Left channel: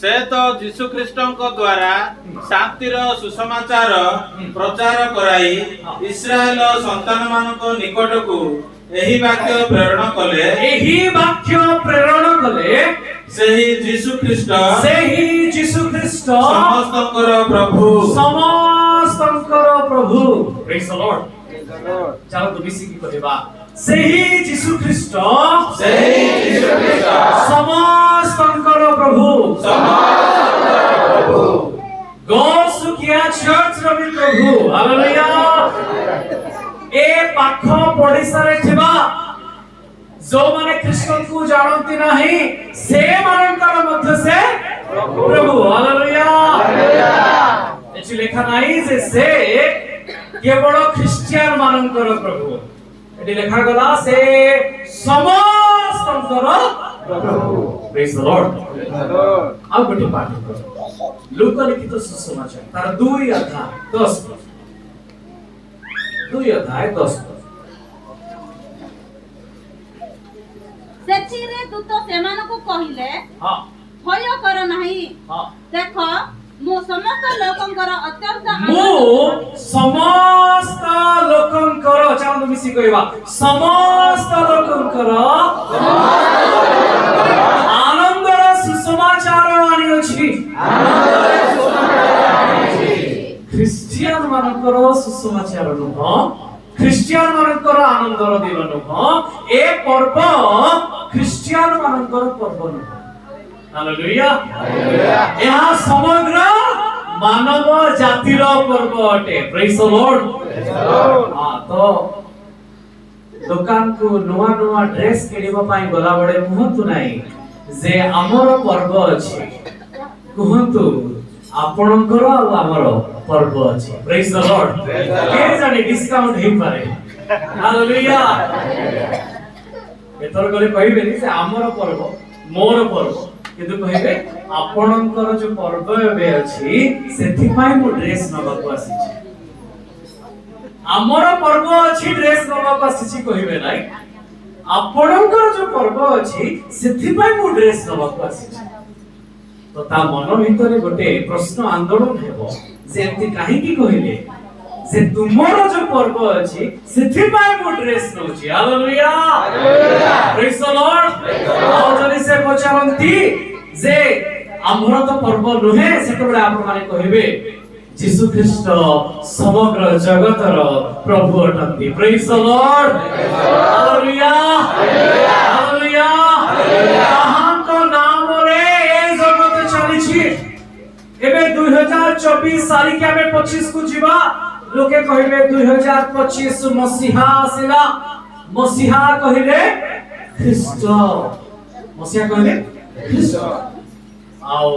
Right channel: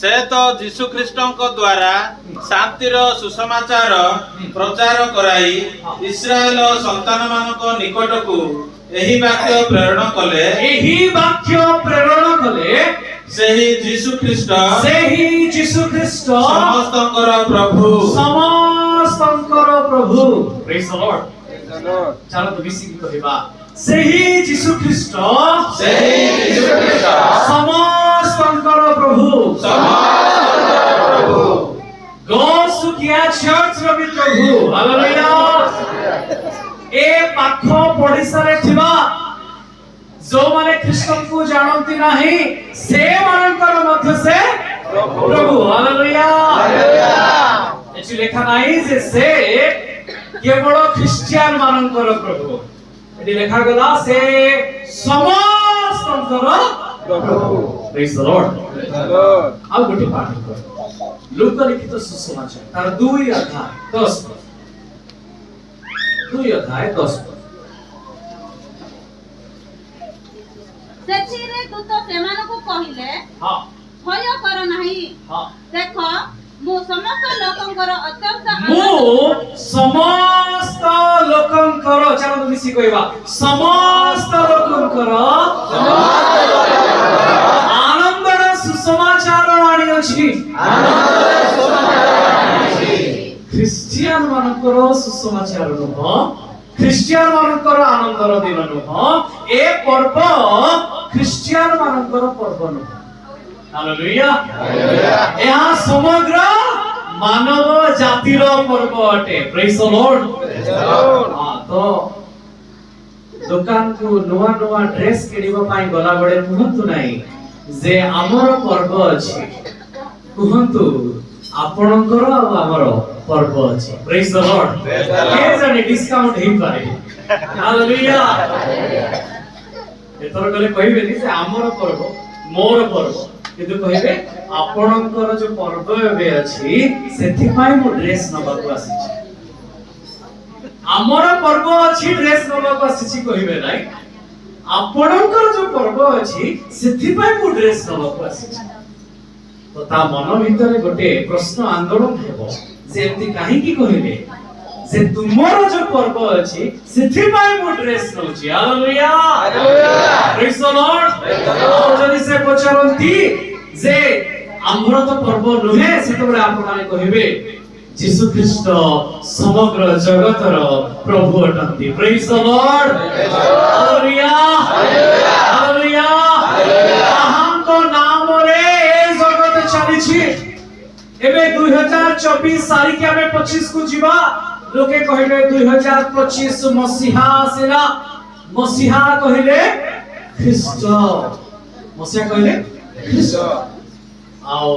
से तो जीशु ख्रीष्टଙ୍କ द्वारा शांतिर सुसमाचार प्रचार कराई इस्राएल संतान मानक निकट को एही वाक्य प्रेरण कले सेही जीशु ख्रीष्ट समस्तंकर प्रभु प्रेज द लॉर्ड चलो तो मिसी की कहबा सेही जीशु ख्रीष्ट समस्तंकर प्रभु गॉड सुकिया चर्च रवि प्रभु हालेलुया ए पाखो पडिसा रे थिबा जो माने कृष्ण को जानती नहीं से मानकर मध्य से प्रभु हालेलुया एची लेखा नहीं से केवल ख्रिस्टियन मानकर प्रभु एटी लेखा गला से समस्तंकर प्रभु प्रेज द लॉर्ड अब गोटे पाठ कर लूका लिखित सुसमाचार तार 2 अध्याय 10 सेचिरे दूत सेमानको कहिले हां भय कर नाही हां देखो मो समस्त लोकंकर अत्यंत चलो मिसी कहबा समस्त लोकंकर आनंदर सुसमाचार आनी अछि ख्रिस्टियन मानकर सुसमाचार नुह ख्रिस्टियन मानकर आनंदर दिन नुह ए पर्व ख्रिस्टियन मानकर पर्व नुह हालेलुया यहाँ समग्र मानव जातिर पर्व अटे प्रेज द लॉर्ड हां तो दुकान को नुआ नुआ ड्रेस किनिबा पाई गला बडे कहंतु नाही जे हमर पर्व अछि कहंतु आपणकर आ हमर पर्व अछि प्रेज द लॉर्ड के जाने डिस्काउंट हे पारे हालेलुया एतर गले कहिबे नि से हमर पर्व मोर पर्व किंतु कहिबे आपणकर जो पर्व एबे अछि सेथि पाई मो ड्रेस नबाकू आसी छी हमर पर्व अछि ड्रेस नबाकू आसी छी कहिबे नाही आपणकर जो पर्व अछि सेथि पाई मो ड्रेस नबाकू आसी छी तो ता मन भितरे गोटे प्रश्न आंदोलन हेबो जे एंती काहे की कहिबे जे तुमरो जो पर्व अछि सेथि पाई मो ड्रेस नउची हालेलुया प्रेज द लॉर्ड और जदि से पचरंती जे आम्भर तो पर्व नुहे सेतबे आप माने कहिबे जीशु ख्रीष्ट समग्र जगतर प्रभु अटंती praise the Lord hallelujah hallelujah ताहांको नाम रे ए जगत चली छी एबे 2024 सारी के हमें 25 को जीवा लोके कहिबे 2025 मसीहा आसेला मसीहा कहिले ख्रीष्ट मसीहा कहिले ख्रीष्ट आओ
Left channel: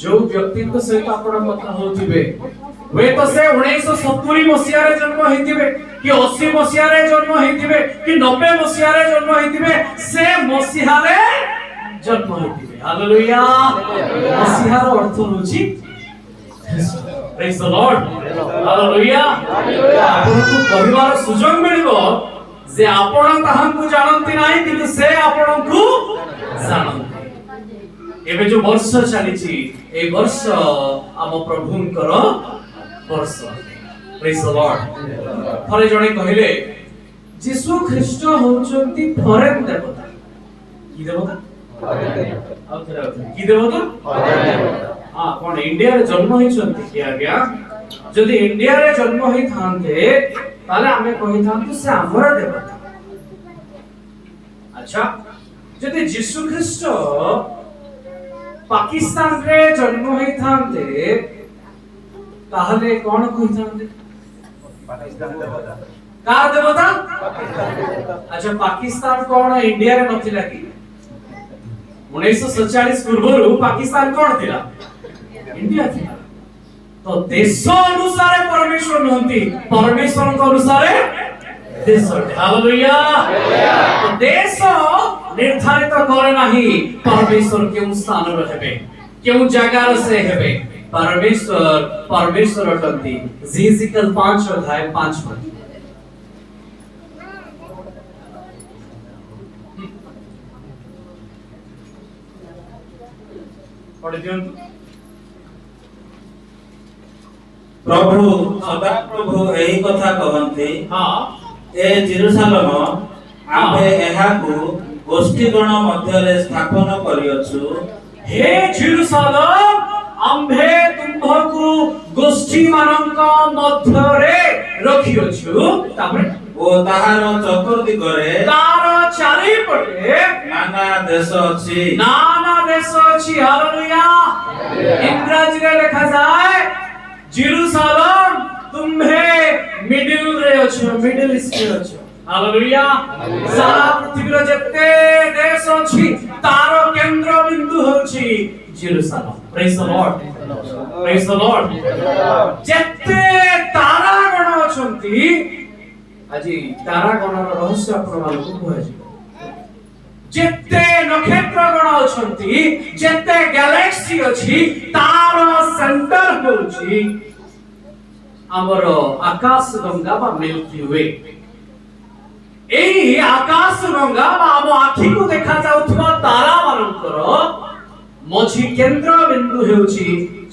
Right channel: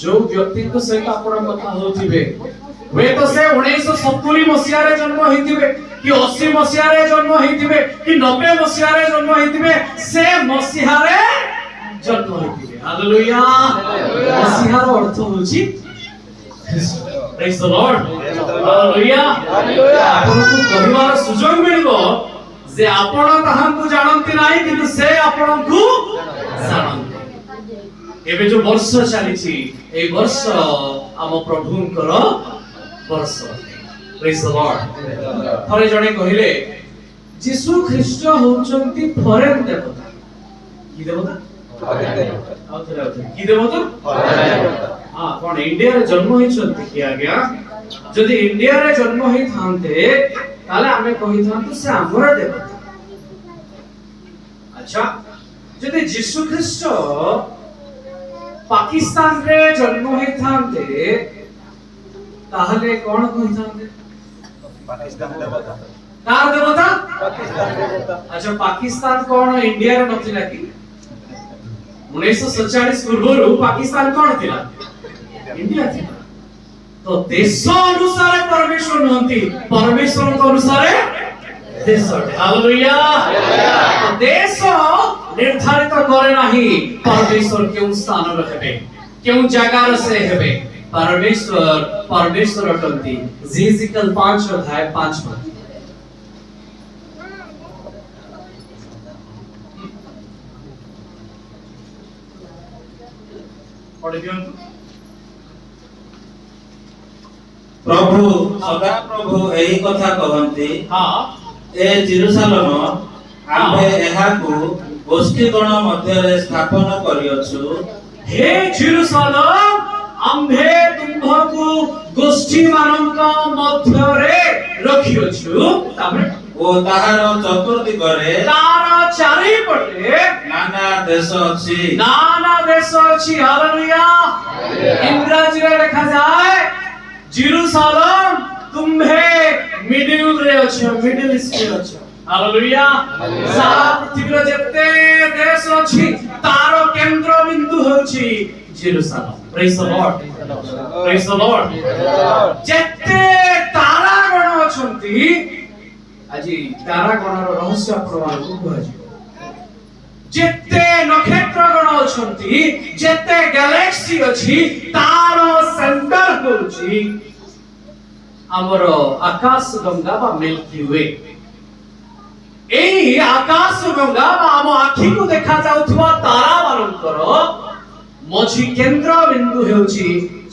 जो व्यक्ति को सहित आपण कथा होथिबे वे तो से 1970 मसीहा रे जन्म हेतिबे कि 80 मसीहा रे जन्म हेतिबे कि 90 मसीहा रे जन्म हेतिबे से मसीहा रे जन्म हेतिबे हालेलुया मसीहा रो अर्थ होची ख्रीष्ट प्रेज द लॉर्ड हालेलुया आपण को कहिवार सुजोग मिलिबो जे आपण ताहां को जानंती नाही किंतु से आपण को जानंती एबे जो वर्ष चली छी ए वर्ष आम प्रभुंकर वर्ष प्रेज द लॉर्ड थरे जणे कहिले जीशु ख्रीष्ट होचंती फॉरेन देवता की देवता की देवता हां कोन इंडिया रे जन्म होचंती कि आज्ञा जदि इंडिया रे जन्म होई थांते ताले हमें कहि थांतु से हमर देवता अच्छा जदि जीशु ख्रीष्ट पाकिस्तान रे जन्म होई थांते ताहले कोन कहि थांते पाकिस्तान देवता का देवता अच्छा पाकिस्तान कोन इंडिया रे नथिला कि 1947 पूर्वरु पाकिस्तान कोन थिला इंडिया थिला तो देश अनुसार परमेश्वर नहंती परमेश्वर अनुसार देश हालेलुया तो देश निर्धारित करे नाही परमेश्वर केउ स्थान रे हेबे केउ जगह रे से हेबे परमेश्वर अटंती जीजिकल 5 अध्याय 5 पद पढ़ी दियंतु। प्रभु सदा प्रभु एही कथा कहନ୍ତି हाँ ए जेरुसालेम आम्भे एहाकु गोष्ठीगण मध्यरे स्थापन करियछु हे जेरुसालेम आम्भे तुम्भकु गोष्ठी मानक मध्यरे रखियछु तापर ओ ताहार चतुर्दिगरे तार चारिपटे नाना देश अछि नाना देश अछि हालेलुया इंग्रजी रे लिखा जाए जेरुसालेम तुम्हे मिडिल रे अछो मिडिल ईस्ट रे अछो हालेलुया सारा पृथ्वी रे जते देश अछि तार केंद्र बिंदु होछि Jerusalem praise the Lord praise the Lord जते तारा गण अछंती আজি तारा गणर रहस्य आपण मानकु कहजी जेते नक्षत्र गण अछंती जेते गैलेक्सी अछि तार सेंटर होछि हमर आकाश गंगा बा मिल्की वे एई आकाश गंगा बा हम आखि को देखा जाउथवा तारा मानकर मझी केंद्र बिंदु हेउछि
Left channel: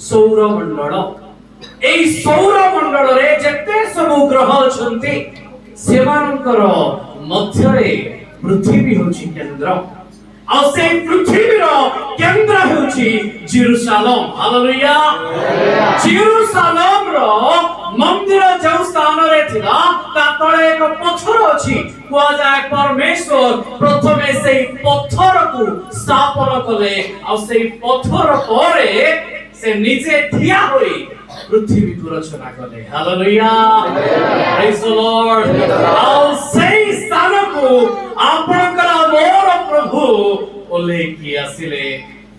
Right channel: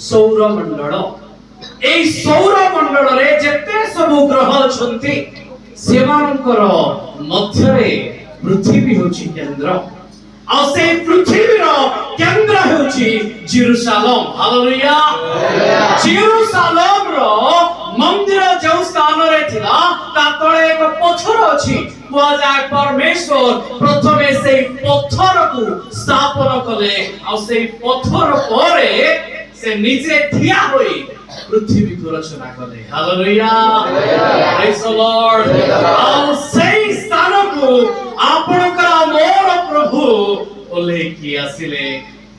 सौर मंडल एई सौर मंडल रे जेते सब ग्रह अछंती सेमानकर मध्यरे पृथ्वी होछि केंद्र आ से पृथ्वीर केंद्र होछि जेरुसालेम हालेलुया जेरुसालेम रो मंदिर जो स्थान रे थिला ता तळे एक पत्थर अछि कुआ जाय परमेश्वर प्रथमे से पत्थर को स्थापन कले आ से पत्थर परे से नीचे ठिया होई पृथ्वी को रचना कले हालेलुया प्रेज द लॉर्ड आओ सेई स्थान को आपनकर मोर प्रभु ओले की आसिले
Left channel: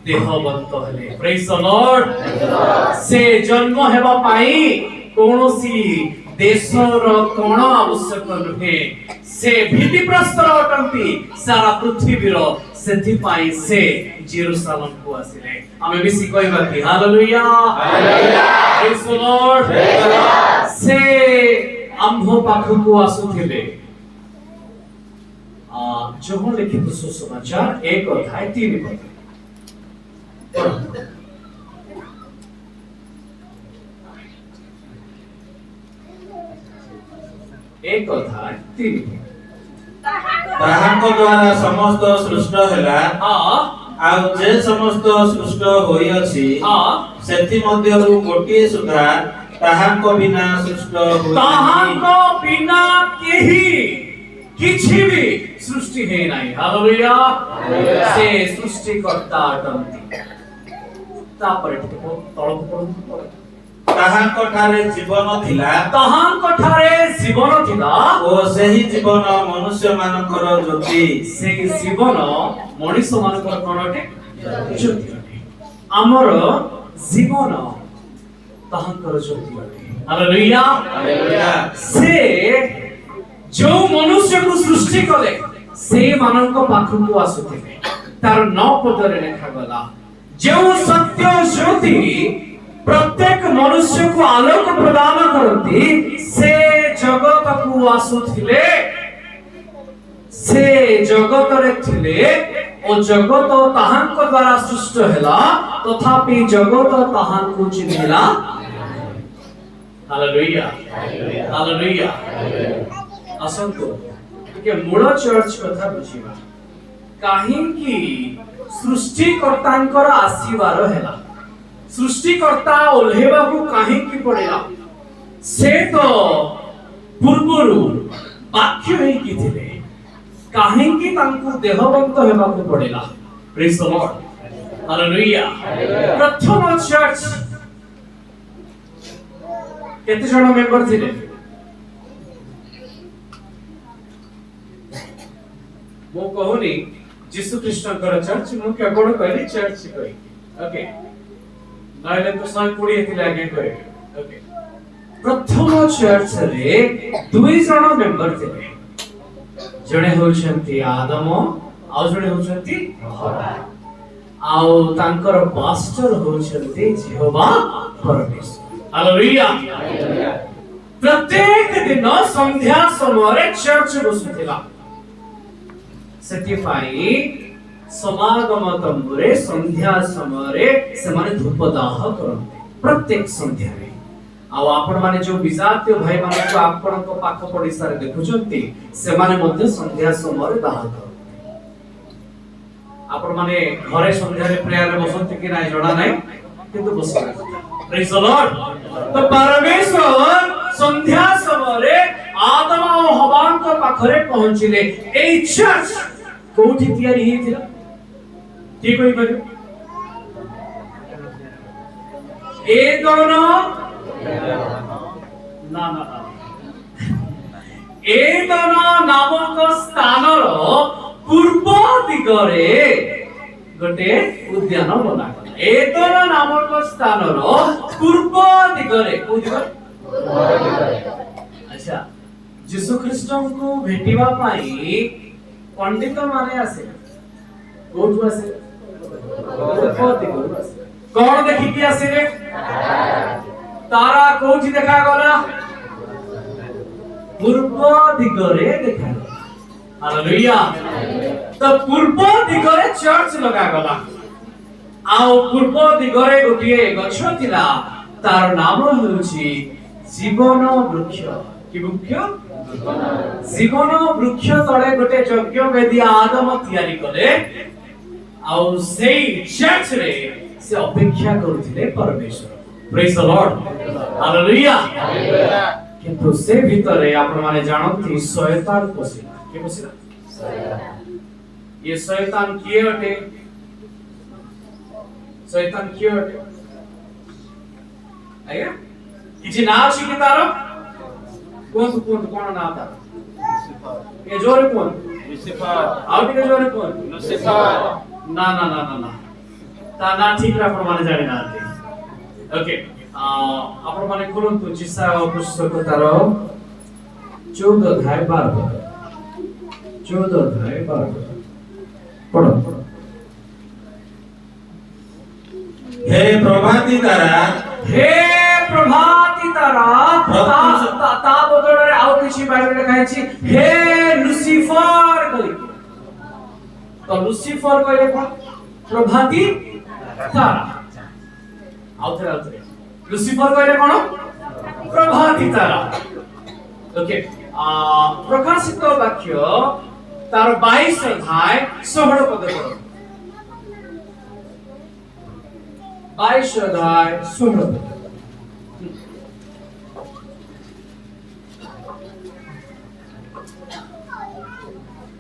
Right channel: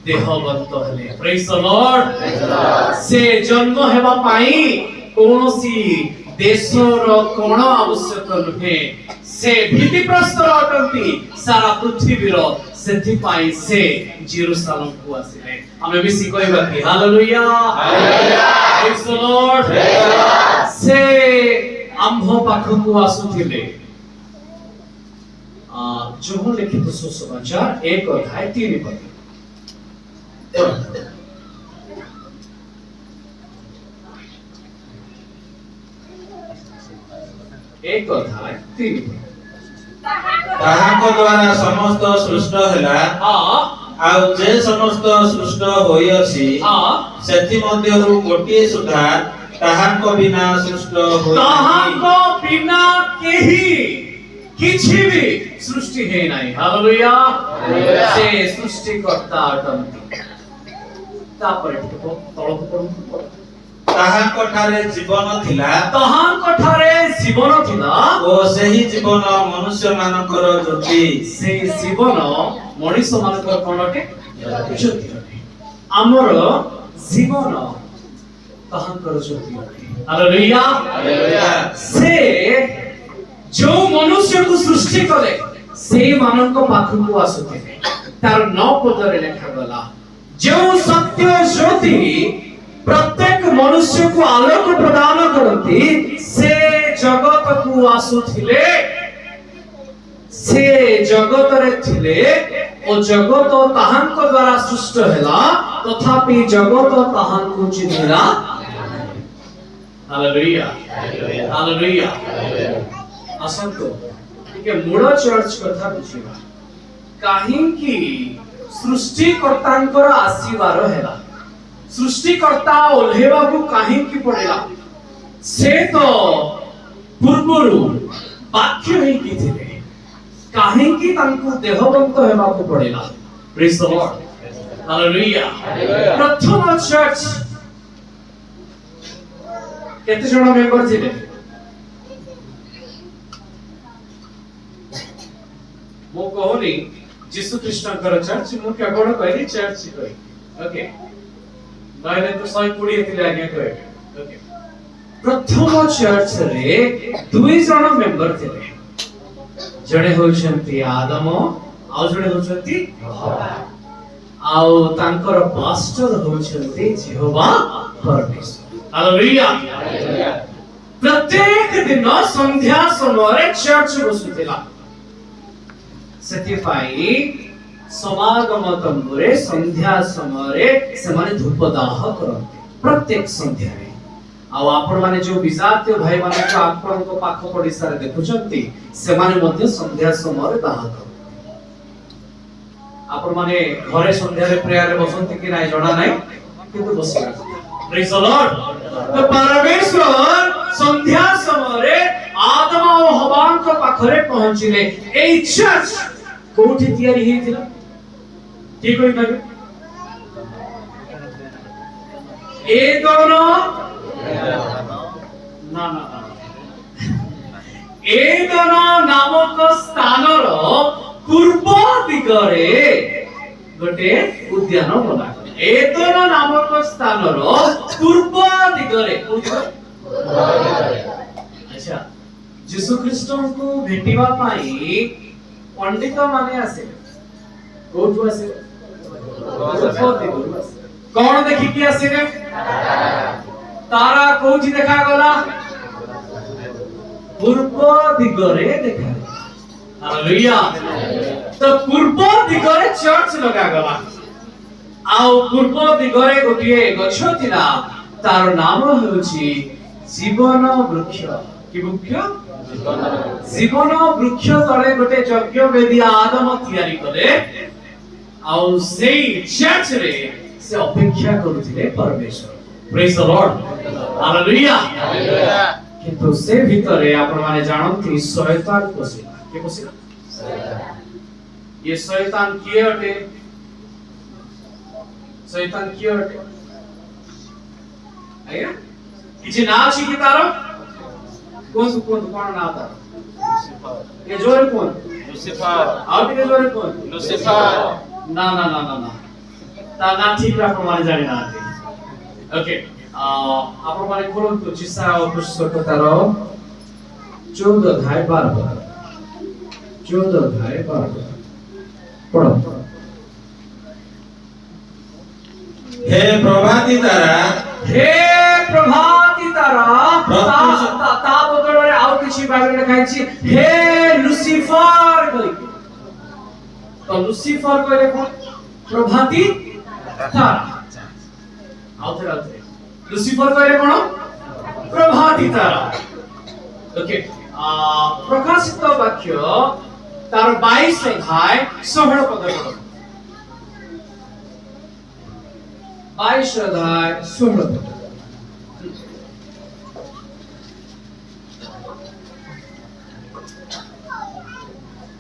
देहवंत हले प्रेज द लॉर्ड से जन्म हेबा पाई कोनोसी देशर कोण आवश्यक नुहे से भीति प्रस्तर अटंती सारा पृथ्वीर सेथि पाई से जेरुसालेम को आसिले हमें मिसी कहबा कि हालेलुया प्रेज द लॉर्ड से आंभ पाखकु आसुथिले जो लिखित सुसमाचार 1:3 1:3 ताहाक द्वारा समस्त सृष्ट ହେଲା ଆଉ जे समस्त सृष्ट होई अछि सेथि मध्यरु गोटिए सुधा ताहाक बिना सृष्ट होई ताहाक बिना केही किछि भी सृष्टि है नाही हालेलुया से सृष्टि करता अटंती तापरे तळक पडु ताहाक ठारे जीवन थिला ताहाक ठारे जीवन थिला ओ सेही जीवन मनुष्य मानकर ज्योति सेही जीवन मनुष्य मानकर कोनटे ज्योति अटे हमर जीवन ताहाकर ज्योति अटे हालेलुया हालेलुया से जो मनुष्य को सृष्टि करे से मानक पाखकु आसुथिले तार 9 पदरे लिखा गला जो सत्य ज्योति प्रत्येक मनुष्य को आलोक प्रदान करती से जगत को आसुथिले से जगत रे थिले ओ जगत ताहांक द्वारा सृष्ट हैला तथापि जगत ताहांक चिन्हिला हालेलुया हालेलुया असंतो के मूल चर्च कथा बुझिबा काहेकि सृष्टिकर्तांकर आशीर्वाद हैला सृष्टिकर्ता ओल्हेबा को काहेकि पड़ेला से तो पूर्वरु वाक्य हे कि थिले काहेकि तांको देहवंत हेबा को पड़ेला प्रेज द लॉर्ड हालेलुया प्रथम चर्च केते जण मेंबर थिले मो कहूनी जीसु ख्रीष्टकर चर्च मु केवल कहली चर्च कहि ओके नाइले तो 120 थिले आगे कहे ओके प्रथम चर्च रे दुई जण मेंबर थिले जणे होछंती आदम आ जणे होछंती हवा आउ तांकर पास्टर होछंती यहोवा परमेश्वर हालेलुया प्रत्येक दिन संध्या समय चर्च बसुथिला सेति पाई समागम तंबुरे संध्या समरे से माने धूप दाह करते प्रत्येक संध्या रे आ आपण माने जो विजातीय भाई माने को आपण को पाख पडिसा रे देखुचंती से माने मध्ये संध्या समरे दाह करते आपण माने घरे संध्या रे प्रेयर रे बसंती कि नाही जणा नाही किंतु बसला प्रेज द लॉर्ड तो परमेश्वर संध्या समरे आदम और हवा को पाखरे पहुंचिले ए चर्च कोठी तयारी हेतिला ठीक होई पाबे ए दोनों ना ना ए दोनों नामक स्थानर पूर्व दिगरे गोटे उद्यान बना ए दोनों नामक स्थानर पूर्व दिगरे अच्छा यीशु ख्रीष्ट को भेटिबा पाई पंडित माने आसे कोठु आसे कौन देखि कि आसीबे तारा कोठी देखा गला पूर्व दिगरे देखा हालेलुया तो पूर्व दिगरे चर्च लगा गला आउ पूर्व दिगरे गोटिए गछ थिला तार नाम होछि जीवन वृक्ष कि वृक्ष जीवन वृक्ष तळे गोटे यज्ञ वेदी आदम तयारी करे आउ सेई चर्च रे से अपेक्षा करुथिले परमेश्वर प्रेज द लॉर्ड हालेलुया किंतु से भितरे आपण माने जानंती शैतान पसिला के पसिला ये शैतान किए अटे शैतान किए अटे आया किछि ना अछि कि तारो कोन कोन ना तारो ये जोरे कोन लूसीफर आउ टिके जोरे कोन लूसीफर ना ना ना ना ना ता ना ठीक रा प्रमाण जानि ना ओके आपण माने खोलन तो चिसा पुस्तक तारो 14 अध्याय 12 14 अध्याय 12 पढ़ो हे प्रभाती तारा हे प्रभाती तारा ता बदଳରେ ଆଉ କିଛି ବାଇबଲରେ ଲେଖାଇଛି हे लूसीफर कहि तो लूसीफर कहले कोन प्रभाती तारा आउथरे लूसीफर कहले कोन प्रभाती तारा ओके प्रकाशित वाक्य तार 22 अध्याय 16 पद पढ़ो 22 अध्याय 16 पद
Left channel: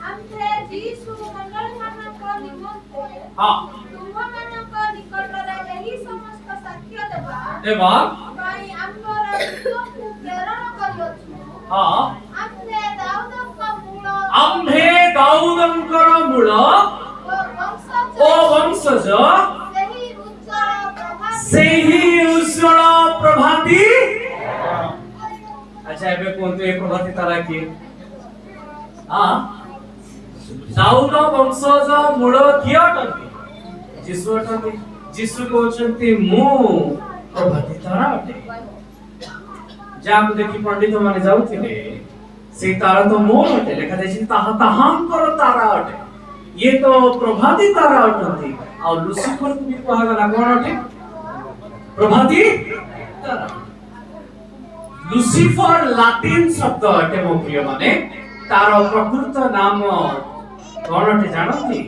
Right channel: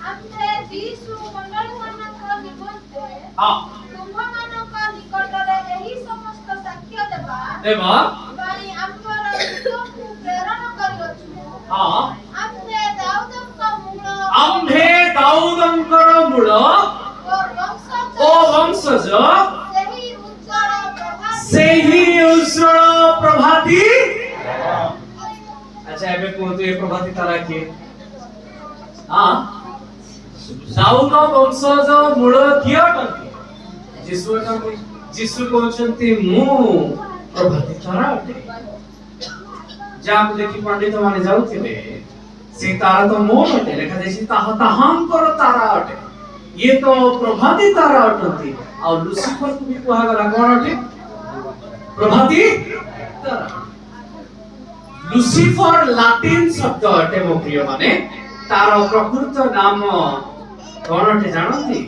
आम्हे यीशु मंडळीମାନଙ୍କ निमंते हां तुमମାନଙ୍କ निकटरे एही समस्त साक्ष्य देबा देवा बाई आम्बर दूतଙ୍କୁ ପ୍ରେରଣ କରିଅଛୁ हां आम्हे दाऊदଙ୍କର ମୂଳ ଓ ବଂଶଜ ସେହି ଉଜ୍ଜଳ ପ୍ରଭାତି अच्छा ଏବେ କୁହନ୍ତୁ ଏ ପ୍ରଭାତି ତାରା କିଏ हां दाऊद ବଂଶଜ ମୂଳ କିଏ ଅଟନ୍ତି ଯୀଶୁ ଅଟନ୍ତି ଯୀଶୁ କହୁଛନ୍ତି ମୁଁ ପ୍ରଭାତି ତାରା ଅଟେ ଯାହାକୁ ଦେଖି ପଣ୍ଡିତ ମାନେ ଯାଉଥିଲେ से तारा तो मोर अटे लेखा जायछि ताहा ताहांकर तारा अटे ये तो प्रभाती तारा अटंती और लूसीफर को भी कहा गला कोन अटे प्रभाती तारा लूसीफर लैटिन शब्द अटे मो प्रिय माने तार प्रकृत नाम कोन अटे जानंती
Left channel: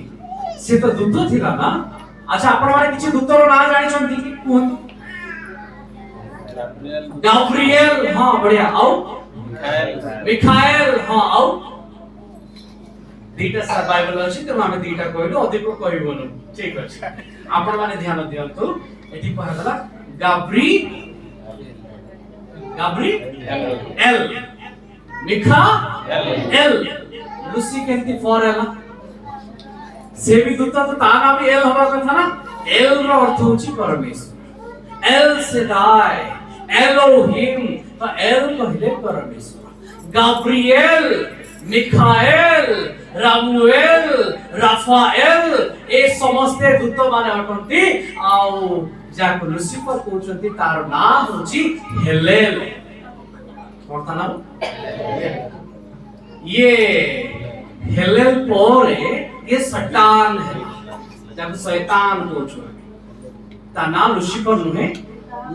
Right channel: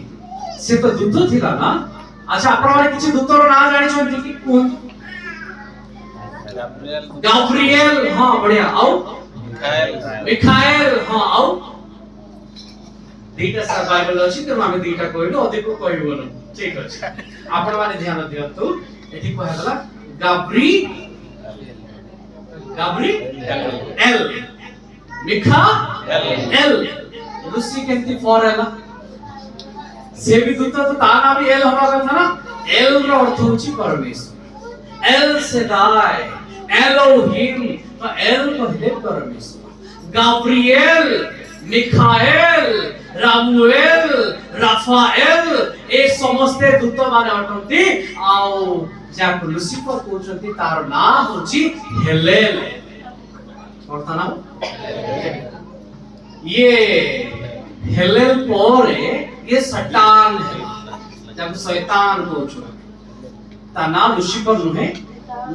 से तो दूत थिला ना अच्छा आपण माने किछि दूतर नाम जानि छथि कि कोन गाब्रिएल हां बढ़िया आओ मिखाएल हां आउ दीटा सा बाइबल अछि त हम दीटा कहलु अधिक कहबोनु ठीक अछि आपण माने ध्यान दियंतु एठी कहला गाब्री L Milkha L Lucy केंती for एला से भी दूत तो ता नाम एल होबा कथा ना एल रो अर्थ होछि परमेश्वर एल सेदाई एलोहिम एल कहले परमेश्वर गाब्रिएल मिखाएल रामुएल राफाएल ए समस्त दूत माने अटंती आउ जाको लूसीफर कहउचंती तार नाम होची हेलेल कोनता नाम ये हेलेल पोरे ये सटान है जब शैतान को छुआ ता नाम लुसिफर नुहे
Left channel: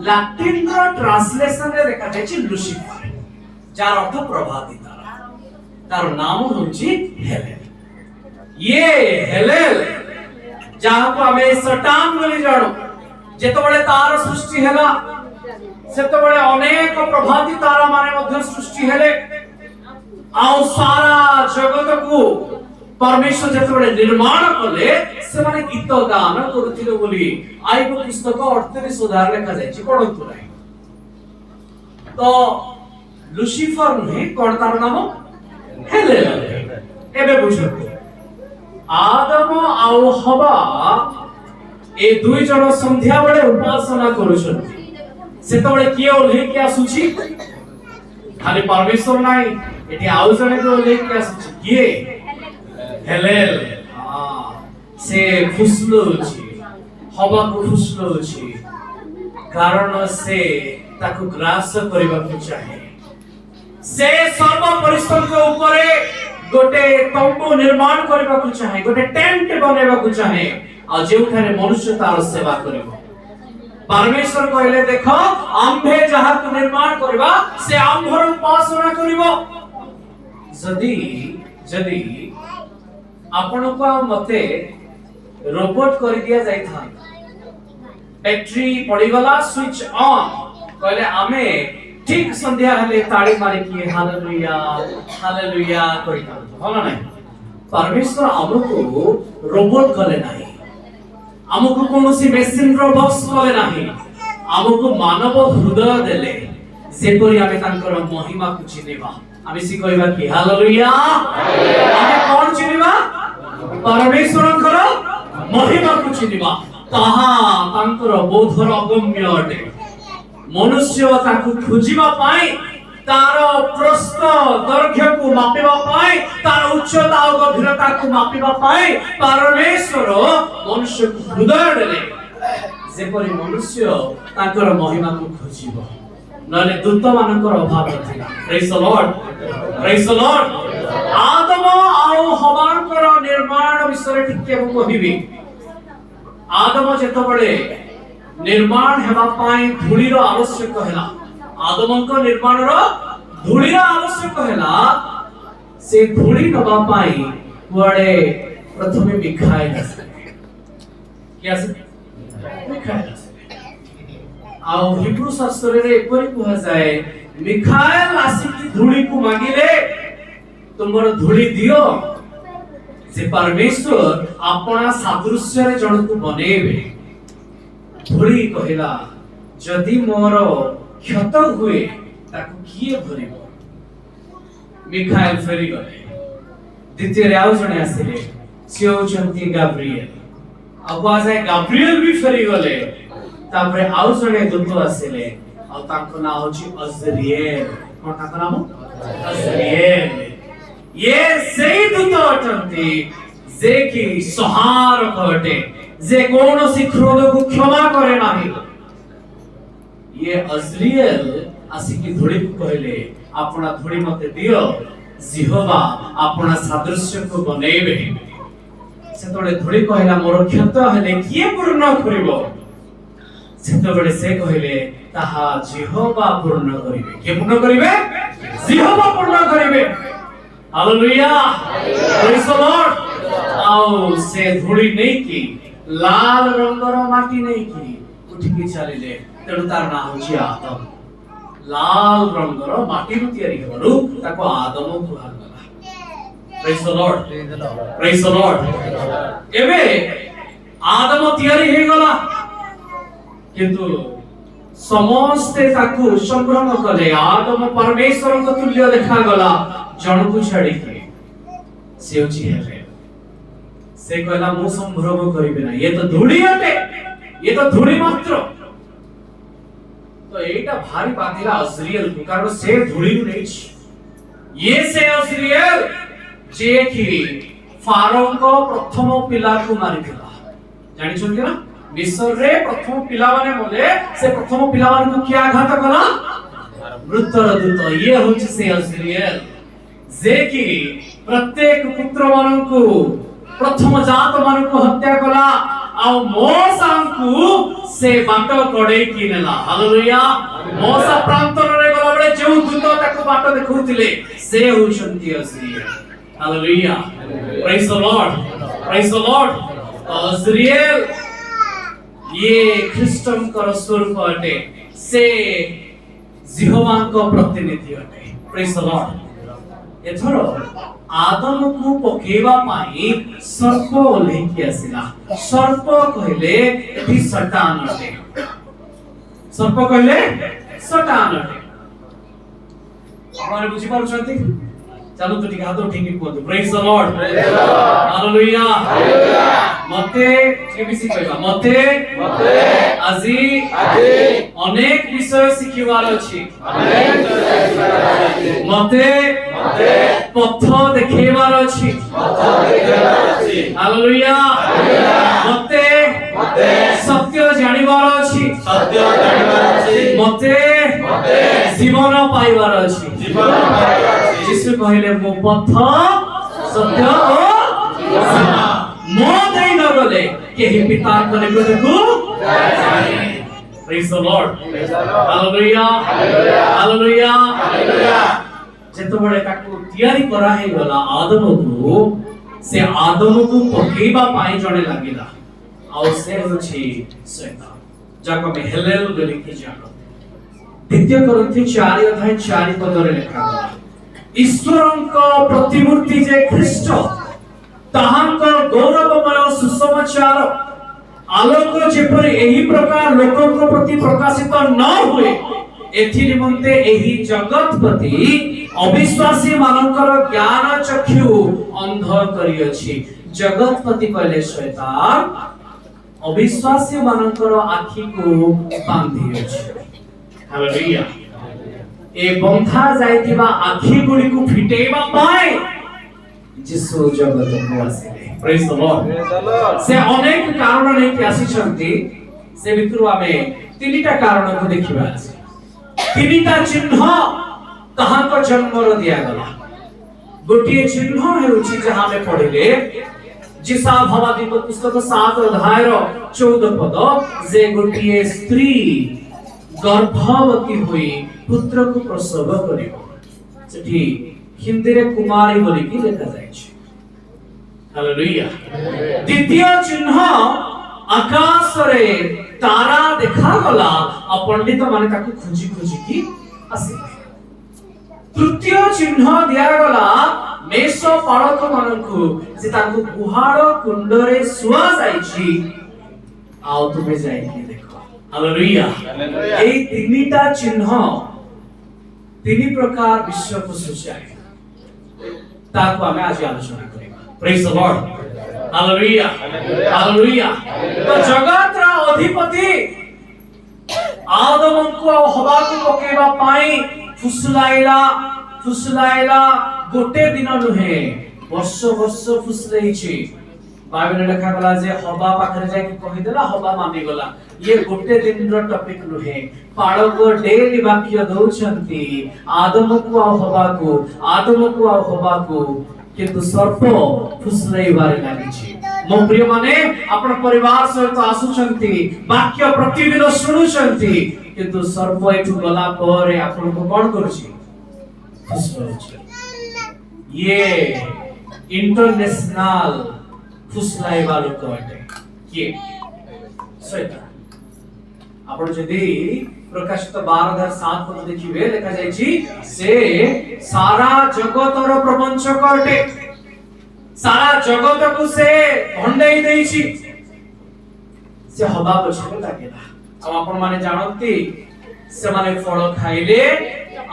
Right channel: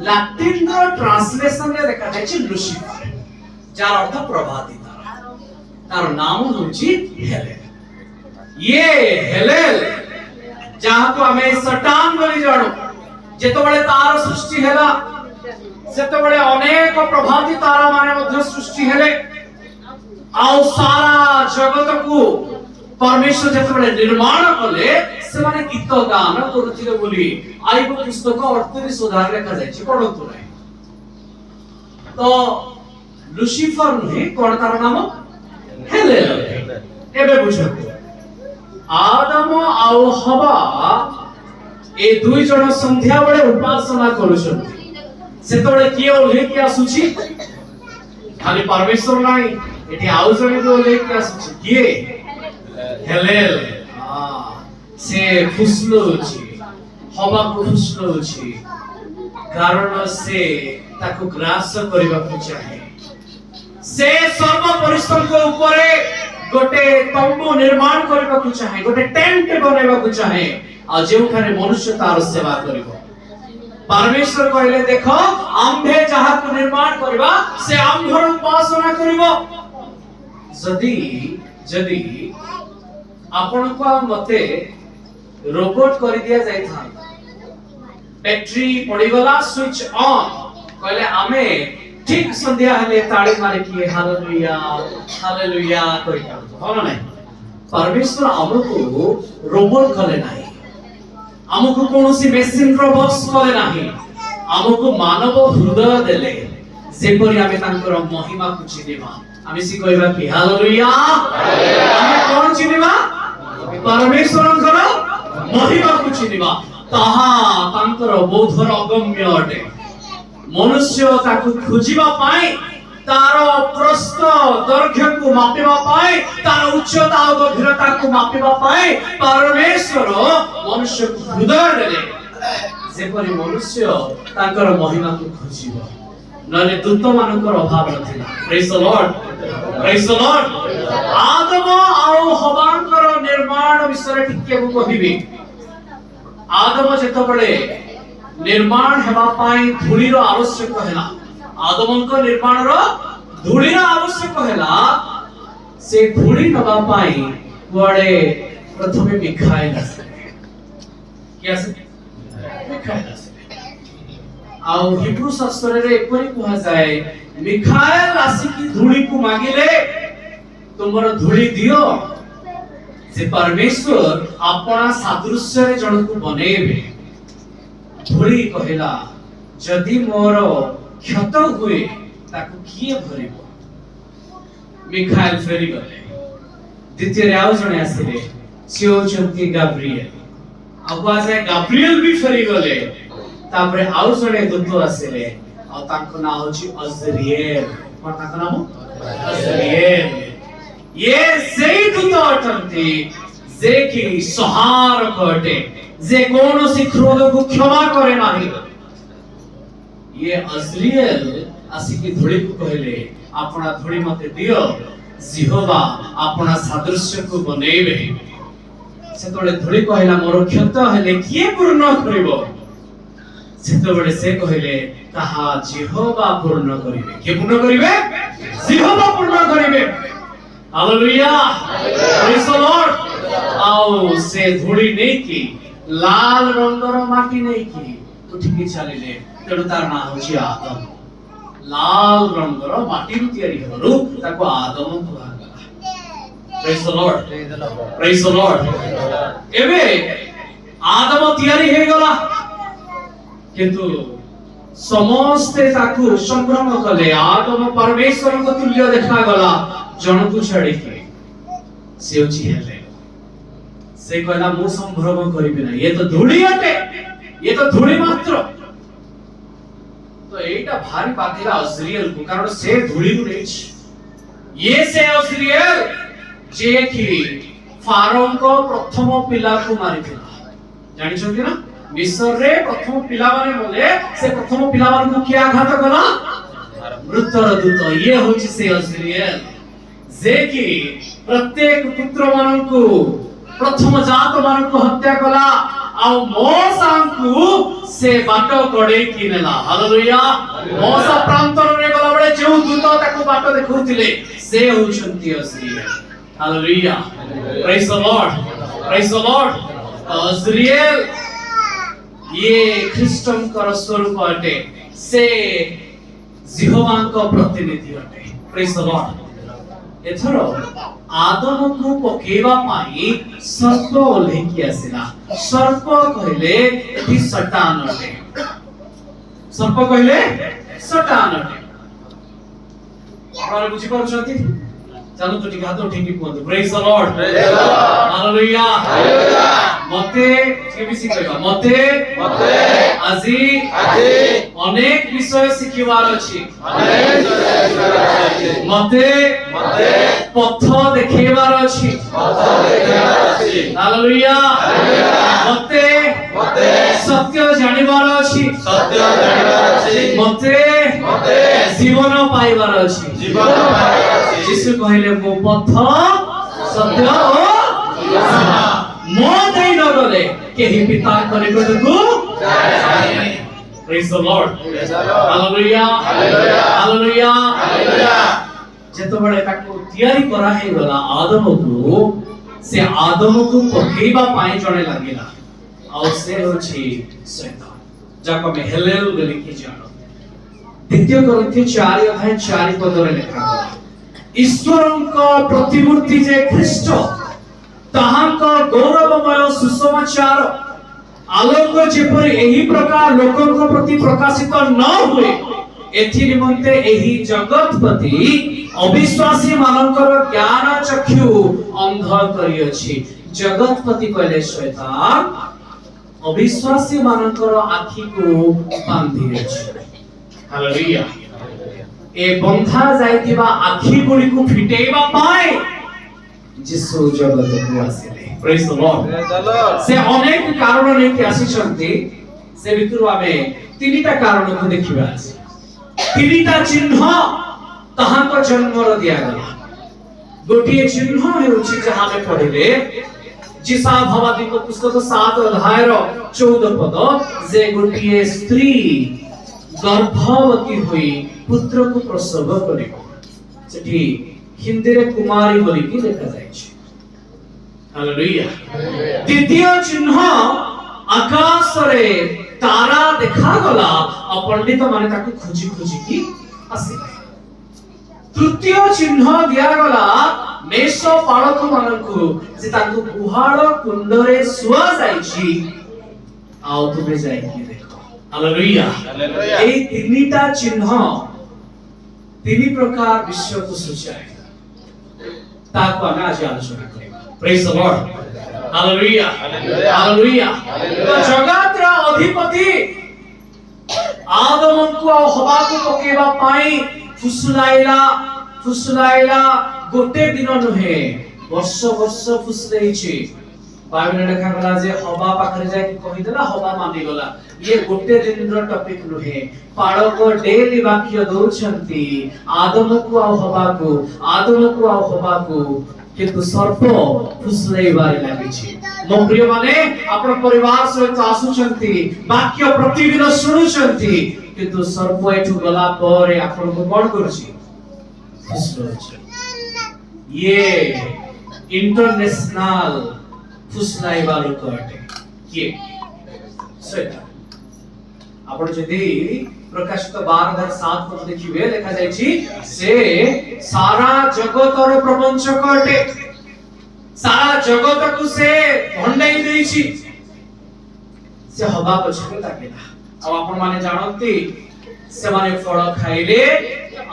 लैटिन रो ट्रांसलेशन रे देखा जाय लुसिफर जार अर्थ प्रभाती तारा तार नाम होची हेलेल ये हेलेल जहां को हमें सटान बोली जानो जेतबेले तार सृष्टि हेला सेतबेले अनेक प्रभाती तारा माने मध्य सृष्टि हेले आउ सारा जगत को परमेश्वर जेतबेले निर्माण कले से माने गीत गान करूथिले बोली आइबो पुस्तक 38 उदाहरण लिखा जायछि पढंतु नाही तो लुसिफर नुहे कोन तार नाम हेलेल एबे बुझो आदम आउ हवा ए दुई जण संध्या बेले उपासना करूछन सेतबेले किए ओल्हे कि आसुछि खाली परमेश्वर नाही एठी आउ जणे के ओल्हे कि आसुछि किए हेलेल से फुसलोछि हवा को फुसलोछि कारण से ताको ग्रास करबा को चाहे से सर्व परिश्रम को ऊपरे गोटे तंबू निर्माण करबा को चाहे गोटे टेंट बनेबा को चाहे आ जेउ खाने मनुष्य तार सेवा करिवो परमेश्वर कहले देखो आम्भे जहा को निर्माण करबा से आम्भर उपासना करिवो जदी जदी आपण को मते रोबोट कर दिया जाय था बैटरी पड़ी गला स्विच ऑन कहले आमे ठीक संध्या हले ताड़ी मारे किए हालेलुया हालेलुया कहि करतो हो ना परमेश्वर हमको रोबोट कले नाही हमको कोनोसी मेसिन रो बॉक्स कले नाही हमको मानव हृदय देले जेपरि आमे तांकर महिमा को चिनिबा आमे सी कहबा कि हालेलुया आमे कोन चिनिबा परमेश्वरंकर महिमा को चिनिबा ताहा तांकर बोधर अगम्य अटे मनुष्य ताकू खोजिबा पाई तार प्रस्थ दैर्घ्य को मापिबा पाई तार उच्चता और गभीरता को मापिबा पाई परमेश्वर मनुष्य को हृदय देले जेपरि मनुष्य तांकर महिमा को खोजिबो नले दूत मानकर अभाव नथिला प्रेज द लॉर्ड आदम और हवांकर निर्माण विषय टिके को कहिबी आदम जेतबेले निर्माण हेबा पाई धूली रो आवश्यक हैला आदमंक निर्माण रो धूली रो आवश्यक हैला से धूली नबा पाई कुआडे प्रथमे मिखाएल आसे क्या से मिखाएल आसे आउ हिब्रू शास्त्र रे एपरि कुहा जाय मिखाएल आसी की धूली को मागिले तुमरो धूली दियो जे परमेश्वर अपना सादृश्य रे जण को बनेबे धूली कहला जदि मोर क्षत हुए ताकू किए भरिबो मिखाएल फेरी गले द्वितीय रे आउ जणे आसिले से होचंती गाब्रिएल आगुआ जाय गाब्रिएल भी फेरी गले तापरे आउ जणे दूत आसिले आ ताको नाम होची अजरिएल कोन ताको नाम अजरिएल ये सेई दूत अटंती जे कि सहार कटे जे कोनोसी क्रोध को क्षमा करे नाही ये अजरिएल आसी की धूली को कहले अपना धूली मते दियो जिहोवा अपना सादृश्य को बनेबे से तोले धूली कहला मोर क्षत हेले किए पूर्ण करिवो से तोले से कहले ताहा जिहोवा पूर्ण करिवे के पूर्ण करिवे जिहोवा पूर्ण करिवे हालेलुया प्रेज द लॉर्ड आओ से धूली नहीं की लाल रंगर माटी नहीं की उठिकी चलिले तेणु तार नाम होची आदम लाल रंगर माटी रु तयारी हेबारु ताको आदम कुहा गला praise the Lord praise the Lord एबे आदम तयारी हे गला किंतु समस्ते ताकू संभ्रम कले आदम परमेश्वर को तुल्य देखा गला जन को छाड़ी के से होची हेले से कहला मु संभ्रम करिबे ना ये तो धूली अटे ये तो धूली मात्र तो एटा भारी बातिला अजरिएल को कारण से धूली को नहीं ये से अजरिएल जे कि फारो को प्रथम पिला को मारिथिला जानि छथि ना मिस्र रे प्रथम पिला माने बोले से प्रथम पिला मान को क्या आघात कला मृतर दूत ये होची से अजरिएल जे कि प्रत्येक पुत्र मान को प्रथम जात मान को हत्या कला ଆଉ ମୋସାଙ୍କୁ ସେ ବାଟ କଡେଇ କିନେଲା। ହାଲେଲୁୟା। ମୋସା ପ୍ରାନ୍ତରରେ ଗଲା ବେଳେ ଯେଉଁ ଦୂତ ତାକୁ ବାଟ ଦେଖାଉଥିଲେ ସେ ହେଉଛନ୍ତି ଅସ୍ରିଏଲ। ହାଲେଲୁୟା। ପ୍ରେଜ୍ ଦ ଲର୍ଡ, ପ୍ରେଜ୍ ଦ ଲର୍ଡ। ଅସ୍ରିଏଲ ଇଏ ଖ୍ରୀଷ୍ଟଙ୍କର ସ୍ୱରୂପ ଅଟେ, ସେ ଜିହୋବାଙ୍କ ପ୍ରତିନିଧି ଅଟେ। ପ୍ରେଜ୍ ଦ ଲର୍ଡ। ଏଥର आदमକୁ ପକେଇବା ପାଇଁ ସର୍ପ ଓହ୍ଲେଇକି ଆସିଲା। ସର୍ପ କହିଲେ ଏଠି ସଟାନ ଅଟେ। ସର୍ପ କହିଲେ ସଟାନ ଅଟେ। ଆପଣ ବୁଝି ପାରୁଛନ୍ତି? ଚାଲୁ ତ ଟିକେ ହାତ ଉଠେଇକି କୁହନ୍ତୁ ପ୍ରେଜ୍ ଦ ଲର୍ଡ, ହାଲେଲୁୟା। ମତେ କେମିତି କହିବା? ମତେ ଆଜି ଅନେକ ବିଷୟ ଶିଖିବାର ଅଛି। ମତେ ପଥ ଦେଖେଇବାର ଅଛି। ହାଲେଲୁୟା। ମତେ ସତ୍ୟ ଜାଣିବାର ଅଛି। ମତେ ଜୀବନ ପାଇବାର ଅଛି। ଯୀଶୁ କହିଲେ ମୁଁ ପଥ ସତ୍ୟ ଓ ଜୀବନ, ମୋ ଦେଇ ନ ଗଲେ କେହି ପିତାଙ୍କ ନିକଟକୁ ଯାଇନାହିଁ। ପ୍ରେଜ୍ ଦ ଲର୍ଡ, ହାଲେଲୁୟା, ହାଲେଲୁୟା। ଯେତେବେଳେ ତାକୁ ତିଆରି କରା ହେଇଗଲା ଆଦମକୁ, ସେ ଆଦମକୁ ପକେଇବା ପାଇଁ ଜଣେ ଲାଗିଲା, ଆଉ ସେ ହେଉଛି ଶୈତାନ, ଯାହାକୁ ଆମେ ହେଲେଲ ବୋଲିକି ଜାଣୁ। ଦ୍ୱିତୀୟ କରିନ୍ଥୀ 4:4 ଲେଖାଗଲା, ଈଶ୍ୱରଙ୍କ ପ୍ରତିମୂର୍ତ୍ତି ଯେ ଖ୍ରୀଷ୍ଟ, ତାହାଙ୍କ ଗୌରବମୟ ସୁସମାଚାର ଆଲୋକ ଯେପରି ଏହି ପ୍ରକାର ଲୋକଙ୍କ ପ୍ରତି ପ୍ରକାଶିତ ନ ହୁଏ, ଏଥି ନିମନ୍ତେ ଏହି ଜଗତପତି ଅବିଶ୍ୱାସୀ ମାନଙ୍କର ଜ୍ଞାନ ଚକ୍ଷୁ ଅନ୍ଧ କରିଅଛି। ଜଗତପତି କହିଲେ ଶୈତାନ, ଅବିଶ୍ୱାସୀ ମାନଙ୍କର ଆଖିକୁ ବାନ୍ଧି ଅଛି। ହାଲେଲୁୟା। ଏ ବନ୍ଧା ଯାଇଥିବା ଆଖି ଗୁଡ଼ିକୁ ଫିଟେଇବା ପାଇଁ ଯୀଶୁ ଜଗତକୁ ଆସିଲେ। ପ୍ରେଜ୍ ଦ ଲର୍ଡ। ସେ ଅନେକ କାରଣ ନେଇକି ଆସିଛନ୍ତି, ସେ ଭିତରୁ ଆମେ ତିନିଟା କାରଣକୁ ଦେଖିବା। ତିନିଟା ଚିହ୍ନ ତାହାଙ୍କ ଜନ୍ମର ଦିଆଗଲା। ଗୋଟିଏ ଚିହ୍ନ ହେଉଛି ଯାହା ଆମେ ପଢିଲେ ଯିଶା ଭବାଦୀଙ୍କ ପୁସ୍ତକ 7:14 ଯେ ଗୋଟିଏ ସ୍ତ୍ରୀ ଗର୍ଭବତୀ ହୋଇ ପୁତ୍ରକୁ ପ୍ରସବ କରିବ। ସେଠି ହିନ୍ଦୀରେ କୁମାରୀ ବୋଲିକି ଲେଖାଯାଇଛି। ହାଲେଲୁୟା। ଦ୍ୱିତୀୟ ଚିହ୍ନ ଆକାଶରେ ତାରା ଦେଖାଗଲା, ଆଉ ପଣ୍ଡିତ ମାନେ ତାକୁ ଖୋଜି ଖୋଜିକି ଆସିଲେ। ତୃତୀୟ ଚିହ୍ନ ଦିଆଗଲା ମେଷ ପାଳକ ମାନଙ୍କୁ, ଯେ ତାଙ୍କୁ ଗୁହାଳ କୁଣ୍ଡରେ ଶୁଆଯାଇଛି, ଆଉ ତୁମେ ଯାଇକି ଦେଖ। ହାଲେଲୁୟା। এই তিনিটা চিহ্ন ତିନି ପ୍ରକାର ବିଶ୍ୱକୁ ସୂଚାଏ, ତାକୁ ଆମେ ଆଜି ଆଲୋଚନା କରିବା। ପ୍ରେଜ୍ ଦ ଲର୍ଡ, ହାଲେଲୁୟା, ହାଲେଲୁୟା। ତ ଜଗତର ଅଧିପତି ଆଦମଙ୍କୁ ଆଉ ହବାକୁ ପକେଇବା ପାଇଁ ଫୁସୁଲାଇଲା ଗୋଟେ ଦିନ ନୁହେଁ, ବର୍ଷ ବର୍ଷ ଫୁସୁଲେଇଛି। ବାଇବେଲରେ ଲେଖାଗଲା ଯେ ହବା ପାଖରେ ଯାଇକି କହିଦେଲା, ହବା ମାନିଗଲା। ଇଏ ଗୋଟେ ଦିନର ଟପିକ ନୁହେଁ, ପାଳକ ଡେଲି ବାକ୍ୟ ଦଉଛନ୍ତି ଆଦମକୁ ଆଉ ହବାକୁ, କିନ୍ତୁ ସର୍ପ ଫୁସୁଲେଇବାରେ ଲାଗିଛି। ମୋ ପ୍ରିୟ ମାନେ, ଆପଣ ପରିବାର ସହିତ ଆସୁଛନ୍ତି, ବାକ୍ୟ ପ୍ରତିଦିନ ଶୁଣୁଛନ୍ତି, କିନ୍ତୁ ସର୍ପ ଏଠୁ ଗଲା ପରେ ଆପଣଙ୍କୁ କଣ କରୁଛି? ଫୁସୁଲଉଛି। ଇଏ ଇଣ୍ଟରନ୍ୟାସନାଲ ଫୁସୁଲାଇବା ଲୋକ ଅଟେ। କିଏ? ଶୈତାନ। ଆପଣ ଯଦି ପ୍ରକାଶିତ 12:7 ଦେଖିବେ, ଲେଖା ଯାଇଛି ସେ ସାରା ଜଗତର ପ୍ରପଞ୍ଚକ ଅଟେ। ସାରା ଜଗତକୁ ସେ ଭଣ୍ଡେଇ ଦେଇଛି। ସେ ହବା ପଛରେ ଲାଗିଲା। ଆଉ ଆପଣ ମାନେ ଜାଣନ୍ତି, ସେମାନେ ଫଳ ଖାଇଲେ,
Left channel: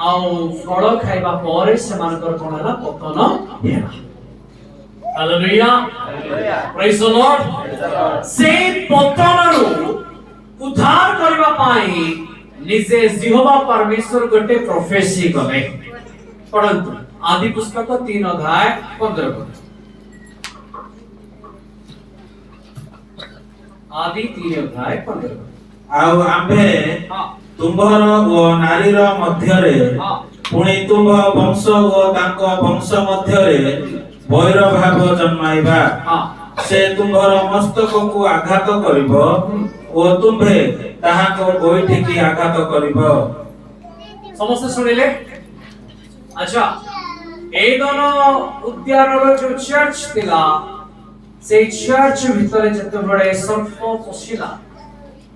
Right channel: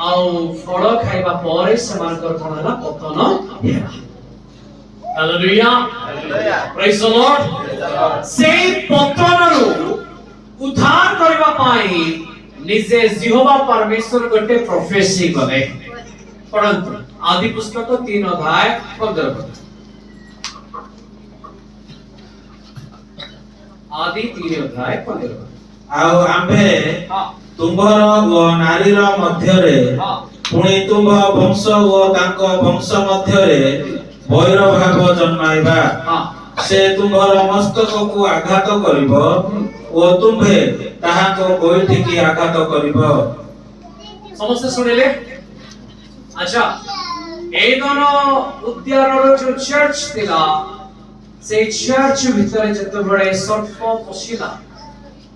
ଆଉ ଫଳ ଖାଇବା ପରେ ସେମାନଙ୍କର କଣ ହେଲା? ପତନ ହେଲା। ହାଲେଲୁୟା, ପ୍ରେଜ୍ ଦ ଲର୍ଡ। ସେଇ ପତନରୁ ଉଦ୍ଧାର କରିବା ପାଇଁ ନିଜେ ଜିହୋବା ପରମେଶ୍ୱର ଗୋଟେ ପ୍ରୋଫେସି କଲେ। ପଢନ୍ତୁ ଆଦି ପୁସ୍ତକ 3:15। आदि 3:15। ଆଉ ଆମ୍ଭେ ତୁମ୍ଭର ଓ ନାରୀର ମଧ୍ୟରେ, ପୁଣି ତୁମ୍ଭ ବଂଶ ଓ ତାଙ୍କ ବଂଶ ମଧ୍ୟରେ ବୈର ଭାବ ଜନ୍ମାଇବା हाँ ସେ ତୁମ୍ଭର ମସ୍ତକକୁ ଆଘାତ କରିବ ଓ ତୁମ୍ଭେ ତାହାକୁ ଗୋଇଠିକି ଆଘାତ କରିବ। समस्त सुनिले। अच्छा ए दोनों उद्यानर जो चर्च थिला से चर्च भितर जते बड़े सर्प पशिला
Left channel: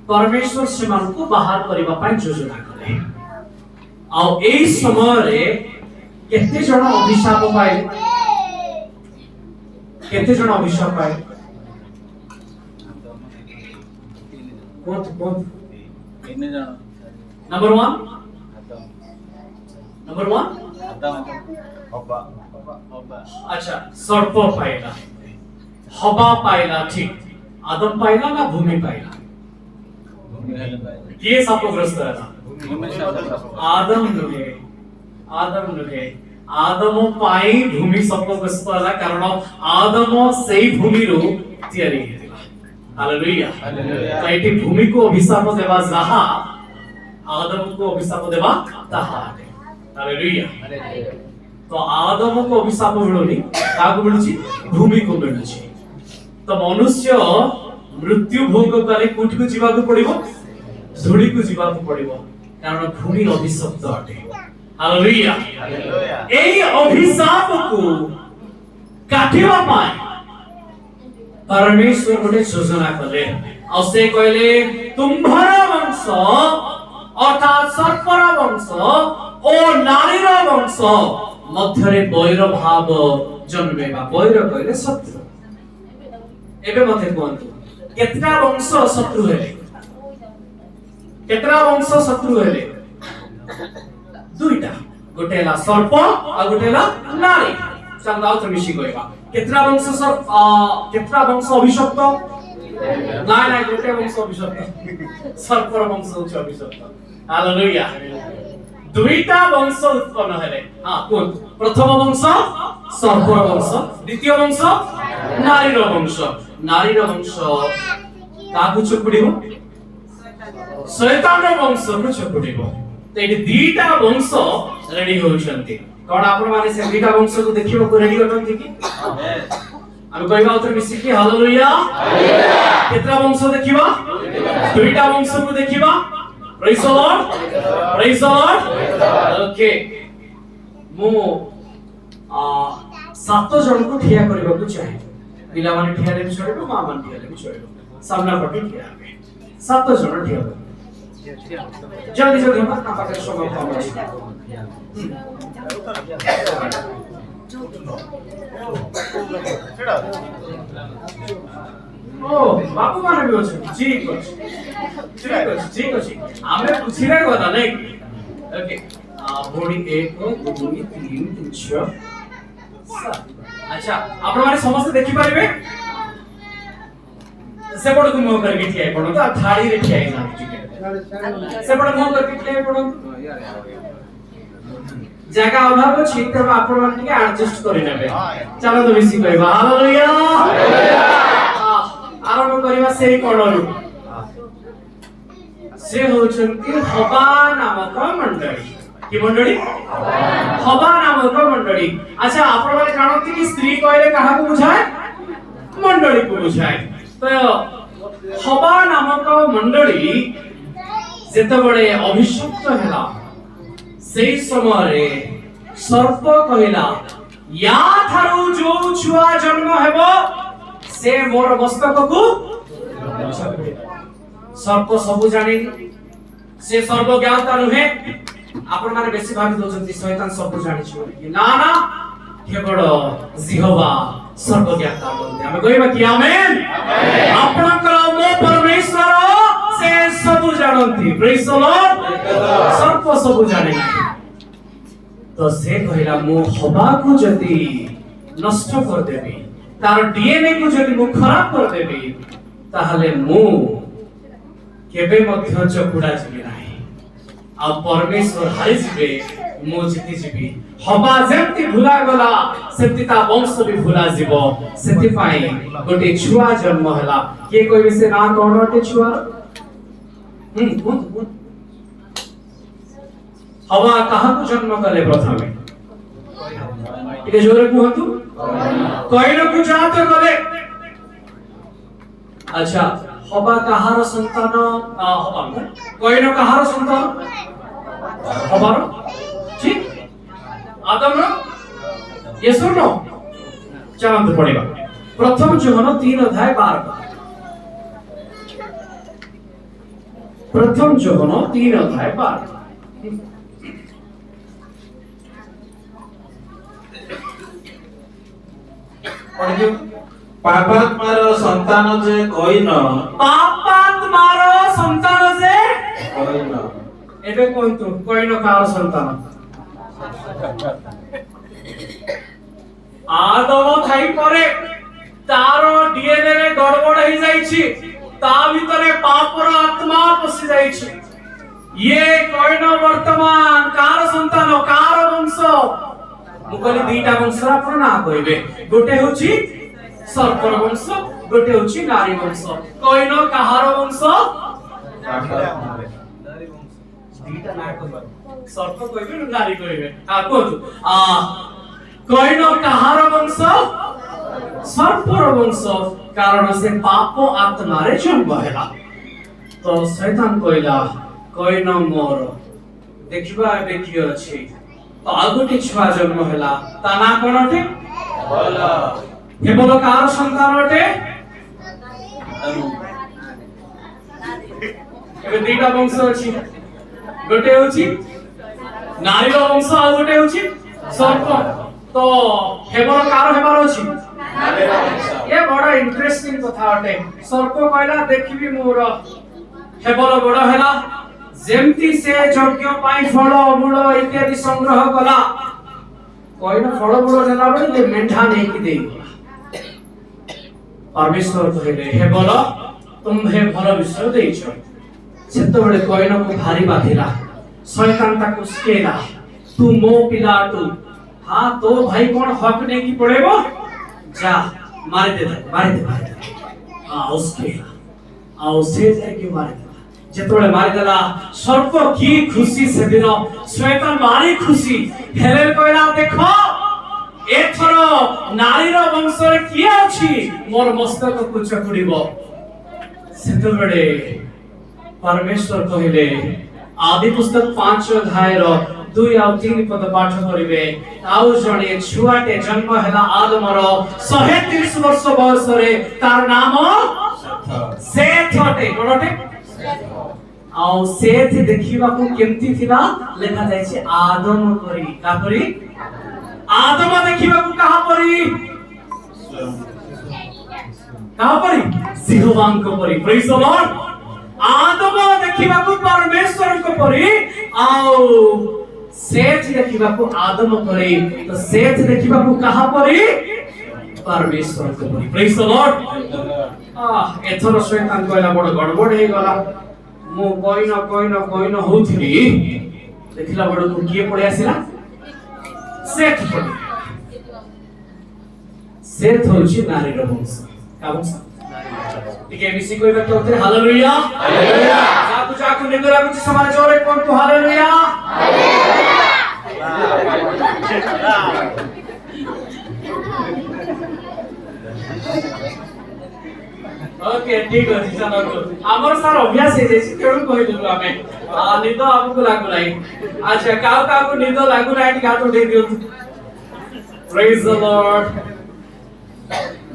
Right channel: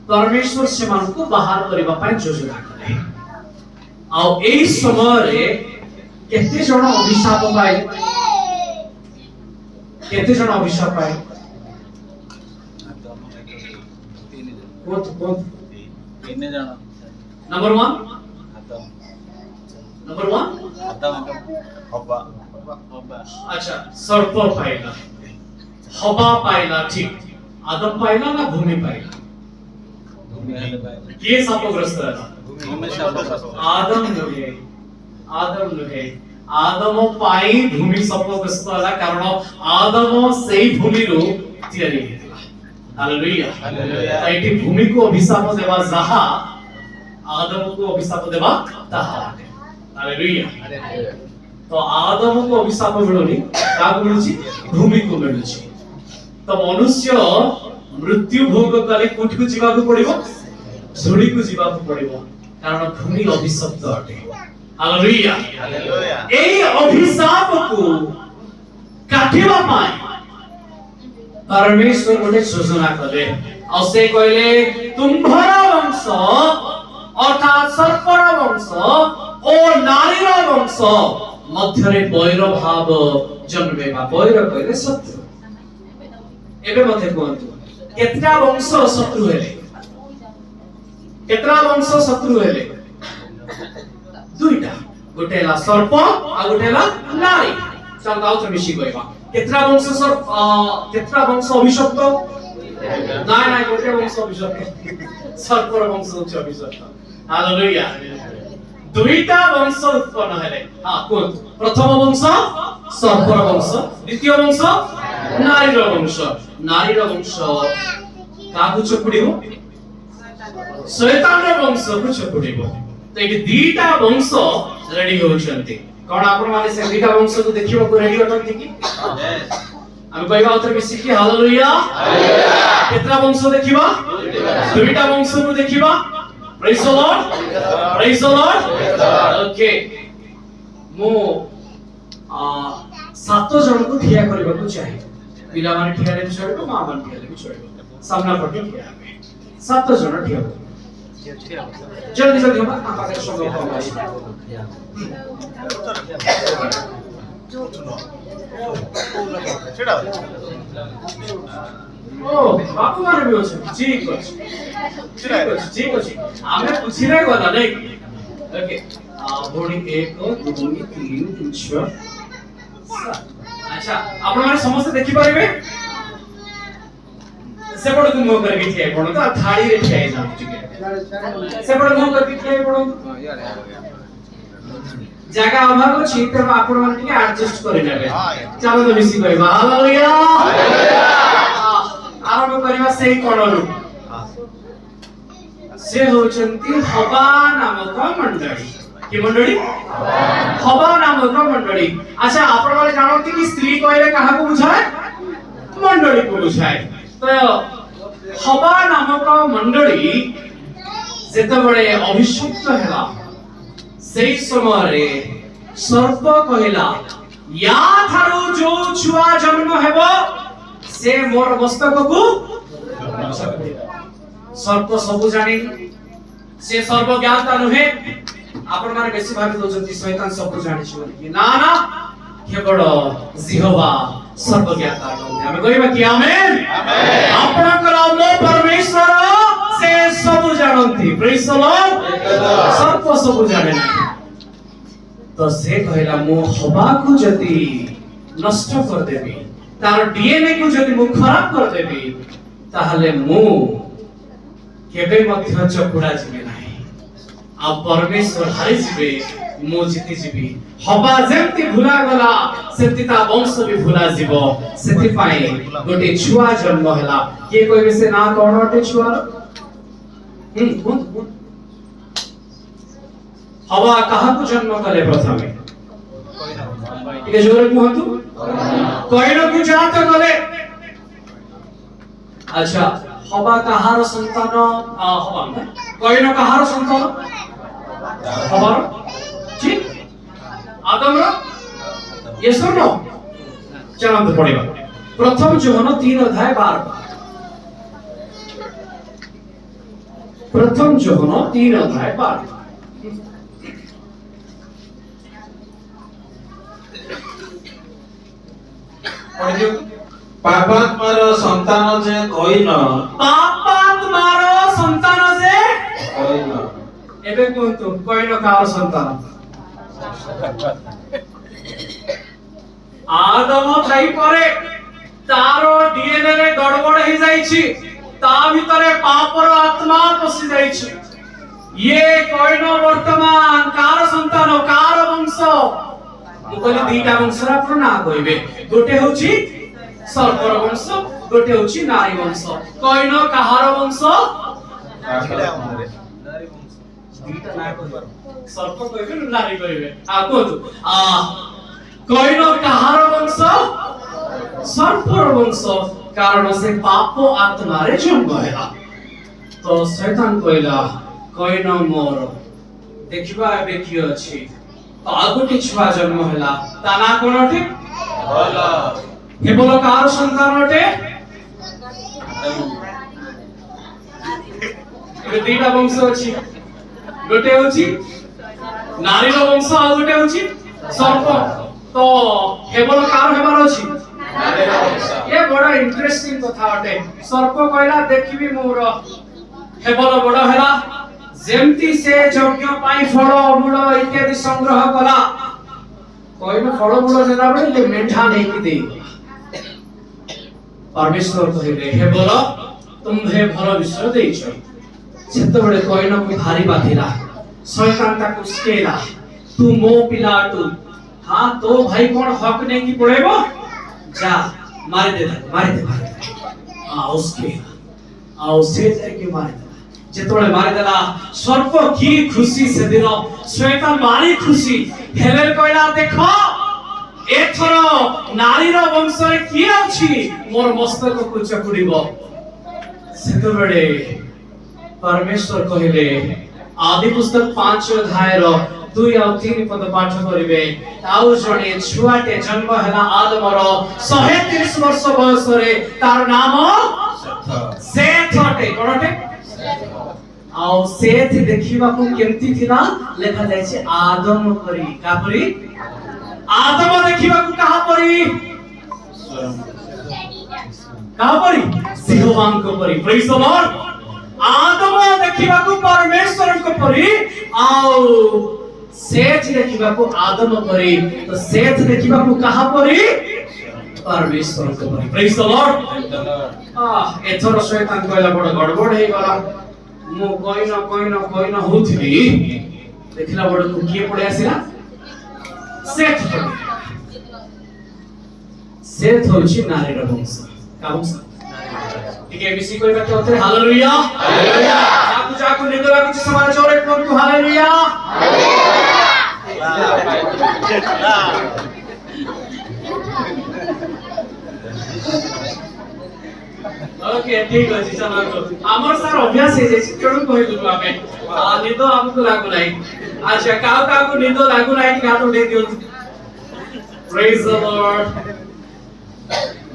परमेश्वर सेमान को बाहर करबा पय योजना कले। आ एई समय रे केते जण अभिशाप पाए, केते जण अभिशाप पाए कोन नंबर 1 नंबर 1 अच्छा सर्प पाइला, हवा पाइला, ठीक। आदम पाइला ना भूमि पाइला? किए शापग्रस्त है? आदम नुगे, आदम नुगे। आदम पाई भूमि शापग्रस्त है कारण आदम सेई भूमि रो तयारी हेतिला। हालेलुया ताइटी भूमि को अभिशाप देवा जहा आदम को अभिशाप देवा ताहा। हालेलुया तो आदम को अभिशाप मिलुनी काको मिलुची? भूमि को मिलुची। तो मनुष्य मृत्यु भोग करे कोठी को जीवा को पड़िबो, धूड़ी को जीवा को पड़िबो कारण भूमि अभिशप्त अटे। हालेलुया एई अभिशाप को काटिबा पाए परमेश्वर गोटे योजना कले और से कहले तुम्भर वंश अर्थात सर्पर वंश ओ नारीर वंश मध्यरे बैर भाव जन्मेबा। बैर कहले शत्रु। एबे मते कोंतु केतरा वंश शत्रु हेले? केतरा वंश शत्रु हेले? दुईटा, गोटे ला सर्प आ गोटे ला नारी। चल दाउ त मिशी कहबा केतरा वंश सर्प केतरा वंश अभिशप्त? नाय नाय गोटे वंश अभिशप्त, सर्पर वंश होछ अभिशप्त। हालेलुया दुईटा वंश उत्पन्न हेले। हां कोन? प्रथम वंश सर्पर वंश, द्वितीय वंश नारीर वंश। नारीर वंश काकु चकुडिबो? शैतान वंश को चकुडिबो। तो एटी दीटा वंश रेडी होचंती। कोन आपण माने से दीटा वंश को देखिबो को रेडी होतंती की? हम कहबा उतर मिसी की हालेलुया। केतरा वंश देखिबा? दुईटा वंश को देखिबा। Praise the Lord, praise the Lord. Okay मु 7 जन को ठिया करबा को चाहे। पिला माने ठिया ले छड़बो, मां माने ठिया ले छड़बो, सामना पटे ठिया हेबे। 7 जन ठिया हो जल्दी जल्दी हम आपा के संग कम अछि। ओ बापू माने भी अछि। ठीक अछि, ठीक अछि, ठीक अछि। आमे पुछिले गला नै। ओके भोणी 1 2 3 6 7। अच्छा आपण माने समस्त देखि पारिबे? सेपड़ को मुंह करके ठिया पड़ो तो थाड़ी रे ठिया ना ठीक है। सेपड़ मुंह करके ठिया पड़ो जगह अभाव अछि त आपण माने के एडजस्ट करि नेबे। चलो तो मिसी कहबा हालेलुया। आरंभ करबा सेही कोणरू से होचंती हवा नामक मंडली। की मंडली? हवा नामक मंडली। अच्छा आपण माने जानत कि स्त्री कहले काहा को बुझाए? मंडली को बुझाए। तो हवा नामक मंडली जेते बड़े अभिशप्त हैला सेही समय रे सर्प कहला या थारो जो छुआ जन्म हेबो से मोर मस्तक को सर्प सबु जानि से सर्व ज्ञाता नहे। आपण माने बेसी भाबी दोजंती शैतान सबु जानि छी कि ना ना केवल जिहोवा सर्वज्ञाता बोलते हमें कहबा कि आमेन आमेन। आपनकर मो परमेश्वर से सब जानती। Praise the Lord. सर्प सब जाने ना तो से कहला मो हवा को जति नष्ट कर देबी तार डीएनए को जति मु खराब कर देबी ताहले मु केबे मध्य चकुडा जिबे नाही आ परमेश्वर हारि जिबे मु जीति जीबी। हवा जेमती भुला गला सेमती ता वंश भी भुला जीवो। सेति पाए गोटे छुआ जन्म हला। के कहबे से ना कोन अटे छुआ? हवा कहा को जन्म कले प्रथमे? टिके जोरे कहतु। କଇନକୁ ଯାହା ତ କଲେ। ଆଚ୍ଛା ହବା କାହାର ସନ୍ତାନ? ହବା କଇନ କାହାର ସନ୍ତାନ? ହବାର ঠিক আদমর yes or no? চলন্ত পড়িবা প্রথম যোহন 3 অধ্যায় 12 প্রথম যোহন 3 অধ্যায় 12 পড়িও ପାପାତ୍ମାର ସନ୍ତାନ ଯେ କଇନ পাপাত্মার সন্তান যে କଇନ এবে কোনটো কইন কার সন্তান? আদম থাই পরে তার ডিএনএ রে গড়বড় হই যাইছি, তা ভিতরে পাপর আত্মা পশি যাইছি। ইয়ে কইন বর্তমান কার সন্তান, কার বংশ? মু কলি দুইটা বংশর আপন না কইবে, গোটে হচ্ছে সর্পর বংশ, গোটে হচ্ছে নারী বংশ। কইন কাহার বংশ? সর্প কইবে নারী কইবে কোথু কইন কাহার বংশ? সর্পর বংশ, কারণ সে পাপ আত্মারে জন্ম হেলা। তো শয়তান কইলা কইন মোর দেখিবা এবে কি ଅଛି, তো ଆଉ ଗୋଟେ ଛୁଆ ଜନ୍ମ ହେଲା, ତା ନାଁ କଣ ଅଟେ? କେବଳ କାହାର ସନ୍ତାନ ଅଟେ? ଏବେ ଦିଟା ବଂଶ ଅଛି, ଗୋଟେ ହଉଛି ନାରୀର ବଂଶ ଆଉ ଗୋଟେ ହଉଛି ସର୍ପ। ତ କେବଳ କାହାର ହେବାର ଅଛି? ଏ ବଡ ଇଣ୍ଟରେଷ୍ଟିଂ କଥା ଅଟେ। ସର୍ପ କହିଲା ଦେଖିବି ମୋର କେବଳ ବଡ ହେଲା, ଯେମିତି ସେ ଯଜ୍ଞ ପାଇଁ ଫଳ ମୂଳ ଇତ୍ୟାଦି ସଂଗ୍ରହ କଲା, କହିଲ ଫଳ ମୂଳ ନେଲା ବେଳେ ଇଏ ମେଣ୍ଢା ନେଇକି ଦେଇଗଲା। ପରମେଶ୍ୱର କହିଲେ ହେ ବଲ ତୁମ୍ଭେ ଭଲ ବିଷୟ ଦେଇଛ। ସେତେବେଳେ କଇନକୁ ଭାରି ବାଧିଲା, ଶୟତାନ ତାକୁ ସ୍କେଲା, ତୁ ମୋ ପିଲାଟୁ, ହଁ ତୋ ଭାଇ କଣ ହକ୍ ନେଇକି ପଳେଇବ, ଯା ମାରିଦେ ତାକୁ, ମାରିଦେ ଆଉ ସ୍କେଲା, ଆଉ ସେ ଯାଇକି ମାରିଦେଲା। ଯେତେବେଳେ ମାରିଦେଲା ସର୍ପ କି ଖୁସି ସେଦିନ, ଶୟତାନ ଭାରି ଖୁସି। ହେଲେ କହିଲା ଦେଖ ଏଥର ନାରୀର ବଂଶରେ କିଏ ଅଛି ମୋର ମସ୍ତକକୁ ଚକୁଡିବ। ସେତେବେଳେ परमेश्वर कहले आदि पुस्तक 5 अध्यायर 2 और 3 पद पाठ करिवे। आउ जणे छुआटे जन्म हला आदमर 130 वर्ष बयस रे, तार नाम सेथ अटे। कोनटे? आउ सेथ देखिबा को केमती थिला लेखा जाय छै आदम परी। का परी? आदम देखिबा को कहा परी? कहा परी? सिंहवान को परी। Praise the Lord. आदम देखिबा को परमेश्वर को परी, आउ सेथ देखिबा को आदम परी। तो सेथ देखिबा को कहा परी? परमेश्वर को परी। Praise the Lord. एथरो शैतान कहला बड़ गड़बड़ हे गला, मु कइन होथली, देखला बड़ को किए पड़े आसिला? सेथ पड़ी। सेथ होची नारीर वंश। का वंश? टिके मिसी कोइ व्यक्ति होते हालेलुया हालेलुया। जाकु निंदरा कुछ समाज जोरे कोंतु हालेलुया ओके ठीक अछि। चलो हमर सार अभ्यास हे जे केणु कहिलु आमे निद हमकु लागु नाही। अच्छा काउ को निद लागु नाही कि हाथ उठे दियो। Praise the Lord.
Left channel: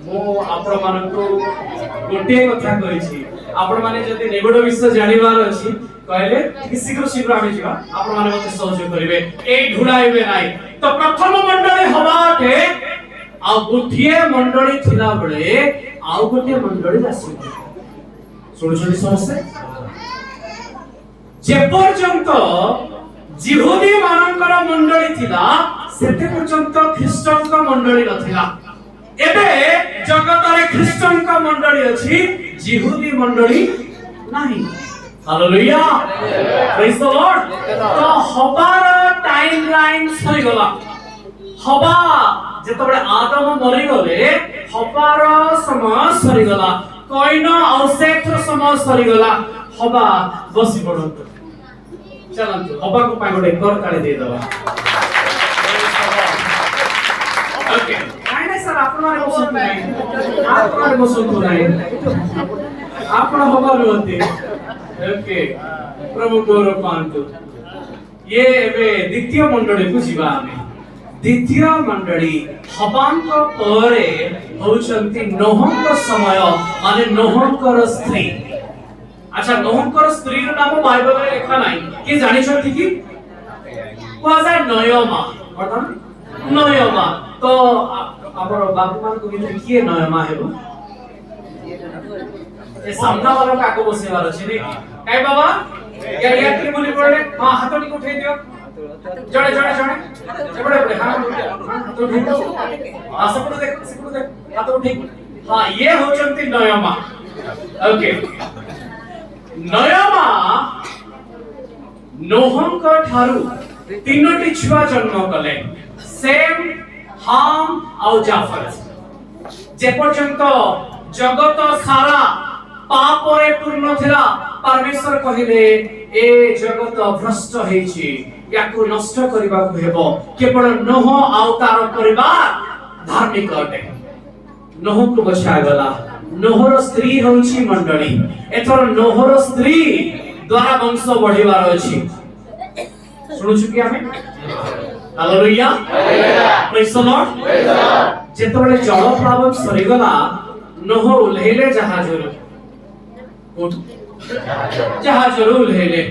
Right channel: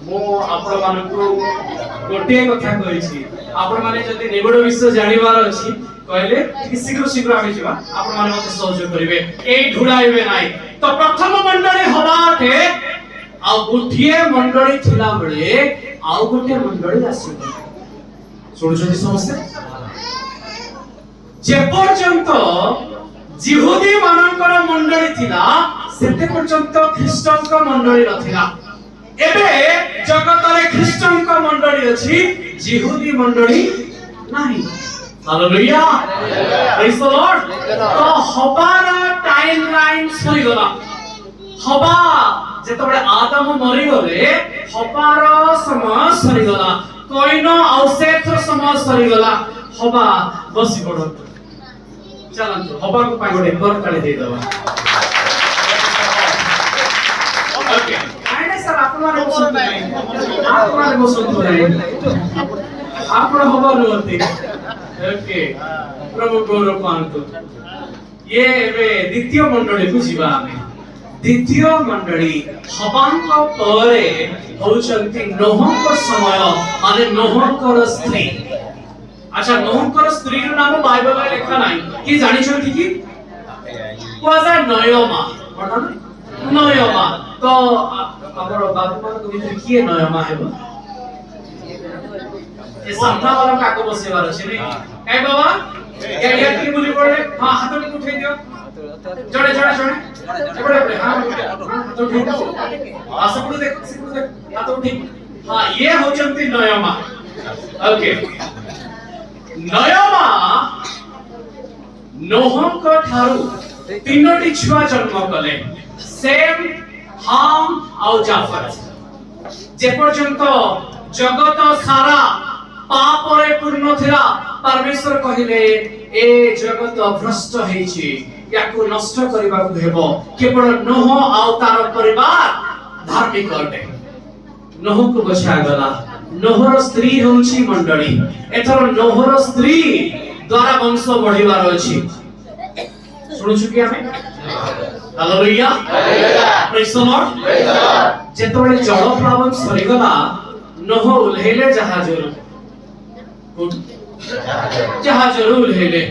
मो आपण मानकु गोटे कथा कहिछि, आपण माने जदि निगुड विषय जानिबार अछि कहले कि शीघ्र शीघ्र आमे जिबा, आपण माने मते सहयोग करिवे, एई ढुडाइबे नाही। तो प्रथम मंडली हबाटे आ गुठिए मंडली थिला बेले आउ गोटे मंडली आसी। सुनछथि समस्ते? जे पर्यंत जिहुदी मानकर मंडली थिला सेते पर्यंत ख्रीष्टन का मंडली नथिला। एबे जगत रे ख्रीष्टन का मंडली अछि, जिहुदी मंडली नाही। Hallelujah praise the Lord. तो हबार टाइमलाइन सरी गला। हबा जेतबे आदम मरि गले हबार समय सरी गला, कइन और सेथर समय सरी गला। हबा बसी पड़ो। चलंतु हबा को पागोडे कर ताले दे दवा। ओके आइने ଆପଣମାନେ ବସନ୍ତୁ ନାହିଁ ଆପଣମାନେ ବସନ୍ତୁ ନାହିଁ ଆପଣ ହବାରୁ ଅତି ଓକେ ପ୍ରଭୁ ଗୌରବ ପାଆନ୍ତୁ ये ଏବେ ଦ୍ୱିତୀୟ ମଣ୍ଡଳୀକୁ ଯିବା ଆମେ ଦ୍ୱିତୀୟ ମଣ୍ଡଳୀ ହବାଙ୍କ ପରେ ହଉଛନ୍ତି ନୋହଙ୍କ ସମୟ ମାନେ ନୋହଙ୍କର ସ୍ତ୍ରୀ ଆଚ୍ଛା ନୋହଙ୍କର ସ୍ତ୍ରୀର ନାମ ବାଇବଲରେ ଲେଖା ନାହିଁ କି ଜାଣିଛନ୍ତି କି କୁହାଯାଏ ନୟମା ଅର୍ଥାତ୍ ନୟମା ତ ଆମର ବାବୁମାନଙ୍କ ଭିତରେ କିଏ ନୟମା ହେବ ଏ ସାମ୍ନା वाला କାକୁ ବସେଇବାର ଅଛି ନାଇଁ କାଇଁ ବାବା या ଟିକେ ବୁଲି ପଡେ ହଁ ହାତ ଟିକେ ଉଠେଇ ଦିଅ ଜଣେ ଜଣେ ଜଣେ ଏପଟେ ଏପଟେ ହଁ ହାତ ଉଠେଇ ଦିଅ ସେପଟେ ଦେଖ ହାତ ଉଠେଇ ହଁ ଇଏ ହଉଛନ୍ତି ନୟମା ଓକେ ନୟମା ନୋହଙ୍କ ଠାରୁ ତିନୋଟି ଛୁଆ ଜନ୍ମ କଲେ ସେମ୍ ହାମ୍ ଆଉ ଜାଫତ ଯେ ପର୍ଯ୍ୟନ୍ତ ଜଗତ ସାରା ପାପରେ ପୂର୍ଣ୍ଣ ଥିଲା परमेश्वर कहिले ए जगत भ्रष्ट हेछि याकु नष्ट करिबाकु हेबो केवल नोह आउ तार परिवार धार्मिक अटे नोह को बचा गला नोहर स्त्री होछि मंडली एथर नोहर स्त्री द्वारा वंश बढ़िबार अछि सुनुछु कि हमें हालेलुया प्रेज द लॉर्ड जेतबेले जल प्लावन सरी गला नोह उल्हेले जहाजरु जहाजरु उल्हेले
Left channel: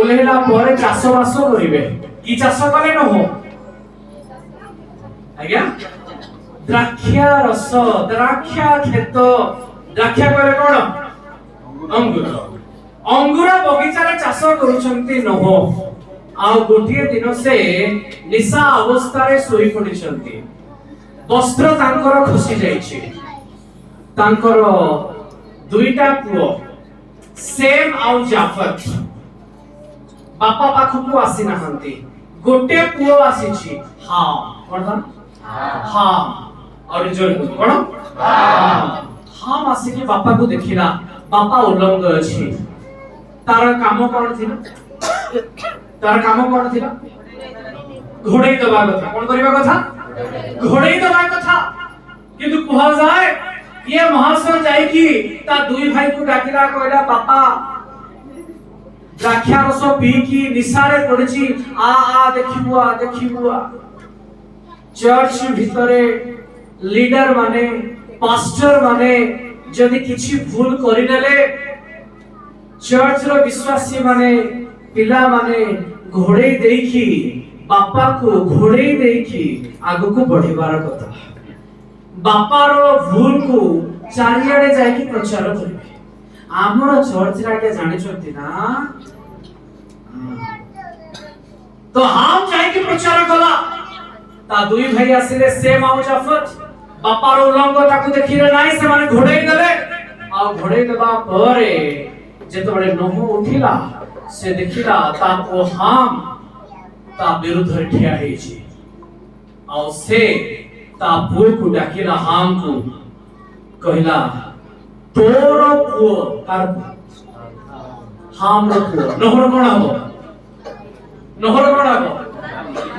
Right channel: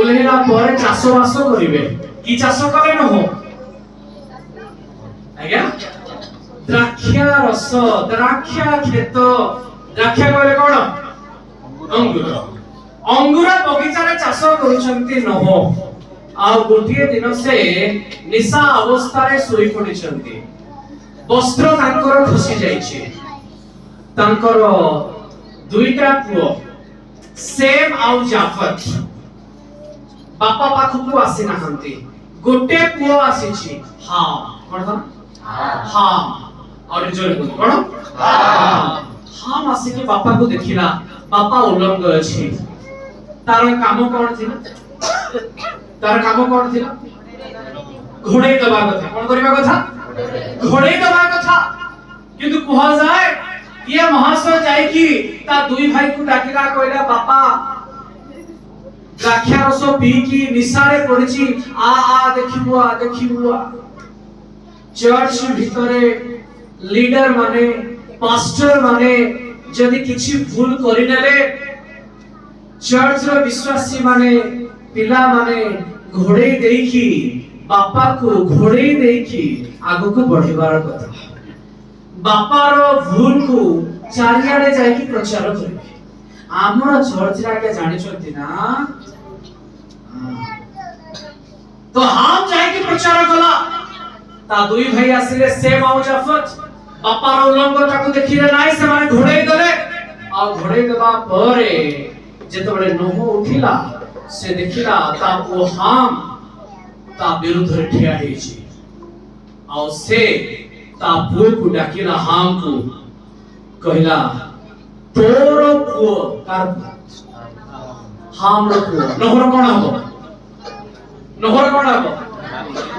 उल्हेला पर चाष बास करिवे की चाष करे न हो आज्ञा द्राक्षा रस द्राक्षा खेत द्राक्षा कहले कोन अंगूर अंगूर बगीचा रे चाष करूछंती न हो आ गोटिए दिन से निशा अवस्था रे सोई पडिछंती वस्त्र तांकर खसी जाईछि तांकर दुईटा पुओ सेम आउ जाफत बापा पाखକୁ आसी नाहंती गोटे पुओ आसीछि हां कोन हां और जोर कोन हां आसी के बापा को देखिला बापा उलंग अछि तार काम कोन थिला तार काम कोन थिला घोड़े दबा कथा कोन करिबा कथा घोड़े दबा कथा किंतु कुहा जाय ये महाशय जाय कि ता दुई भाई को डाकिला कहला बापा द्राक्षा रस पी की निशारे पड़िची आ देखिबुआ चर्च भितरे लीडर माने पास्टर माने जदि किछि भूल करिनेले चर्च रो विश्वासी माने पिला माने घोड़े देकी बापा को घोड़े देकी आगु को बढ़िबार कथा बापार भूल को चारियाडे जायकी प्रचार करिवे हमर चर्च राके जानि छथि ना तो हम जायकी प्रचार कला ता दुई भाई आसिले से माउ जाफत बापार उलंग ताकू देखिले नाइ से माने घोड़े देले आ घोड़े देबा परे जेतबेले नोह उठिला से देखिला ता ओ हम ता विरुद्ध रे ठिया हेछि आ से ता पुओ को डाकिला हाम को कहला तोर पुओ कार हाम रो पुओ नहर कोन हबो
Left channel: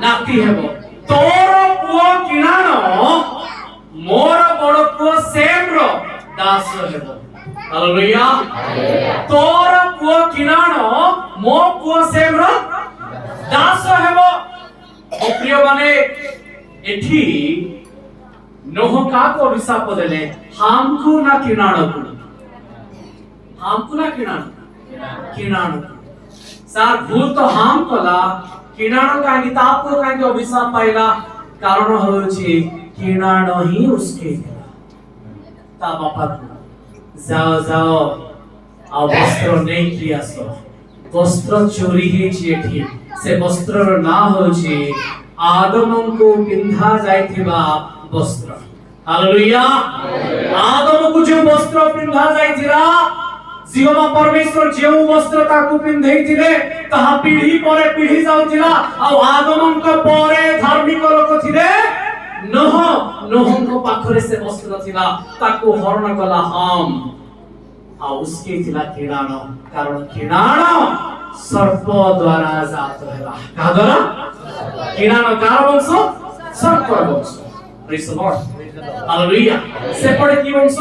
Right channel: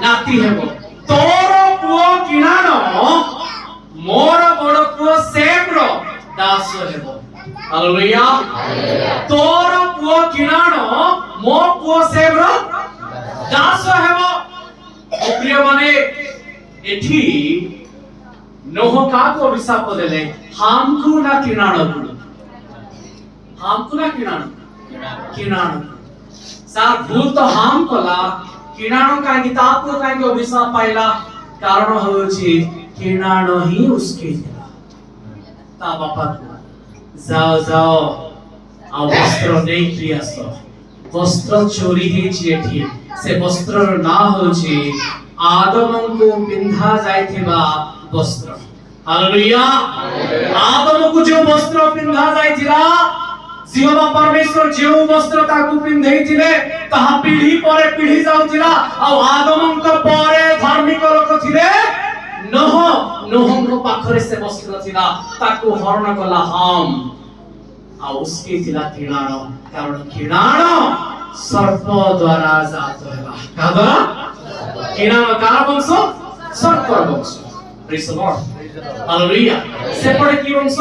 नाती हेबो तोर पुओ किनानो मोर बड़ पुओ सेम रो दास हेबो हालेलुया तोर पुओ किनानो मो पुओ सेम रो दास हेबो प्रिय माने एठी नोह का को अभिशाप देले हमकु ना किनाणो सार भूल तो हम कला किनाणो काहे ताको काहे अभिशाप पाइला कारण होछि किनाणो ही उसके ता बापा जाओ आ वस्त्र नै कियासो वस्त्र चोरी हे एठी से वस्त्र ना होछि आदम को पिंधा जाइथिबा वस्त्र हालेलुया आदम को जो वस्त्र पिंधा जाइथिला जीवा परमेश्वर जो वस्त्र ताकू पिंधैथिले ताहा पीढ़ी परे पीढ़ी जाउथिला आ आदम को परे धार्मिक लोक थिले नोह को पाखरे से वस्त्र थिला ताकू हरण कला हम आ उसके थिला किणाणो कारण किणाणो सर्प द्वारा जात होला का द्वारा किणाणो कार वंश सर्प वंश प्रेज द लॉर्ड ହାଲେଲୁୟା। ସେପଟେ କି ବଂଶ?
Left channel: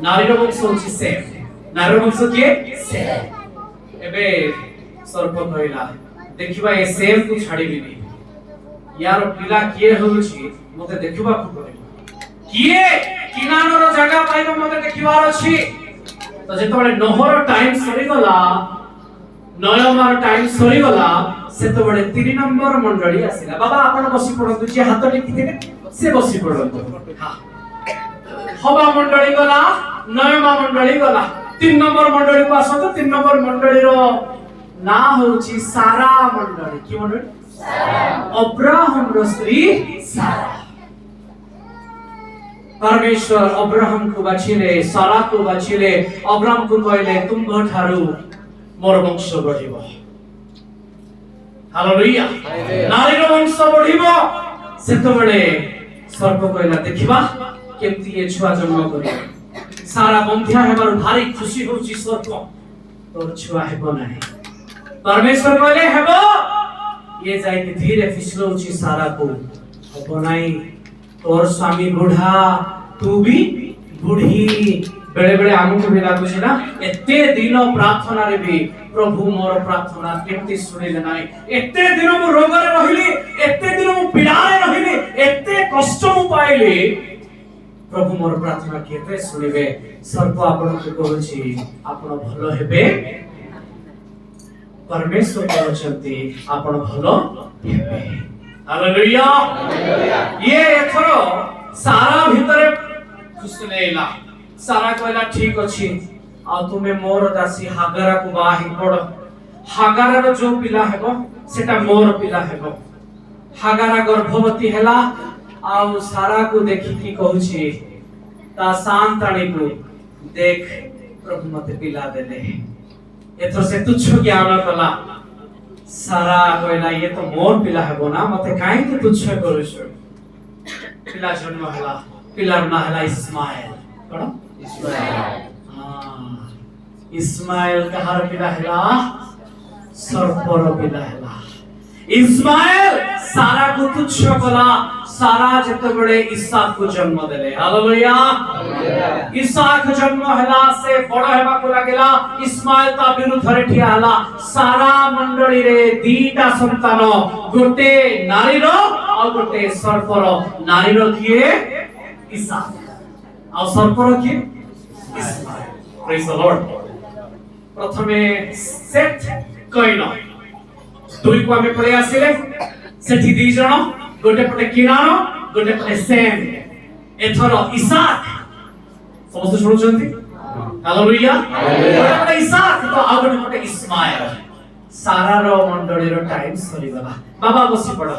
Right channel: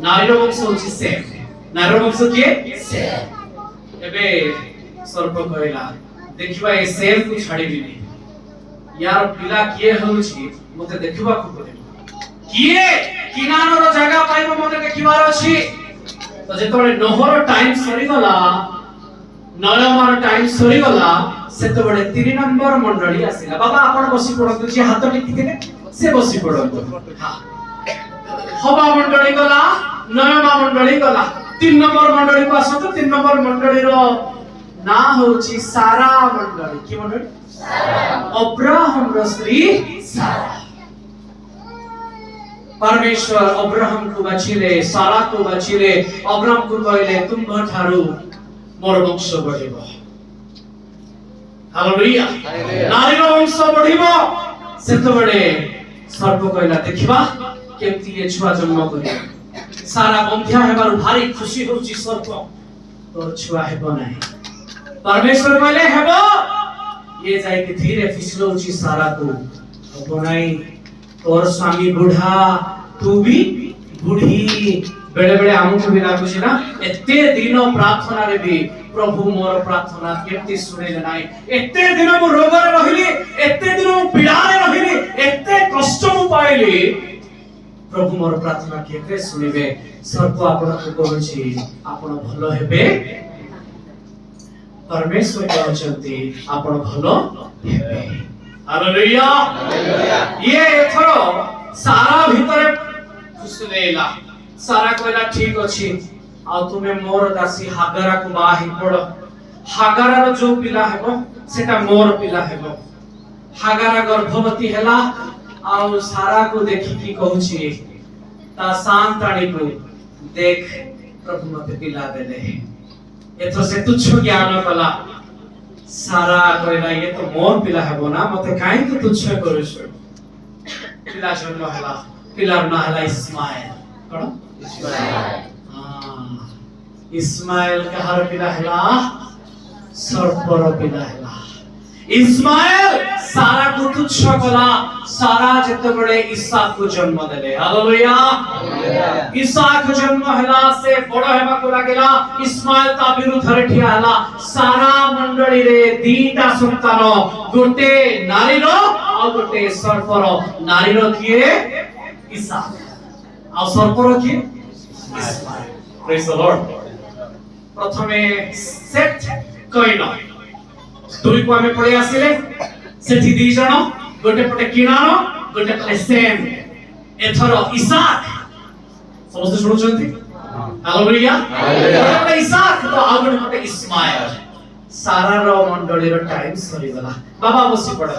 ନାରୀର ବଂଶ ହଉଛି ସେମ୍। ନାରୀର ବଂଶ କିଏ? ସେମ୍। ଏବେ ସର୍ପ କହିଲା ଦେଖିବା ଏ ସେମ୍ କୁ ଛାଡ଼ିବିନି, यार पिला किए होउछि मते देखिबा को पड़े, किए किनानर जगह पाइबो मते देखिबार अछि। तो जेतबे नोहर टाइम सरी गला, नयमार टाइम सरी गला, सेतबे 3 नंबर मंडली आसिला। बाबा आपण बसी पड़ंतु, जे हाथ टिकिथिले से बसी पड़ंतु। हां हवा मंडली गला, नयमा मंडली गला, 3 नंबर मंडली को आसतो। 3 नंबर मंडली रो ना होउछि सारा मंडली। की मंडली? अब्राहम रो स्त्री सारा। परमेश्वर अब्राहम को बाछिले, सारा को बाछिले। अब्राहम को कहले तुम ठारू मोर वंश बढ़िबो। हालेलुया। नारी रो वंश बढ़िबो। सेतबेले सर्प कहला देखिबा केमती ए छुआ जन्म करियो। सारा बंध्या हेबार भारी खुशी होउची सर्प, तोर छुआ हेबो नाही। परमेश्वर कहले हेबो। ये जाके धीरे फिसलौची सारा को, हबो नाही। तोर स्वामी बुढ़ा, तू भी बुढ़ी। बेले बेले हमको भी लागुछ ना, एते दिन प्रार्थना रे भी प्रभु मोर प्रार्थना केमती सुनिले नाही। एते दिन मो रोग रे रहिली, एते दिन मो पीड़ा रे रहिली, एते कष्ट मो पाइली, प्रभु मोर प्रार्थना केते सुनिबे। सर्प आपण को कहछि आपण भलो हेबे। परमेश्वर कहते आपण भलो हेबे। हालेलुया। ये एथरो सारा भीतर खुसलेला। सारा कहला ठीक अछि, आ तुमे मोर दासी हागरा को बाही पड़। हागरा रो जो पिला हेबो सेटा मोर पिला हेबो। हागरा गर्भवती हेला, आ सारा को देखि की कहूछि ता सांताणी को देख प्रभु मते पिला देले। एथरो से तुच्छ ज्ञान कला। सारा कहला ये तो मोर पिला हेबो ना, मते काई तो तुच्छ करिस। पिला जन्म हला, पिलार ना हला इस्माइल। कोन? इस्माइल। हां इस्माइल कहार पिला हला? सर्पर पिला हला। इस्माइल सारा को तुच्छ कला। सारा जेतबेले इसहाक को जन्म देले। हालेलुया। इसहाक जन्म हला से बड़ हेबा को लागेला। इस्माइल ता विरुद्ध रे ठिया हला। सारा मंडली रे दीटा संतान, गोटे नारी रो आ गोटे सर्प रो। नारी रो किए? इसहाक, आ सर्प रो किए? इस्माइल। Praise the Lord. प्रथमे सेट कइनो दुई को हमें पड़े आसिले। सेठी दी जण, गोटे पटे किनानो, गोटे पटे सेम। एथरो इसहाक समस्त सुनुचंती। हालेलुया। गोटे पटे इसहाक तो आ गोटे पटे इस्माइल। सारा रो मंडली रो टाइम सरी गला। बाबा बसी पड़।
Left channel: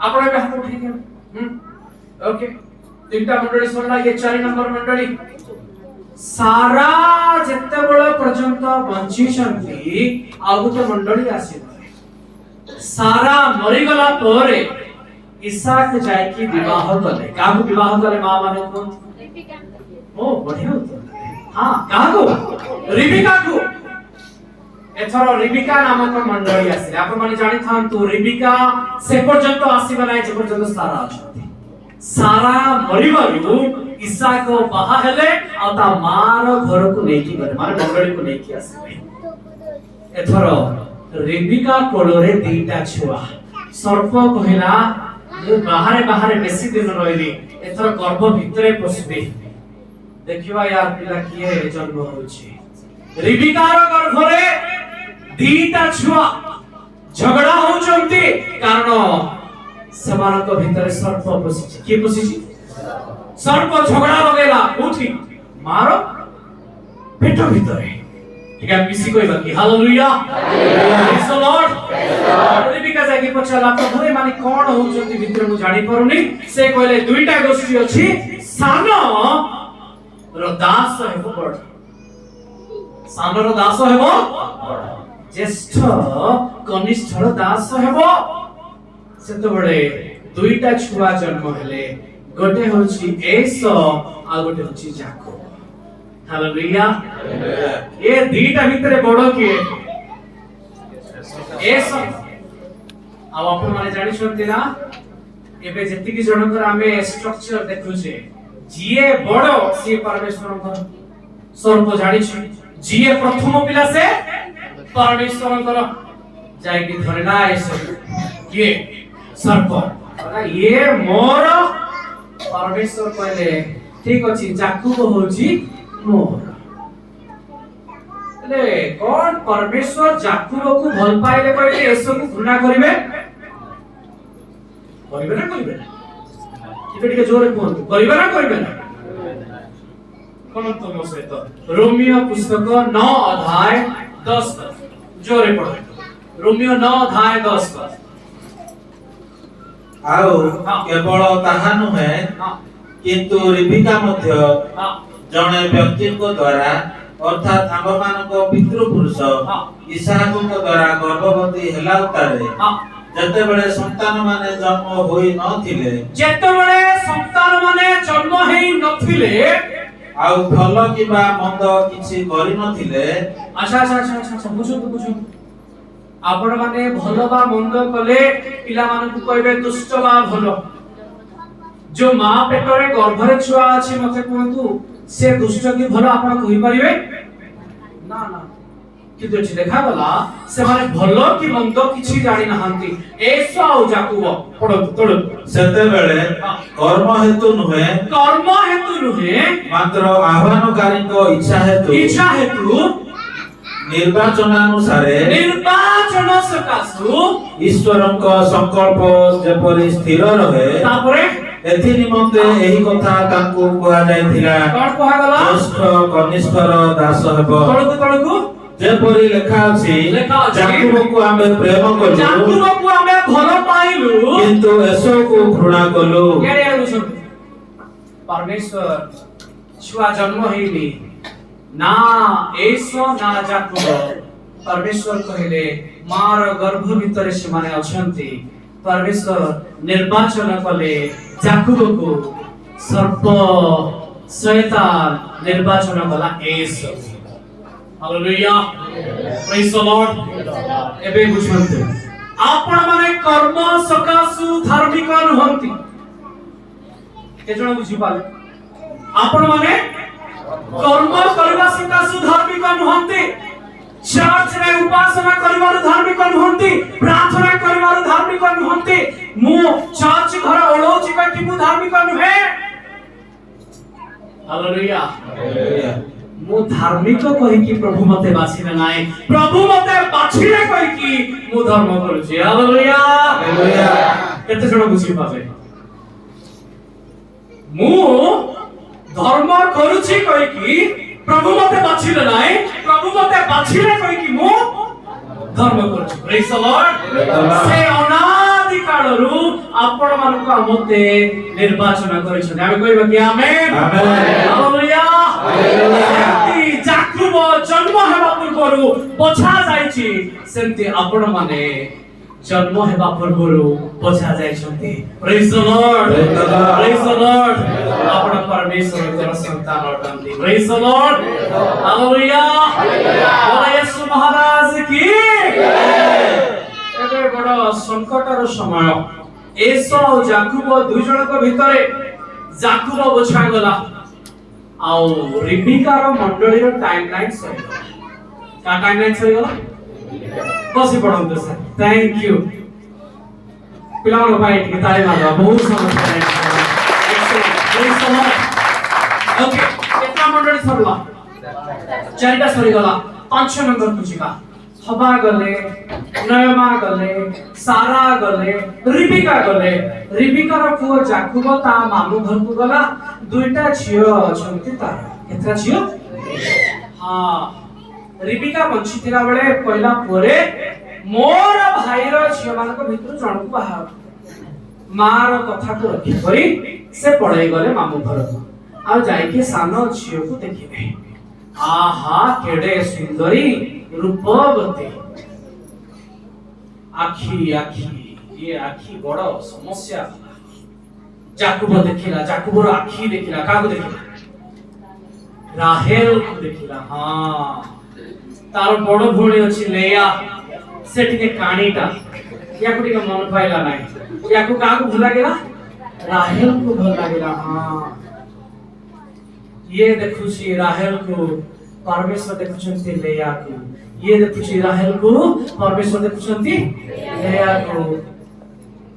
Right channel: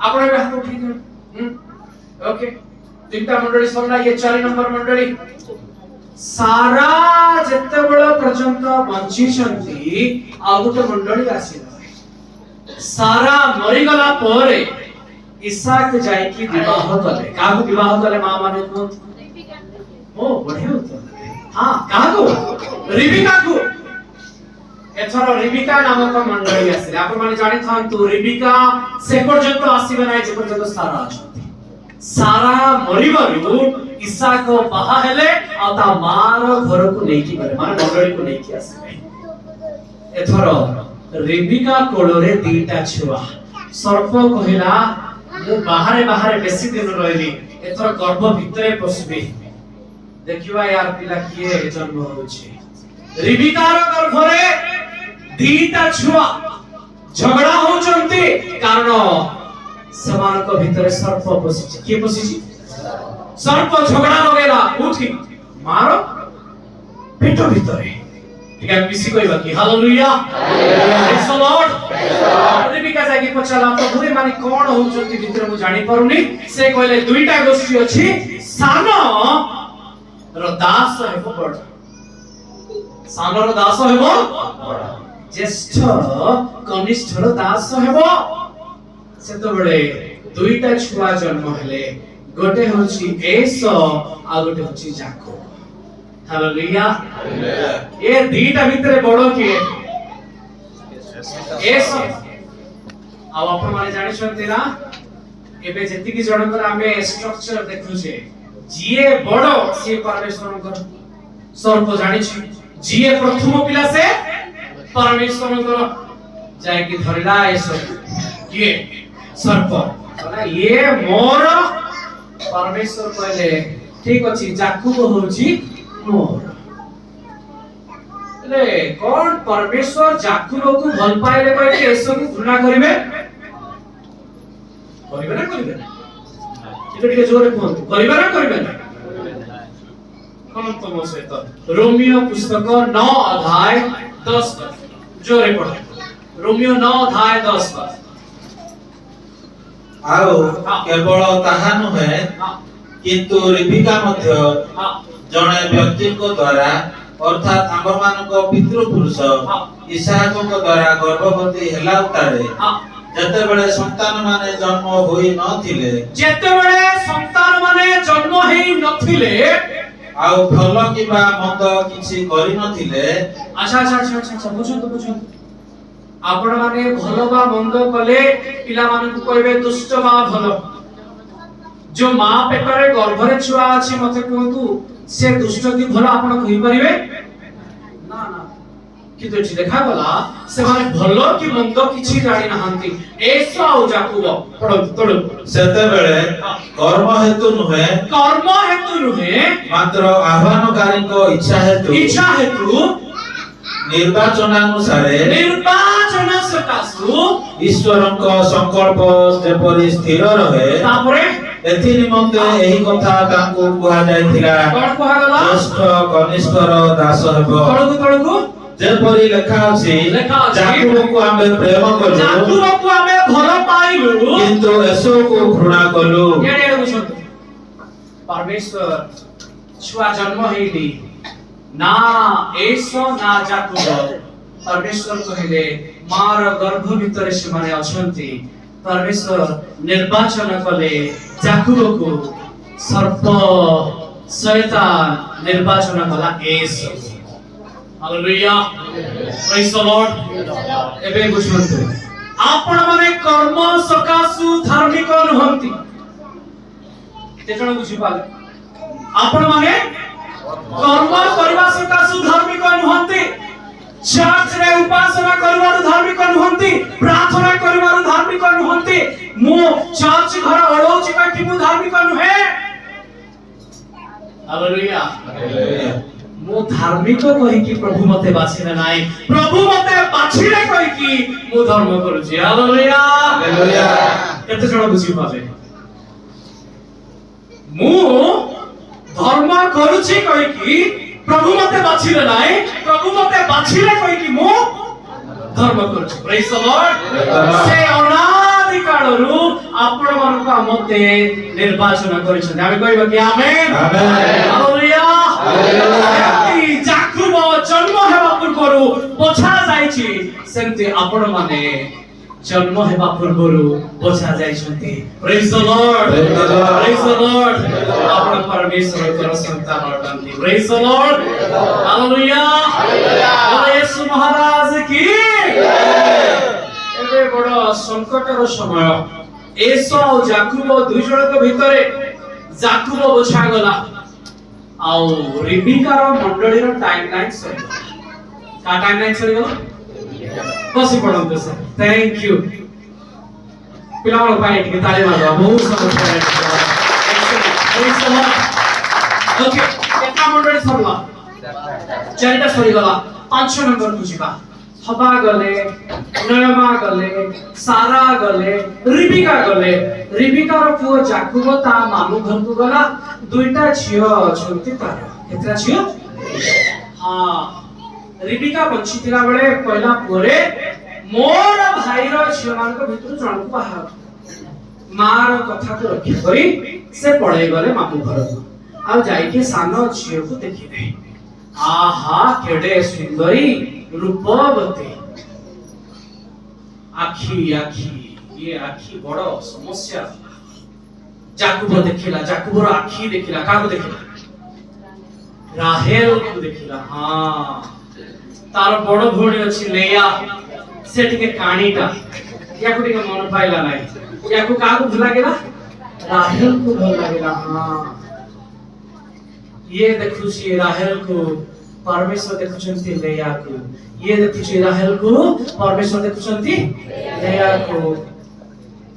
आपण बे हाथ उठी दियो। ओके 3टा मंडली सरला। ये 4 नंबर मंडली। सारा जत्ते बड़ा पर्यंत बंची छंती, आ गोटे मंडली आसीला। सारा मरी गला परे इसहाक जाय की विवाह कले। काहू विवाह कले? मां माने कोन? ओ बढ़िया उत्तर। हां काहू? रिबिका को। एथरो रिबिका नामक मंडली आसीला। आपण माने जानि थांतु रिबिका से पर्यंत आसीबा नै जे पर्यंत सारा अछंती। सारा मरिबारु इसहाक बाहा हेले, आ ता मार घर को नेकी गले, मार मंडली को नेकी आसीबे। एथरो रिबिका कोलोरे दीटा छुआ। सर्प कहला मु बाहरे बाहरे बेसी दिन रहली, एथर गर्भ भितरे पसबी, देखिबा यार पिला किए जन्म होछि। रिबिकार गर्भ रे दीटा छुआ झगड़ा होचंती, कारण समान को भितरे सर्प पसिछि। के पसिछि? सर्प झगड़ा लगेला उठी मारो पेट भितरे। ठीक है मिसी कोई बाकी। Hallelujah. Praise the Lord. Rebekah जाके पछला तो भरे माने कोन होउचंती भितरे मु जानि परुनी। से कहले दुईटा गोष्ठी अछि, सानो रो दास हेबो बड़। सानो रो दास हेबो बड़, ज्येष्ठ कनिष्ठ रो दास हेबो। सेतबेले दुईटा छुआ जन्म हेले, गोटे होछि एसो आ गोटे होछि याकूब। हालेलुया। ये दीटा भितरे बड़ किए? एसो। ଆଉ ଆପଣ ମାନେ ଜାଣିଛନ୍ତି ନା ଏବେ ଯେତିକି ଜଣଙ୍କର ଆମେ ଷ୍ଟ୍ରକ୍ଚର ଦେଖୁଛେ ଯିଏ ବଡ ସିଏ ପରମେଶ୍ୱରଙ୍କର ସର୍ପ ଜାଣିଛି ଯିଏ ପ୍ରଥମ ପିଲା ସେ ପରମେଶ୍ୱରଙ୍କର ଯାଇକି ଧରିଲା ଏସବୁ କିଏ ସର୍ପ ଇଏ ମୋର ପରମେଶ୍ୱର କହିଲେ ଠିକ ଅଛି ଯାକୁବ ହଉଛି ମୋର ହେଲେ କଣ ପରମେଶ୍ୱର ଯାକୁବକୁ ଭଲ ପାଇଲେ କହିଲେ ଏସବୁ ଘୃଣା କରିବେ କରିବେ ନା କରିବେ ନା ଟିକେ ଜୋରେ କୁହନ୍ତୁ କରିବେ ନା କରିବେ ନା କଣ ତମ ସହିତ ରୋମିଓ ପୁସ୍ତକ 9 ଅଧ୍ୟାୟ 10 ଜୋରେ ପଢ ରୋମିଓ 9 ଅଧ୍ୟାୟ 10 ଆଉ କେବଳ ତାହା ନୁହେଁ କିନ୍ତୁ ରିବିକା ମଧ୍ୟ ଜଣେ ବ୍ୟକ୍ତିଙ୍କ ଦ୍ୱାରା ଅର୍ଥାତ୍ ଆମ୍ଭମାନଙ୍କ ପିତୃପୁରୁଷ ଇସାହାକଙ୍କ ଦ୍ୱାରା ଗର୍ଭବତୀ ହେଲା ଉତ୍ତାରେ ଯେତେବେଳେ ସନ୍ତାନ ମାନେ ଜନ୍ମ ହୋଇ ନଥିଲେ ଆଉ ଭଲ କିମ୍ବା ମନ୍ଦ କିଛି କରିନଥିଲେ ଆଚ୍ଛା ବୁଝନ୍ତୁ ଆପଣ ମାନେ ଭଲ ବା ମନ୍ଦ କଲେ ପିଲାମାନଙ୍କୁ କହିବେ ଦୁଷ୍ଟ ବା ଭଲ जो मां पेटरे गर्भरे छुआ अछि मते कहतु से दुष्ट की भलो आपण कहि परिबे ना किंतु एठी देखा गला से माने भलो की मंद किछि जानि नहंती एसो जाकुब पडो सेते बेले कर्म हेतु नुहे मात्र आह्वानकारी को इच्छा हेतु निर्वाचन सकाशु ईश्वरଙ୍କ संकल्प जेपरि स्थिर रहे तापरे एथि निमंते एही कथा तांको कुहा जायथिला कोन कुहा गला ज्येष्ठ कनिष्ठर दास हेबो तळकु जेपरि लेखा अछि जाकुबको आमे प्रेम कलु जाकुबको आमे भलो पाइलु किंतु एसो को घृणा कलु केडे बुझो परमेश्वर छुआ जन्म हेली ना एसो ना जाकुब परमेश्वर कहले मार गर्भ भितरे से माने अछंती परमेश्वर निर्वाचन कले जाकुबको सर्प शैतान निर्वाचन कला एसो हालेलुया प्रेज द लॉर्ड एबे बुझंतु आपण माने कर्म सकासु धार्मिक नहंती केजण बुझि पाले आपण माने कर्म करबा सकासु धार्मिक नहंती चर्च रे उपासना करबार धार्मिक नहंती प्रार्थना करबार धार्मिक नहंती मु चर्च घर ओळौची कि मु धार्मिक नहे हालेलुया मु धार्मिक कहि कि प्रभु मते बाछिले नाइ प्रभु मते बाछिले कहि कि मु धर्म करूची हालेलुया केते जण बुझि पाले मु धर्म करूची कहि कि प्रभु मते बाछिले नाइ प्रभु मते बाछिले कहि कि मु धर्म करूची प्रेज द लॉर्ड से अनादि कालरु आपण मानको मते निर्वाचन करिसन आमे कहबा कि आमेन हालेलुया जाकुब जन्म हेबा पूर्वरु पोछा जाईछि सेंति आपण माने जन्म हेबा पूर्वरु पोछा जाईछन्ति प्रेज द लॉर्ड आपण परमेश्वर संतान अटंती प्रेज द लॉर्ड हालेलुया बोले यीशु महाराज की एबे बड़ संकटर समय एसो और जाकुब दुई जनक भितरे जाकुब बोछा गला आउ रिबिका रो मंडली रो टाइमलाइन सरी का टाइमलाइन सरी गला बसी पडंतो सर थैंक यू पिलावन पाई के ताली मारो बहुत समझ एक्सेलेंट ओके केता मंडली सरला चारिटा सरी गला 5 नंबर बुझिबा हबा गले नयमा गले सारा गले रिबिका रो पुओ जाकुब ता मामू घर को गला दुईटा छियो छंती तार केतरा छियो हां रिबिका बंची थिला बेले पहिला पोरे मोर भाई रो छियो मान को भितर जण को बाहा मार कथा को रखि करी से पळै गले मामू घर को आ जाई के सानो छियो को देखिबे आहा केडे सुंदरी रूपवती आखी ये आखी बड़ समस्या जाकुब देखिला जाकुबर आखी देखिला काको देखिला राहेल को देखिला हां तार बड़ भौणी अछि लेया से टिके काणीटा या को मन पाइला नहीं या को का को भला गेला राहेल को भला गेला हां ये देखु छी राहेल को परमेश्वर देखुचंती लेया को ये देखु छी राहेल को परमेश्वर देखुचंती लेया को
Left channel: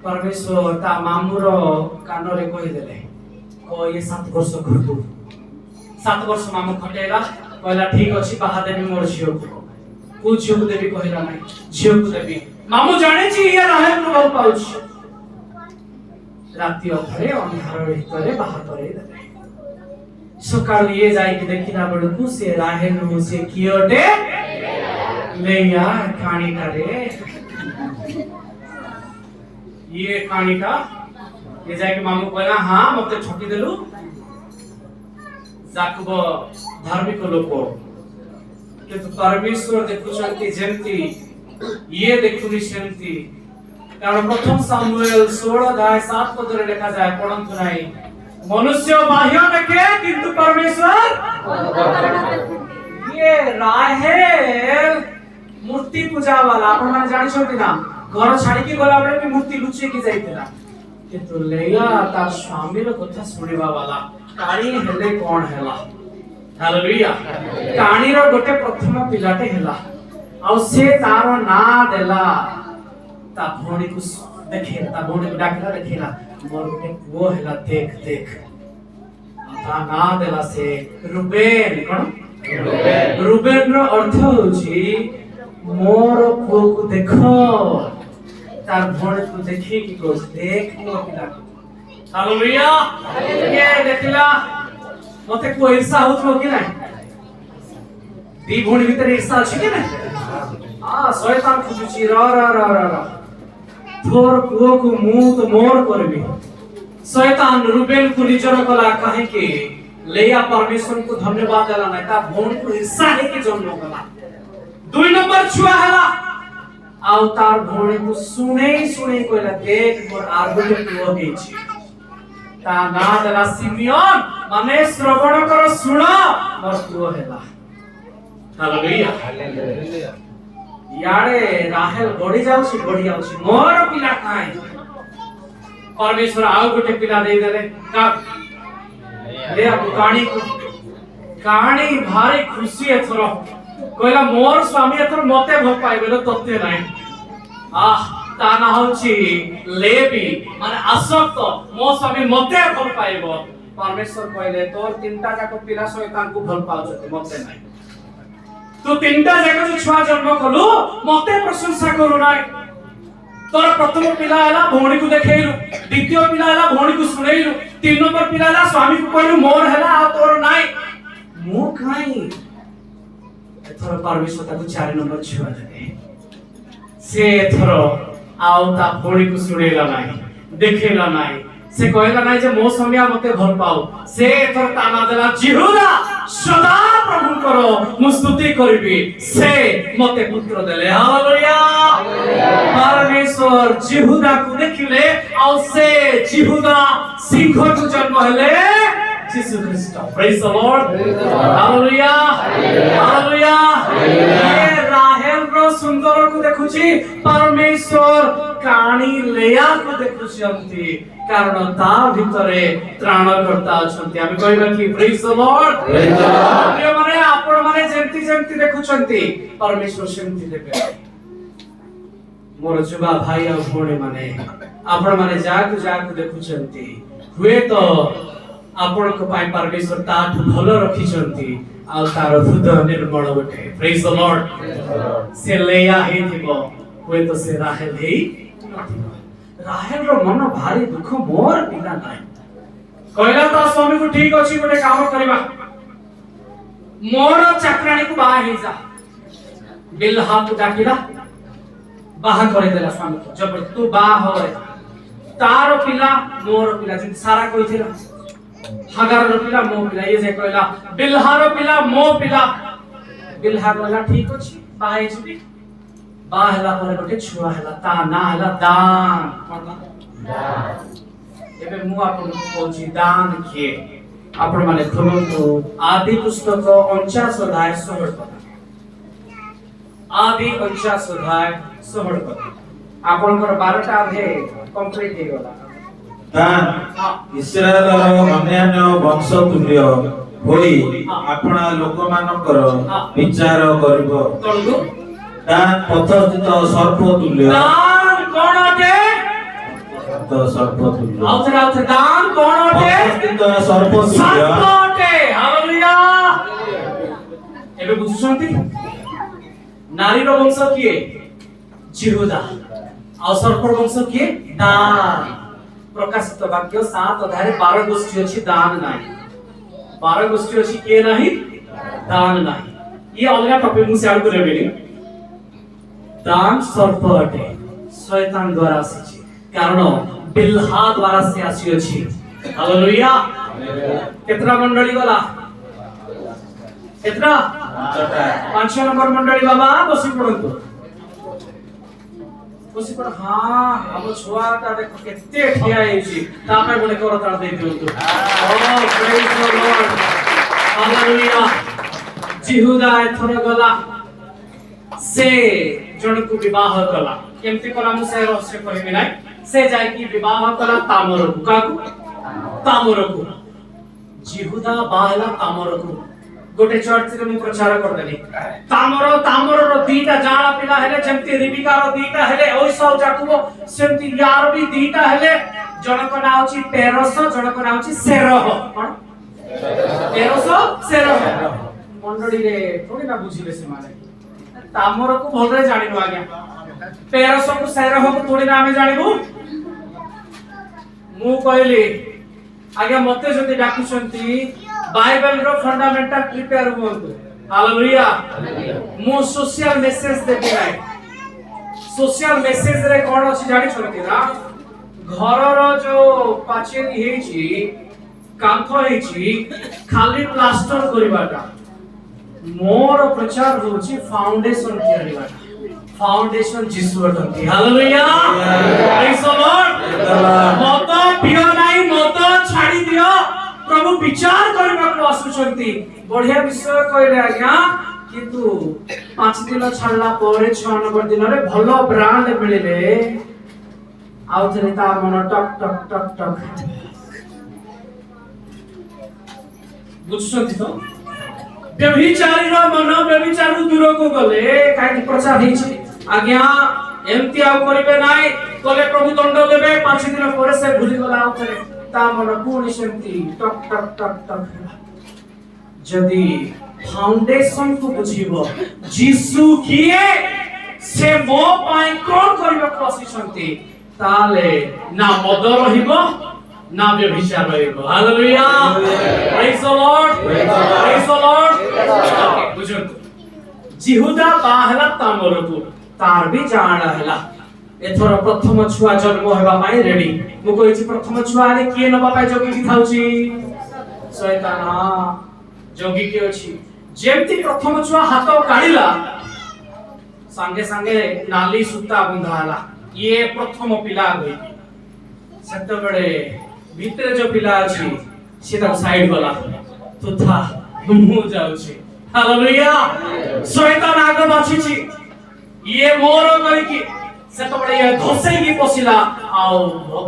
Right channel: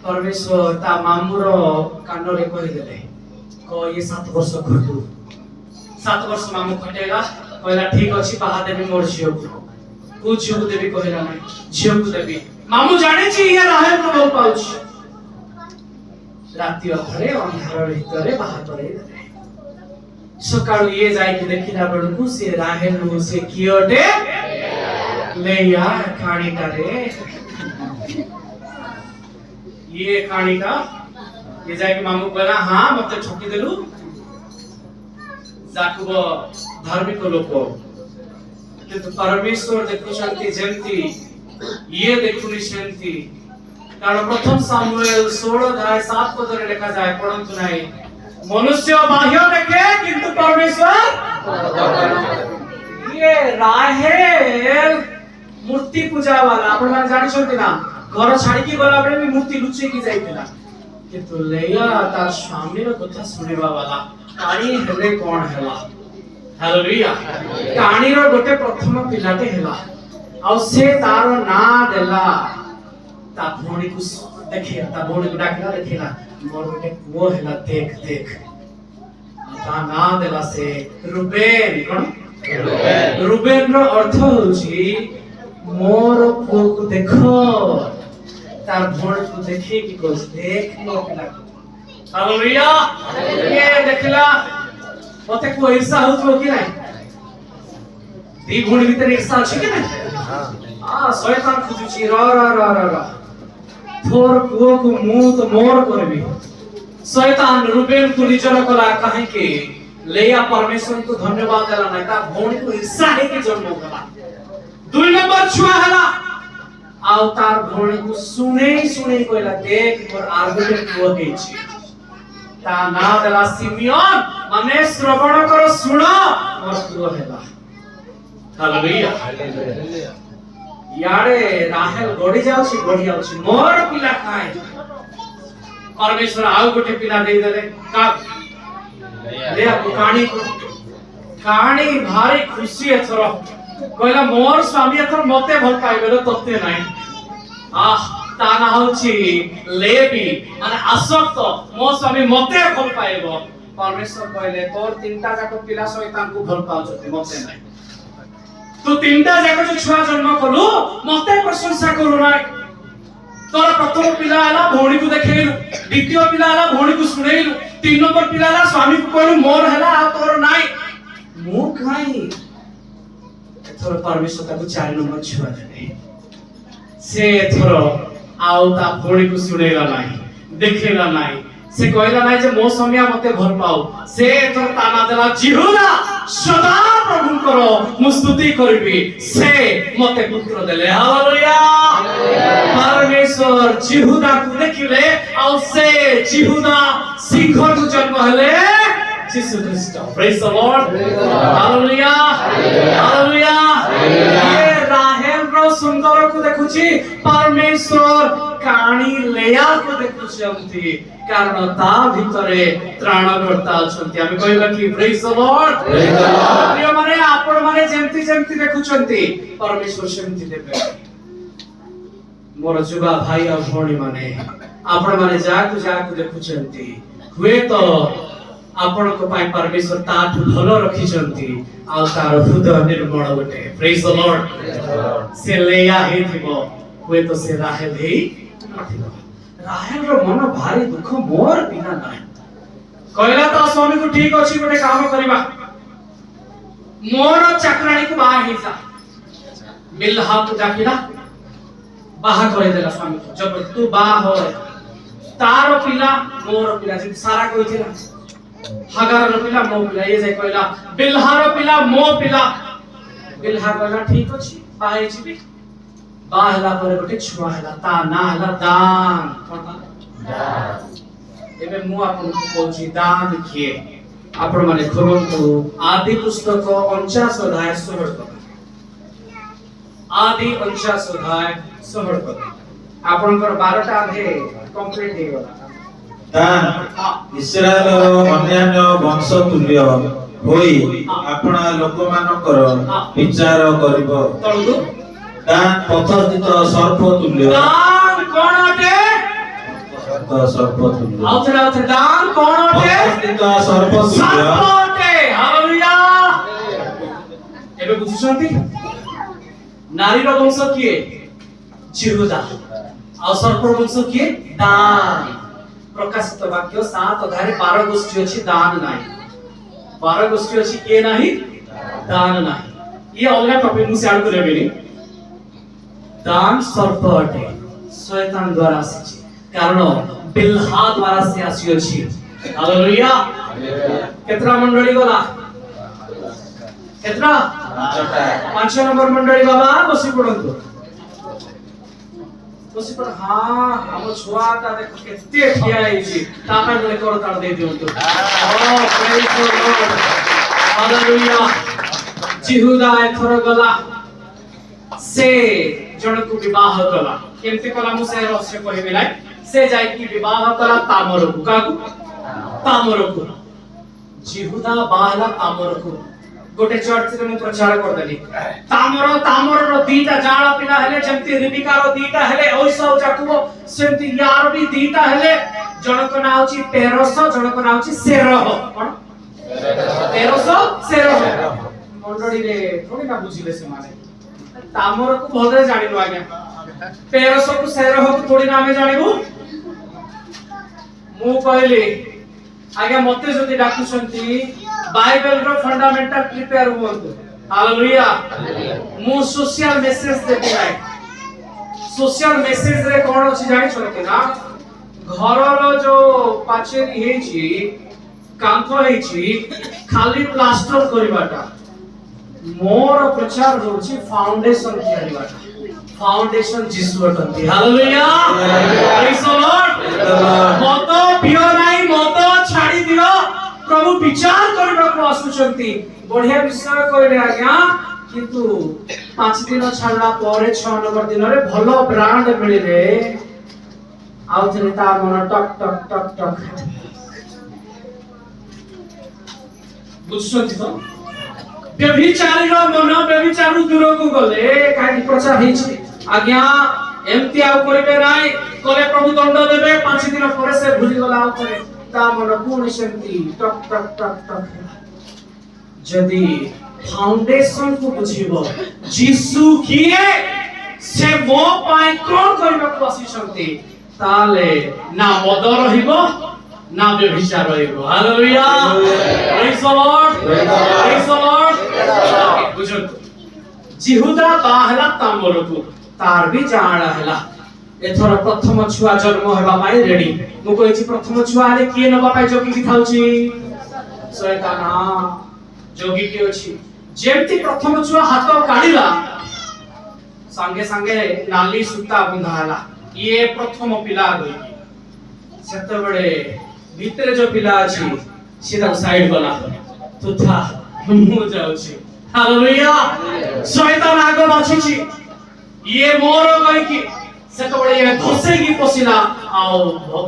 परमेश्वर ता मामुरो कानो रे कहि देले को ये 7 वर्ष खटू 7 वर्ष मामू खटेगा कहला ठीक अछि बाहा देबी मोर झियो को झियो को देबी कहला नहीं झियो को देबी मामू जाने छी ये राहेल को बहुत पाउछ राति अधरे अंधार भितरे बाहा करे देले सकाळ ये जाई के देखिला बेलकु से राहेल से कियोटे लेया खाणी करे ये खाणी का ये जाके मामू कहला हां मते ठकी देलु जाकुब धार्मिक लोक किंतु परमेश्वर देखुचंती जेंती ये देखुनी सेंती कारण प्रथम सामुएल 16:7 पदरे लिखा जाए पढ़ंतु नाही मनुष्य बाह्य देखे किंतु परमेश्वर ये राहेल मूर्ति पूजा वाला आपण माने जानि छथि ना घर छाडी के गला बेले भी मूर्ति लुचे की जाइतिला किंतु लेया तार स्वामी रो कथा सुनिबा वाला काणी हेले कोन हेला हालेलुया काणी रो गोटे प्रथम पिलाटे हेला आ से तार ना देला ता भोणी को देखे ता भोणी को डाकला देखेला मोर गोटे पुओ हेला देख देख ता ना देला से रुबेन कोन रुबेन रो अर्थ होची मोर पुओ को देखो तार भोणी को देखे की कोस देख लो पिला हालेलुया ये देखला मते को ईर्षा होतो कि नाही दी भोणी भीतर ईर्षा अछि कि नाही आ शैतान खुजुची र र र र थोर पुओ को मुंह तो मोर करबी शैतान रुबेन को निजर कला कहे कि लेया परमेश्वर को धन्यवाद देला ना ता भोणी को ईर्षा है कि जन्म कला 2 नंबर छुआ हला आउ तार भोणी को सुने कहला देख मोर आर्गुटे पुओ हेछि ता ना देला सिमियोन माने श्रवण करो सुन मोर पुओ हेला हालेलुया यारे राहेल गडी जाउछि मोर पिला काई परमेश्वर आउ गोटे पिला दे देले का ले आपको कहानी भारी खुशी एथर कहला मोर स्वामी एथर मते भल पाइबेले तते नाही ता ना होछि लेबी माने आसक्त मो स्वामी मते भल पाइबो परमेश्वर कहले तोर तीनटा जाको पिला शैतान को भल पाउछते मते नाही तू तीनटा जाको जो छुआ जन्म कलु मते प्रशंसा करू नाही तोर प्रथम पिला आला भोणी को देखेलु द्वितीय पिला आला भोणी को सुनेलु 3 नंबर पिला आला स्वामी को कहलु मोर हला आ तोर नाही मु काई एथर परमेश्वर ताको 4 नंबर छुआ देले से एथर आउ ता भोणी को सुनेला नाही देखेला नाही से कहला नाही जे मो स्वामी मते भल पाऊ से एथर ताना देला जिहुदा सदा प्रभु करो मु स्तुति करबी से मते पुत्र देले हालेलुया परमेश्वर जिहुदा को देखिले आ से जिहुदा सिंह को जन्म हले यीशु ख्रीस्ट praise the Lord hallelujah hallelujah ये राहेल रो सुंदर को देखुची परमेश्वर काणी लेया को देखुची अंती कारण ता भितरे त्राणकर्ता अछंती आमी कहबा कि प्रेज द लॉर्ड प्रिय माने आपण माने जेंती जेंती देखुचंती परमेश्वर सेंती देबे मोर जुगा भाई आ भोणी माने आपण माने जाकु देखुचंती हुए तो आपण को पाई परमेश्वर ताठु भलो रखिचंती आ तार हृदय निर्मल बटे प्रेज द लॉर्ड से लेया हे थिबो हुए तो से राहेल हे नथिबो राहेल रो मन भारी दुख मोर बिना नाही कहला तो स्वामी को ठीक अछि गोटे काम करबा मोर चक्राणी को बाहा हे जा बिल्हा को डाकिला बाहा करे देला स्वामी को जब तू बाहा हो तारो पिला मोर पिला जे सारा कहिथिला हागार रो पिला मो पिला ये जे कहला बिल्हा रो पिला मो पिला बिल्हा कहला ठीक अछि बाहा हेछि बा हला पर गोटे छुआ हला ता ना हला दान एबे मु आपन को कहछि दान किए आपण माने खोलंतु आदि पुस्तक 49 अध्याय 16 पद आदि 49 अध्याय 16 पद ଆପଣଙ୍କର 12ଟା ଆଧେ କମ୍ପ୍ଲିଟ ହେଇଗଲା। ଦାନ ଇସ୍ରାଏଲର ଅନ୍ୟାନ୍ୟ ବଂଶ ତୁଲ୍ୟ ହୋଇ ଆପଣା ଲୋକମାନଙ୍କର ବିଚାର କରିବ। ତଳକୁ ଦାନ ପଥସ୍ଥିତ ସର୍ପ ତୁଲ୍ୟ। ଦାନ କଣ ଅଟେ? ସର୍ପ ତୁଲ୍ୟ। ଆଉଥରେ ଦାନ କଣ ଅଟେ? ପଥସ୍ଥିତ ସର୍ପ ତୁଲ୍ୟ। ସର୍ପ ଅଟେ। ହାଲେଲୁୟା। ଏବେ ବୁଝୁଛନ୍ତି? ନାରୀର ବଂଶ କିଏ? ଜିହୁଦା। ଆଉ ସର୍ପର ବଂଶ କିଏ? ଦାନ। ପ୍ରକାଶିତ ବାକ୍ୟ 7 ଅଧ୍ୟାୟରେ 12 ଗୋଷ୍ଠୀ ଅଛି, ଦାନ ନାହିଁ। 12 ଗୋଷ୍ଠୀ ଅଛି, କିଏ ନାହିଁ? ଦାନ ନାହିଁ। ଇଏ ଅଲଗା ଟପିକ ମୁଁ ସିଆଡ କୁ ନେବିନି। ଦାନ ସର୍ପ ଅଟେ, ଶୟତାନ ଦ୍ୱାରା ଆସିଛି, କାରଣ ବିଲ୍ହା ଦ୍ୱାରା ସେ ଆସିଅଛି। ହାଲେଲୁୟା। କେତେଟା ମଣ୍ଡଳୀ ଗଲା? କେତେଟା? 5 ନମ୍ବର ମଣ୍ଡଳୀ ବାବା ବସି ପଡନ୍ତୁ। ବସି ପଡ। ହଁ, ଆମ ଛୁଆଟା ଦେଖ କେତେ ଠିଆ ହେଇଛି, ତା ପାଇଁ ଗୋଟେ କରତାଳ ଦେଇ ଦିଅନ୍ତୁ। ଓ ପ୍ରେଜ୍ ଦ ଲର୍ଡ। ହାଲେଲୁୟା। ଜିହୁଦା ଏଥର ଗଲା, ସେ ଜଣକୁ ବିବାହ କଲା। କେମିତି କଲା ମୁଁ ସେ ରହସ୍ୟ କହିବି ନାହିଁ। ସେ ଯାଇକି ବିବାହ କଲା ତାମରକୁ। କାହାକୁ? ତାମରକୁ। ଜିହୁଦା ବାହା ହେଲା ତାମରକୁ। ଗୋଟେ ଚର୍ଚ୍ଚରେ ମୁଁ ପ୍ରଚାର କରିଦେଲି, ତାମରର 2ଟା ଜାଳା ପିଲା ହେଲେ, ଯେମିତି ରିବିକାର 2ଟା ହେଲେ ଐସାଉ ଯାକୁବ, ସେମିତି ୟାର ବି 2ଟା ହେଲେ। ଜଣକ ନାଁ ହେଉଛି ପେରସ, ଜଣକ ନାଁ ହେଉଛି ସେରହ। କଣ? ପେରସ ସେରହ। ମଣ୍ଡଳୀରେ ଥୋଡ଼ି ନା ବୁଝିଲେ ସେମାନେ। ତାମରକୁ ଭଲରେ ଜାଣିନୁ ଆଜ୍ଞା, ପେରସକୁ ସେରହକୁ ଥୋଡ଼ି ନା ଆମେ ଜାଣିବୁ। ମୁଁ କହିଲି ଆଜ୍ଞା ମତେ ଯଦି ଡାକୁଛନ୍ତି ବାଇବେଲର ଫଣ୍ଡାମେଣ୍ଟାଲ ପ୍ରିପେୟାର ହୁଅନ୍ତୁ। ହାଲେଲୁୟା। ମୁଁ સોશિયલ મેસેજ ଦେବି ନାହିଁ। સોશિયલ મેસેଜରେ କଣ ଅଛି ଜାଣିଛନ୍ତି ନା? ଘରର ଯୋଉ ପାଚେରୀ ହେଇଛି, କାନ୍ଥ ହେଇଛି, ଖାଲି ପ୍ଲାଷ୍ଟର କରିବାଟା। ମୋର ପ୍ରଚାର ହେଉଛି ଫାଉଣ୍ଡେସନ ତିଆରିବାଟା। ଫାଉଣ୍ଡେସନ ଯୀଶୁ ଅଟନ୍ତି। ହାଲେଲୁୟା। ପ୍ରେଜ୍ ଦ ଲର୍ଡ। ମତ ପିଅ ନାହିଁ, ମତ ଛାଡ଼ି ଦିଅ। ପ୍ରଭୁ ବିଚାର କରିବାକୁ ଆସୁଛନ୍ତି। ବଢିଆ ବିଷୟ କହିଲେ ଆଜ୍ଞା, କିନ୍ତୁ 5 ଦିନ ଛାଡିଲା ପରେ 6 ନମ୍ବର ଦିନରେ ଭଲ ବ୍ରାଣ୍ଡ ମିଳିଲେ ଆଉ ଥରେ ତା ମନ ଟକ୍ ଟକ୍ ଟକ୍ ଟକ୍। ବୁଝୁଛନ୍ତି ତ? ବ୍ୟଭିଚାରୀର ମନ ବ୍ୟଭିଚାରରୁ ଦୂରକୁ ଗଲେ କାହିଁକି ପ୍ରଚାର ହେଇଛି ଆଜ୍ଞା ଏମିତି ଆଉ କରିବେ ନାହିଁ, କଲେ ପ୍ରଭୁ ଦଣ୍ଡ ଦେବେ। 5 ଦିନ ପରେ ସେ ଭୁଲିଗଲା, ଆଉ ଥରେ ତା ମନ ପୁଣି ସେମିତି ଟକ୍ ଟକ୍ ଟକ୍ ଟକ୍ ହେଲା। ଯଦି ଫାଉଣ୍ଡେସନ କୁ ବୁଝିବ, ଯୀଶୁ କିଏ, ସେ ମୋ ପାଇଁ କଣ କରିବାକୁ ଆସିଛନ୍ତି, ତାହେଲେ ନା ମଦ ରହିବ ନା ବ୍ୟଭିଚାର ରହିବ। ହାଲେଲୁୟା। ପ୍ରେଜ୍ ଦ ଲର୍ଡ। ପ୍ରେଜ୍ ଦ ଲର୍ଡ। ବୁଝନ୍ତୁ, ଜିହୁଦା ବାହା ହେଲା ତାମରକୁ, ତାର ବି ଜାଆଁଳା ହେଲା। ଏଥର ପ୍ରଥମ ଛୁଆ ଜନ୍ମ ହେବା ପାଇଁ ରେଡି। ମୁଁ କହିଛି ପ୍ରଥମ ଛୁଆ ହେଲେ କିଏ ନବା ପାଇଁ ଜଗିକି ଥାଉଛି? ଶୟତାନ ଜଗିକି ଅଛି। ଯେମିତି ପ୍ରଥମ ଛୁଆ ହାତ କାଢିଲା, ସାଙ୍ଗେ ସାଙ୍ଗେ ନାଲି ସୂତା ବନ୍ଧା ହେଲା, ଇଏ ପ୍ରଥମ ପିଲା କହିକି। ସେତେବେଳେ ଭିତରେ ଯୋଉ ପିଲା ଅଛି ସେ ତାକୁ ସାଇଡ କଲା, ତୁଥା ମୁଁ ଯାଉଛି। ହାଲେଲୁୟା। ଶୟତାନ ଆଗ ବାଛିଛି, ଇଏ ମୋର କହିକି। ସେତେବେଳେ ଇଏ ଧସେଇକି ପଶିଲା, ଆଉ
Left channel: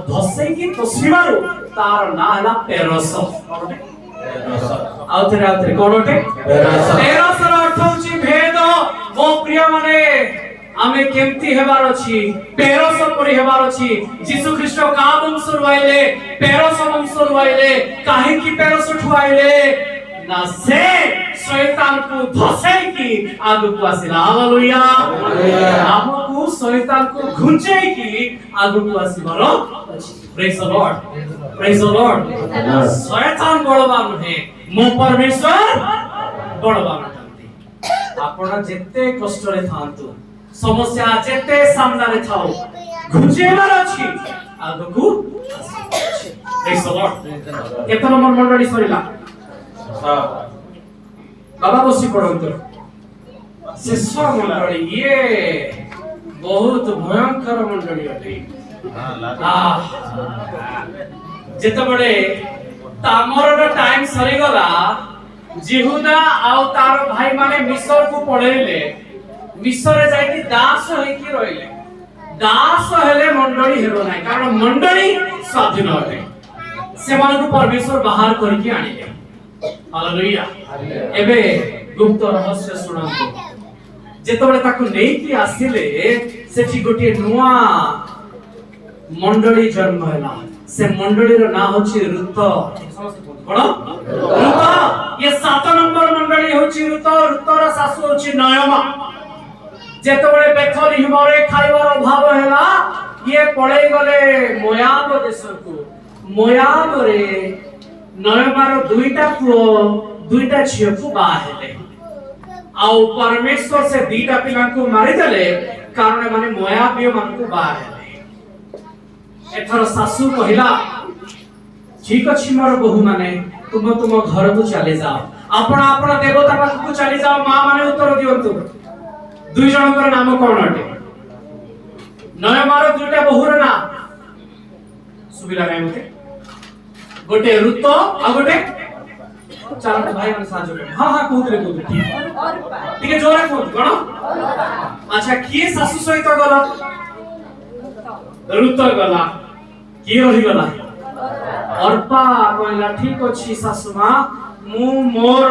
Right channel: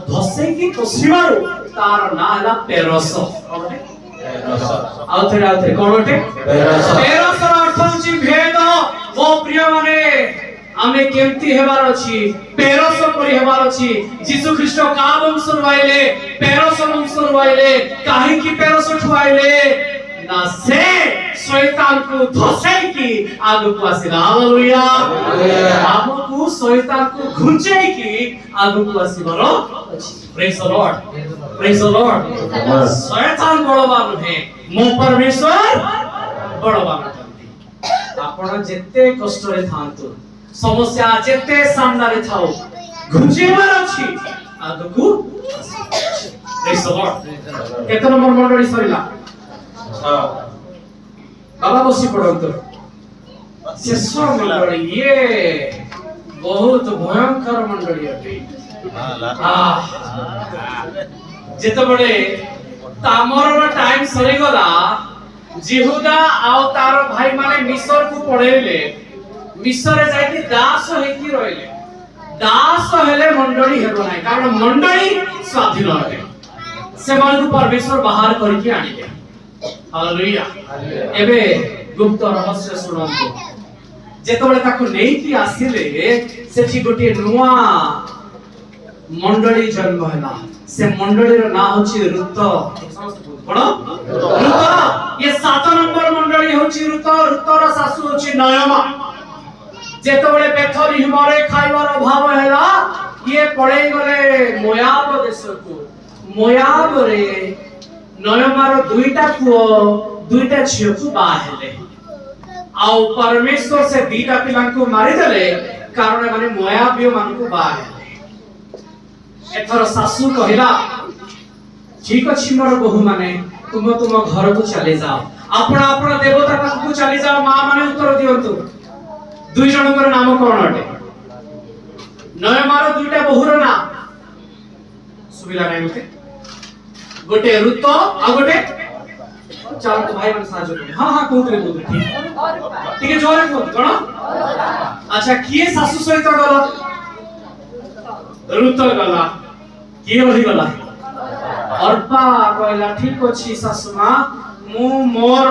ଧସେଇକି ପଶିବାରୁ ତାର ନାଁ ହେଲା ପେରସ। ଆଉ ଥରେ କଣଟେ? ପେରସର ଅର୍ଥ ହେଉଛି ଭେଦ। ମୋ ପ୍ରିୟ ମାନେ, ଆମେ କେମିତି ହେବାର ଅଛି? ପେରସ ପରି ହେବାର ଅଛି। ଯୀଶୁ ଖ୍ରୀଷ୍ଟ କା ବଂଶରୁ ଆଇଲେ? ପେରସ ବଂଶରୁ ଆଇଲେ। କାହିଁକି ପେରସଠୁ ଆଇଲେ? ନା ସେ ଶୟତାନକୁ ଧସେଇକି ଆଗକୁ ଆସିଲା। ହାଲେଲୁୟା। ଆମକୁ ଶୟତାନକୁ ଘୁଞ୍ଚେଇକି ଆଗକୁ ଆସିବାର ଅଛି। ପ୍ରେଜ୍ ଦ ଲର୍ଡ। ପ୍ରେଜ୍ ଦ ଲର୍ଡ। ଶୟତାନ ବଳବାନ ନୁହେଁ, ମୋ ପରମେଶ୍ୱର ବଳବାନ ଅଟନ୍ତି। ଆପଣ ଯେତେ କଷ୍ଟରେ ଥାଆନ୍ତୁ, ସମସ୍ୟା ଯେତେ ସାମ୍ନାରେ ଥାଉ, ଘୁଞ୍ଚେଇବାର ଅଛି, ଆଗକୁ ପ୍ରେଜ୍ ଦ ଲର୍ଡ। କେତେ ନମ୍ବର ମଣ୍ଡଳୀ ସରିଲା? ବାବା ବସି ପଡନ୍ତୁ। ଶେଷ ମଣ୍ଡଳୀ, ଇଏ ବହୁତ ଭୟଙ୍କର ମଣ୍ଡଳୀ ଅଟେ। ଯେତେବେଳେ ତାମରର ଟାଇମ ସରିଗଲା, ଜିହୁଦା ଆଉ ତାର ଭାଇ ମାନେ ମିଶରକୁ ପଳେଇଲେ। ମିଶରରେ ଯାଇକି ଦାସ ହେଇକି ରହିଲେ। दास हेले मंडली हेबो नाही कारण मंडली स्वाधीन अटे सेमानकु परमेश्वर बाहर करके आनिले हालेलुया एबे गुप्त रहस्य सुनंतु जेतबेले ताकु नेई कि आसिले सेठी गोटे नुआ मंडली जन्म हैला से मंडली रो ना होची ऋत कोन ऋत ये 7 नंबर मंडली होची ऋत ऋतर सासु होची नयमा जेतबेले बेथलीहमरे खाइबार अभाव हैला ये पळेई गले मोयाब देशकु मोयाब रे नयमार दुईटा पुओ दुईटा झियकु बा हेले आउ परमेश्वर से दीटा पिला को मारी देले कारण माने मोयाबियो मान को बा हेले एथर सासु कहिला ठीक अछि मोर बहु माने तुम घर को चले जाओ आपण आपण देवता पाख को चली जाओ मां माने उत्तर दियंतु दुई जनकर नाम कोन अटे नयमार दुईटा बहुर ना सुबिला नै नते गोटे ऋत आ गोटे चलो तो भाई मन साजो हां हां कोतरे ठीक है जोरे कोत कोन अच्छा किए सासु सहित गला ऋत गला किए रही गला अर्पा कहला ठीक अछि सासु मां मु मोर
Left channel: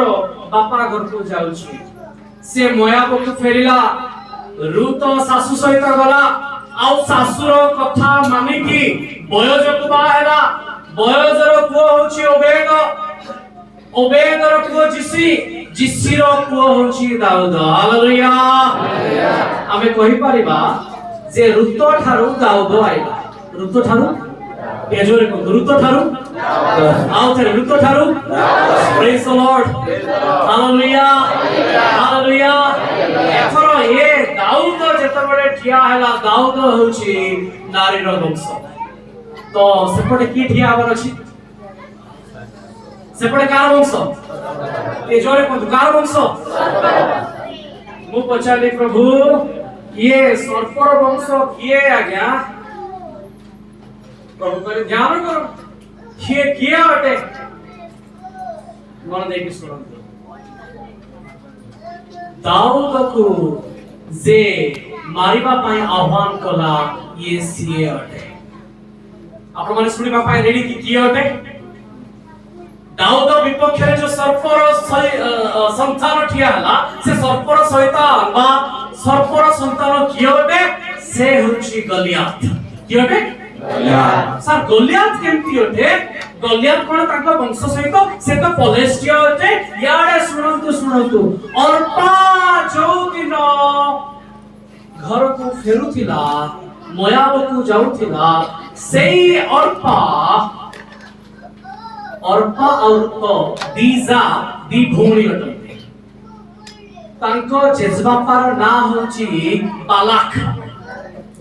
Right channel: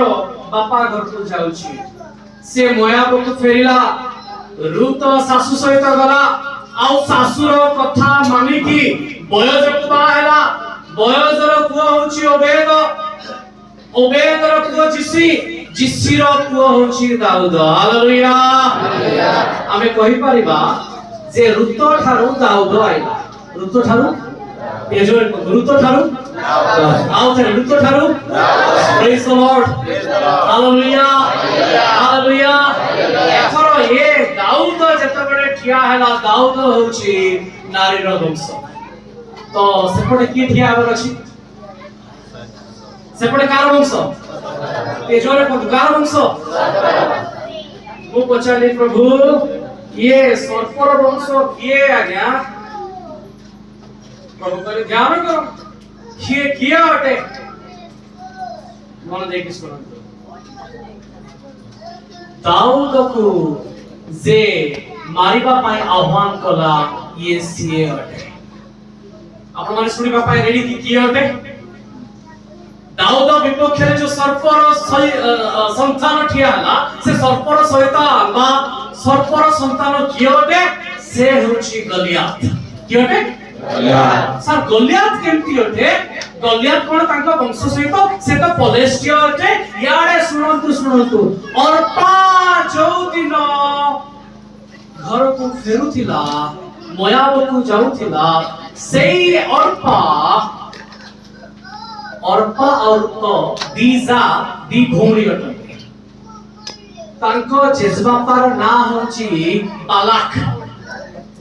बापा घर को जाउची से मोयाब को फेरिला ऋत सासु सहित गला आउ सासुर कथा मानि की बयजक बा हैला बयजर पुओ होची ओबेद ओबेदर पुओ जिसीर पुओ होची दाऊद हालेलुया आमे कहि परिबा जे ऋत ठारू दाऊद आइला ऋत ठारू एजोरे को ऋत ठारू आउ थे ऋत ठारू praise the Lord hallelujah hallelujah एथरो ए दाऊद जेतबेले ठिया हैला दाऊद होची नारीर वंश तो सेपटे की ठिया आवर अछि सेपटे कार वंश ए जोरे को कार वंश मु पचाली प्रभु ये सर्पर वंश किए आज्ञा प्रभु करे ध्यान करो किए किया अटे मन देखि सुनंतु दाऊद को जे मारिबा पाई आह्वान कला ये सीए अटे आपण माने सुनिबा पाई रेडी किए अटे दाऊद विपक्ष रे जो सर्पर संतान ठिया हला से सर्पर सहित बा सर्पर संतान किए अटे से होची गलियात किए अटे गलियात सर गलियात केमती अटे गलियात कोन तांका वंश सहित से तो पलेस्टिया अटे याडे सुनंतु अर्पा जो दिन घर को फेरुथिला मोयाब को जाउथिला सेई अर्पा और तो दीजा दी भौणी अटंती तांको जेजबापार ना होची बालाक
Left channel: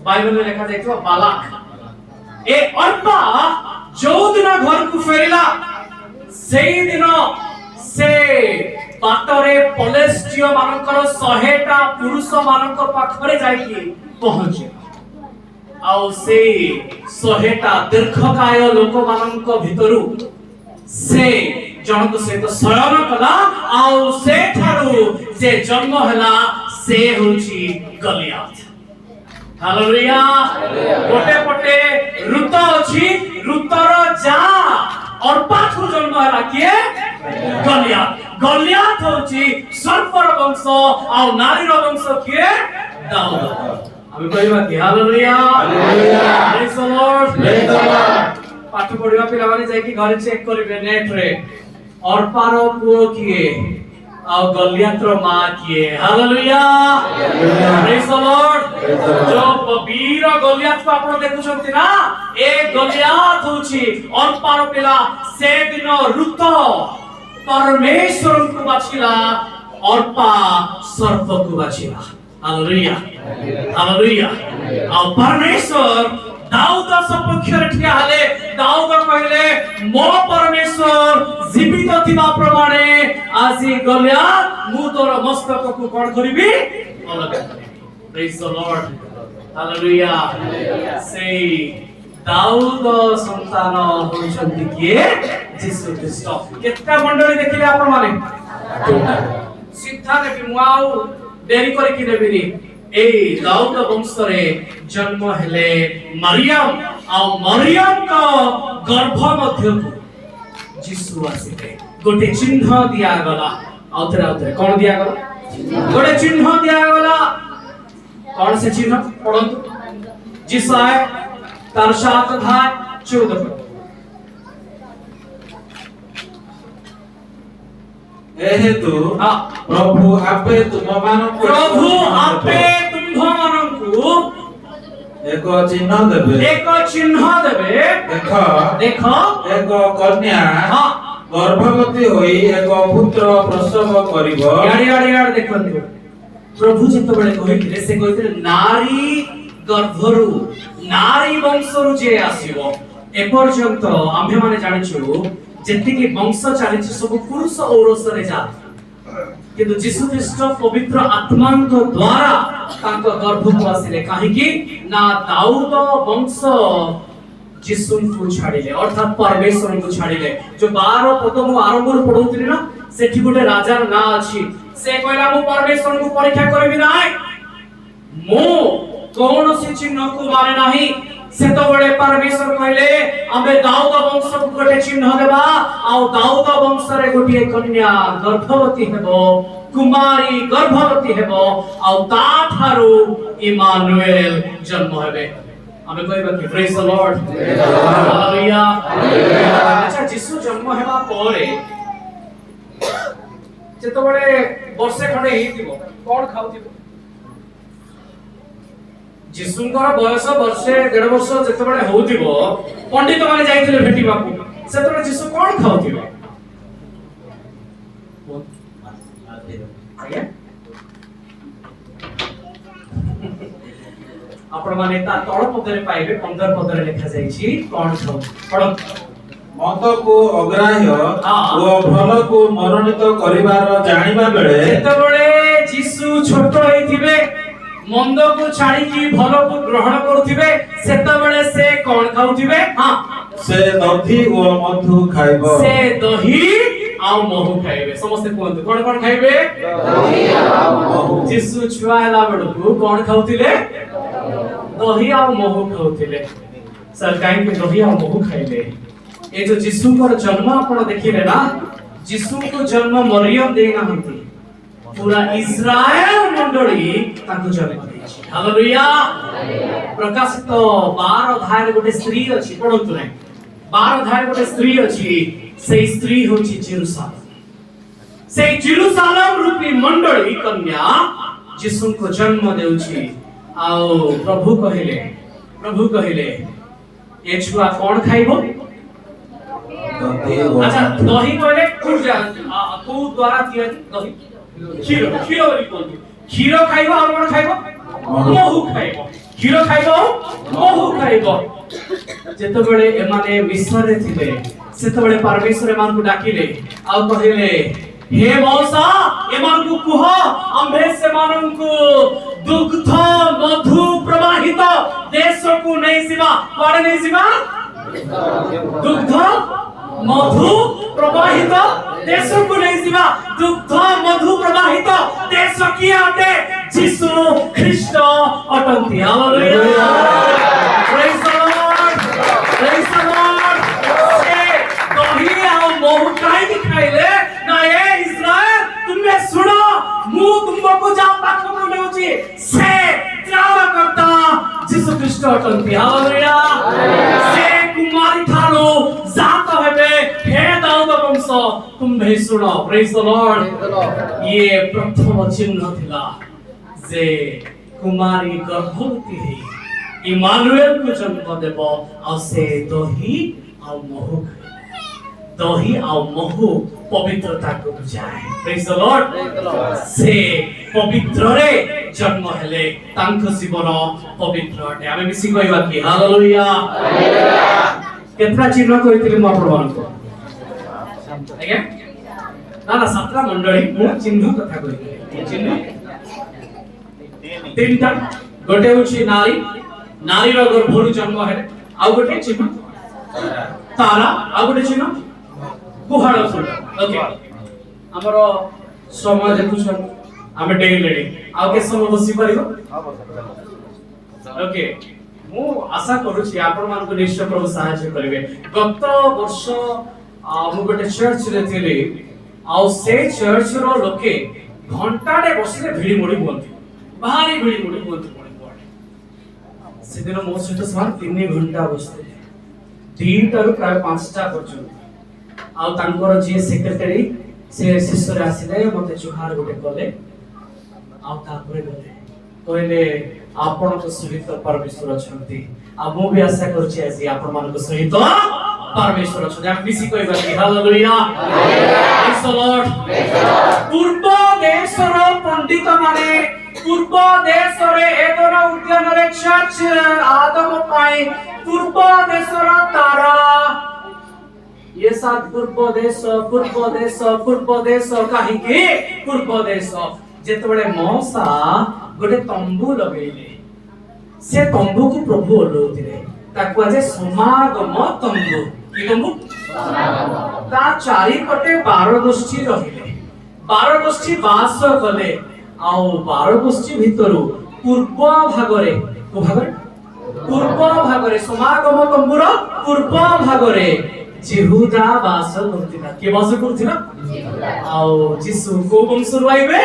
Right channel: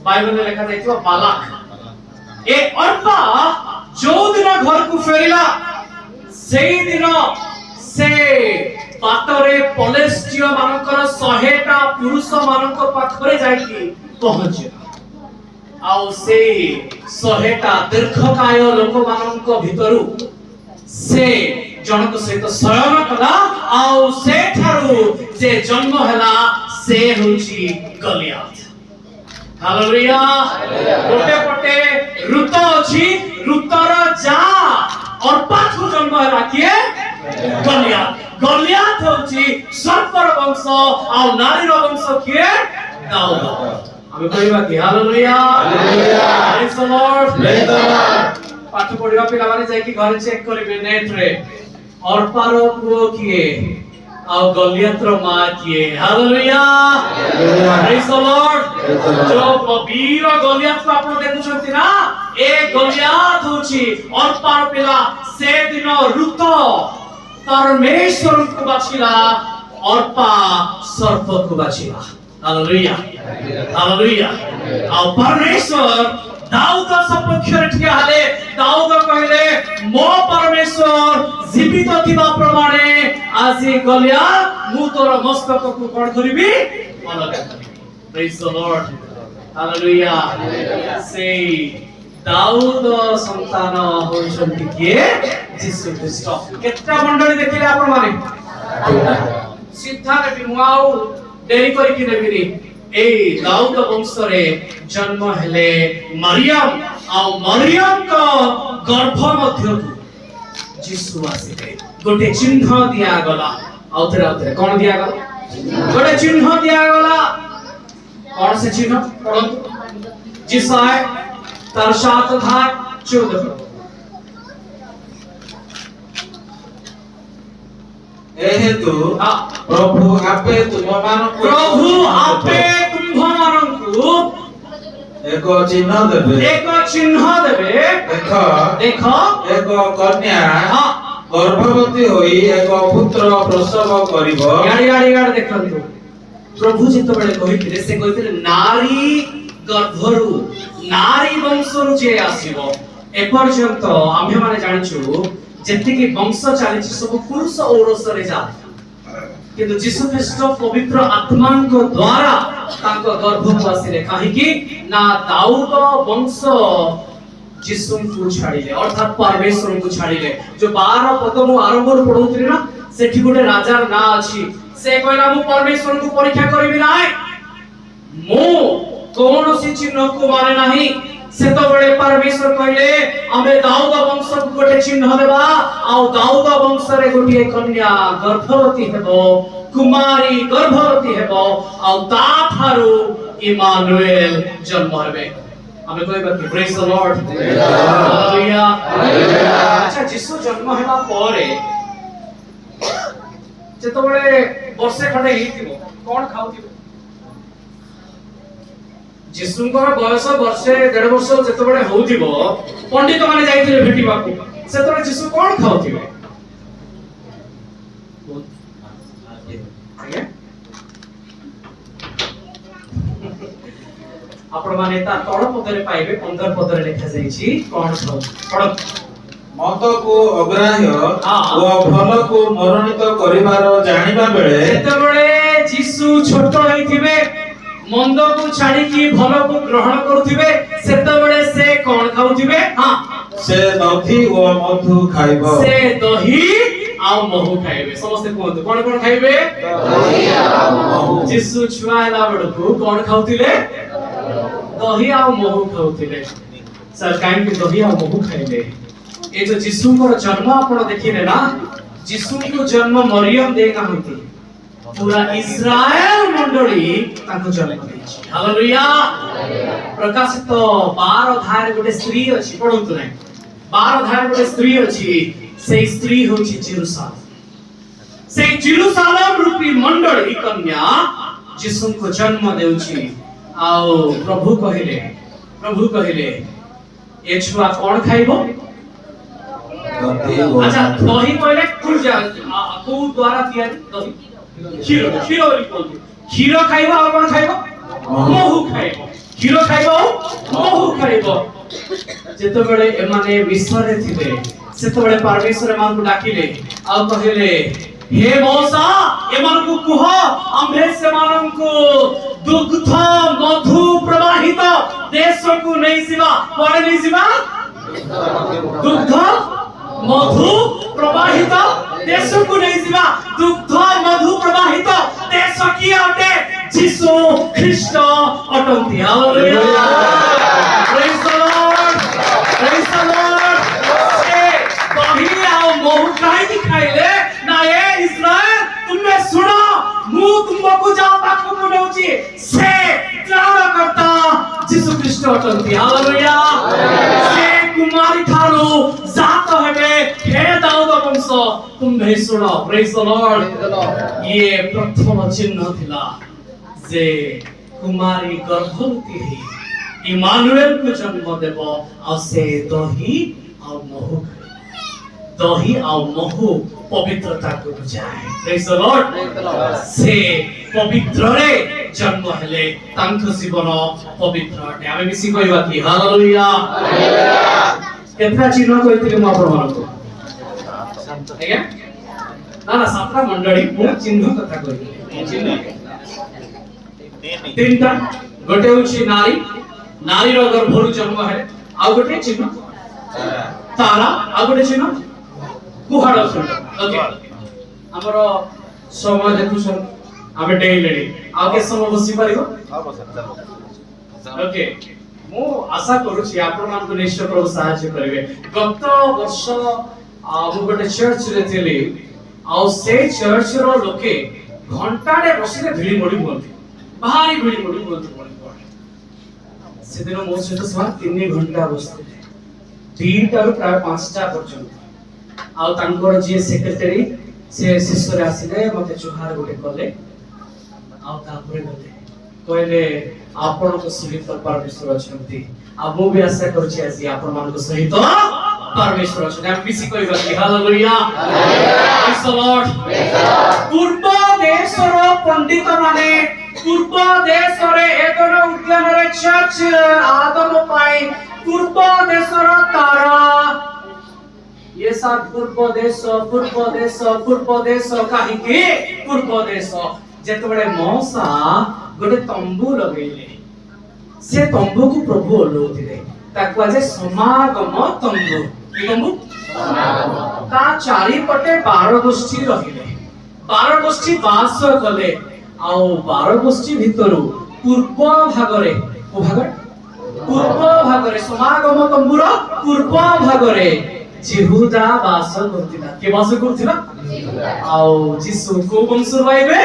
बाइबल में लिखा जायतो बालाक ए अर्पा जो दिन घर को फेरिला सेई दिन से बाटरे पलेस्टियो मानकर 100टा पुरुष मानक पाखरे जाईकी पहुंचे आउ से 100टा दीर्घकाय लोक मानक भितरु से जनक सहित शयन कला आउ से ठारू जे जन्म हला से होची गलियात हालेलुया गोटे पटे ऋत अछि ऋतर जा और पाछू जन्म हला किए गलियात होची सर्पर वंश आउ नारीर वंश किए दाऊद आमे कहबा कि hallelujah praise the Lord praise the Lord पाठ पढिबा पिला माने जाय कि घर चेक करिवे नेट रे अर्पार पुओ किए आ गलियातर मां किए हालेलुया प्रेज द लॉर्ड जो वीर गलियात को आपण देखुछंती ना ए गलियात होची अर्पार पिला से दिन ऋत परमेश्वर को बाछिला अर्पा सर्प को बाछिला हालेलुया हालेलुया आ परमेश्वर दाऊद सपक्ष रे ठिया हले दाऊद कहले मो परमेश्वर जीवित थिबा प्रमाणे आसी गलिया मु तोर मस्तक को कोन करिवि अलग करिवि प्रेज द लॉर्ड हालेलुया से दाऊद संतान होइछन्ति किए यीशु ख्रीस्ट केतना मंडली देखिले आपण माने सीधा रे मुआउ देरी करी कि देबिनी এই দাউদ বংশরে জন্ম হেলে মরিয়ম ଆଉ ମରିୟମଙ୍କ ଗର୍ଭ ମଧ୍ୟକୁ ଯୀଶୁ ଆସିଲେ ଗୋଟେ ଚିହ୍ନ ଦିଆଗଲା ଆଉଥରେ କଣ ଦିଆଗଲା ଗୋଟେ ଚିହ୍ନ ଦିଆଗଲା କଣ ସେ ଚିହ୍ନ ପଢନ୍ତୁ जिसाय तार 7 अध्याय 14 ए हेतु प्रभु आपे तुममानकु एक चिन्ह देबे देख एक कन्या गर्भवती होई एक पुत्र प्रसव करिवो याडी देखंतु प्रभु जेतबेले कहिथिले से कहिथिले नारी गर्भरु नारी वंशरु जे आसीबो ए पर्यंत आम्हे माने जानिछु जेतिकी वंश चालिछि सब पुरुष औरसरे जा किंतु यीशु ख्रीष्ट पवित्र आत्मांक द्वारा तांको गर्भକୁ आसिले काहे कि ना दाऊद वंश यीशु को छाडिले अर्थात परमेश्वर को छाडिले जो 12 पद मु आरंभ रो पढौतिली ना सेठी गोटे राजार ना अछि से कहला मु परमेश्वर को परीक्षा करबी नाय मु कौन सी चिन्ह को माने नाही से तो बड़े परमेश्वर कहले आमे दाऊद वंश को गोटे चिन्ह देबा आ दाऊद वंश रे गोटे कन्या गर्भवती हेबो कुमारी गर्भवती हेबो आ ता थारु इमानुएल जन्म हेबे आमे कहबा कि प्रेज द लॉर्ड हालेलुया अच्छा यीशु जन्म हेबा परे जेतो बड़े वर्षे खंडे हिथिबो कोन खाउथिबो यीशुଙ୍କର ବୟସ ବର୍ଷେ 1.5 ବର୍ଷ ଯେତେବେଳେ ହୋଉଥିବ ପଣ୍ଡିତ ମାନେ ଯାଇଥିଲେ ଭେଟିବାକୁ ସେତେବେଳେ ଯୀଶୁ କଣ ଖାଉଥିବେ ଆଜ୍ଞା ଆପଣ ମାନେ ତା ତଳ ପଦରେ ପାଇବେ 15 ପଦରେ ଲେଖା ଯାଇଛି କଣ ଖାଉ ପଢ ମନ୍ଦକୁ ଅଗ୍ରାହ୍ୟ ଓ ଭଲକୁ ମନୋନୀତ କରିବାର ଜାଣିବା ବେଳେ ଯେତେବେଳେ ଯୀଶୁ ଛୋଟ ହେଇଥିବେ मंद को छाड़ी की भलो को ग्रहण करथिबे सेतबेले से कोन खाउथिबे हां से दही ओ मधु खाइबो से दही आ महू खाइबे समस्त कोन कोन खाइबे दही आ महू यीशु छुआला बडकु कोन खाउथिले दही आ महू खाउथिले सर काहे के दही आ महू खाइले ए जो यीशु को जन्म आपण देखिले ना यीशु को जन्म मरियम देना होती पूरा इस्राएल मंडली ताको जन्म देछि हालेलुया प्रकाशित 12 अध्याय गोटे स्त्री अछि पढंतु नै 12 अध्याय गोटे स्त्री अछि से स्त्री होछि जेरूसालेम से जेरूसालेम रूपी मंडली कन्या यीशु को जन्म देउछि आओ प्रभु कहिले ए छुआ कोन खाइबो अच्छा दही कहले को द्वारा दिया दही क्षीर बोली बोलती क्षीर खाइबो और कोन खाइबो महू खाइबो क्षीर खाइबो महू खाइबो जेतो बेले एमाने मिस्र थिले सेतो बेले परमेश्वर एमान को डाकिले आ कहिले हे मौसा एमान को कुह आम्भे सेमान को दुग्ध मधु प्रवाहित देश को नहीं सिवा कोन नहीं सिवा दुग्ध मधु प्रवाहित देश को नहीं सिवा दुग्ध मधु प्रवाहित देश की अटे यीशु ख्रीष्ट अटंती हालेलुया प्रेज द लॉर्ड से दही आ महू काई खाइले ना ए इस्राएल तुमने सुनो मु तुमको जा पाखो नेउची से त्राणकर्ता यीशु ख्रीष्ट अटंती हालेलुया से कुमारी थारू जात हेबे हे दाऊद वंश तुम्हे सुनो प्रेज द लॉर्ड ये प्रथम चिन्ह थिला जे कुमारी गर्भवती है इमानुएल को जन्म देबो आ से दही आ महू पवित्रता को बुझाए प्रेज द लॉर्ड से पवित्र रे जन्म हेले तांको जीवन पवित्र अटे आमे मिसी कहबा कि हालेलुया केतना चिन्ह कहिथिले म आपण मानको आज्ञा ना सातरा मंडली मु चिन्ह कथा कहिथिले चिन्ह तीनटा गोटे होछि नारी रो गर्भरु जन्म हेले आ गोटे चिन्ह तारा आ गोटे चिन्ह कुहाड़ सुंड ओके हमरो समय देखुछन ଆମେ ଡେଇଲେଣି ଆଉ କେତେ ସମୟ ବସି ପାରିବ ଓକେ ମୁଁ ଆଶା କରୁଛି ଆପଣ ମାନଙ୍କୁ ନିଶ୍ଚୟ ପ୍ରଭୁ ସାହାଯ୍ୟ କରିବେ ଗତ ବର୍ଷ ମୁଁ ଗୋଟେ ଚର୍ଚ୍ଚରେ ଥିଲି ଆଉ ସେ ଚର୍ଚ୍ଚର ଲୋକେ ଘଣ୍ଟାଟେ ବସିଲେ ଭିଡି ମୋଡି ହୁଅନ୍ତି ଭାରି ଭିଡି ମୋଡି ହୁଅନ୍ତି ସେଦିନ ମୋ ସହିତ ସେମାନେ 3 ଘଣ୍ଟା ବସିଥିଲେ 2ଟାରୁ ପ୍ରାୟ 5ଟା ପର୍ଯ୍ୟନ୍ତ ଆଉ ତାଙ୍କର ଯିଏ ସେକ୍ରେଟାରୀ ସେ ଶେଷରେ ଆସିଲେ ମତେ ଜୁହାର ଗୋଟେ କଲେ ଆଉ ତାପରେ ଗଲେ କହିଲେ ଆପଣଙ୍କ ସହିତ ପରମେଶ୍ୱର ଅଛନ୍ତି ଆଉ ମୁଁ ବି ଆଶା କରୁଛି ଆଜି ଆପଣମାନଙ୍କ ସହିତ ପରମେଶ୍ୱର ଅଛନ୍ତି ଆମେ ମିଶି କହିବା କି ହାଲେଲୁୟା ପ୍ରେଜ୍ ଦ ଲର୍ଡ ପୂର୍ବ ଦେଶର ପଣ୍ଡିତ ମାନେ ପୂର୍ବ ଦେଶରେ ଏଦନ ଉଦ୍ୟାନରେ ଚର୍ଚ୍ଚ ଆଗମ ପାଇଁ ପୂର୍ବ ଦେଶର ତାରା ये साथ पूर्व देश काहीकि पूर्व देश जेतबेले मौसा गोटे तंबू लगेले से तंबू को प्रभु ओलौथिले ताकू आज समागम तंबू कि तंबू ता चारि पटे 12 गोष्ठी रहिले 12 गोष्ठी बास कले आउ 12 गोष्ठी भितरु पूर्व भागरे को भागरे पूर्व भागरे समागम तंबूर पूर्व भागरे जिहुदा बास करथिला के बास करथिला आउ जिसु को वंशर आइबे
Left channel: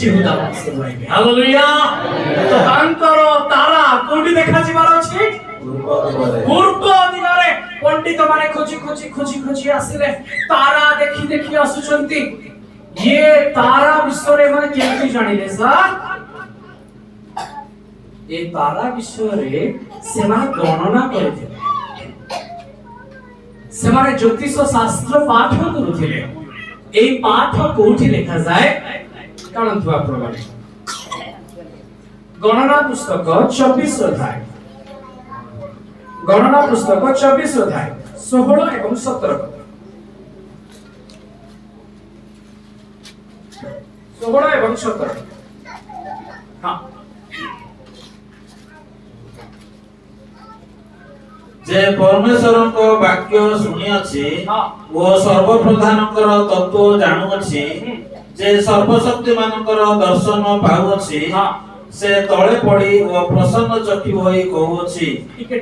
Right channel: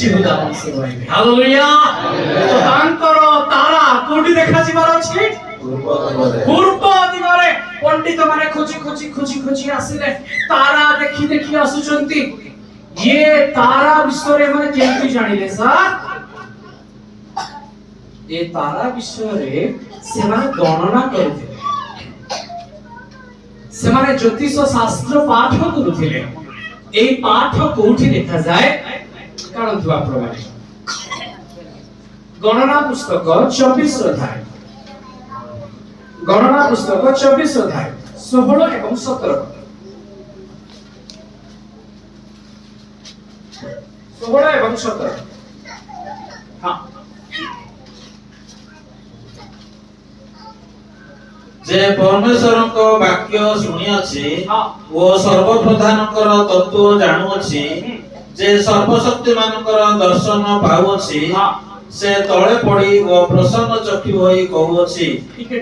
जिहुदा वंशर आइबे हालेलुया तो तांकर तारा कोठी देखा जिबार अछि पूर्व दिगरे पंडित माने खोजी आसिले तारा देखि आसुचंती ये तारा विषय माने केमति जानिले सर ये तारा विषय से माने गणना करथिले ସେମାନେ ଜ୍ୟୋତିଷ ଶାସ୍ତ୍ର ପାଠ କରୁଥିଲେ এই ପାଠ କୋଉଠି ଲେଖା ଯାଏ କାଣନ୍ତୁ ଆପଣମାନେ ଗଣନା ପୁସ୍ତକ 24 ଅଧ୍ୟାୟ ଗଣନା ପୁସ୍ତକ 24 ଅଧ୍ୟାୟ 16 ଏବଂ 17 16 ଏବଂ 17 हां जे परमेश्वरଙ୍କ वाक्य शुणी अछि ओ सर्वप्रधानकर तत्व जानु अछि जे सर्वशक्तिमानकर दर्शन पाउ अछि से तळे पड़ी ओ प्रसन्न चक्षु होई कहू अछि टिके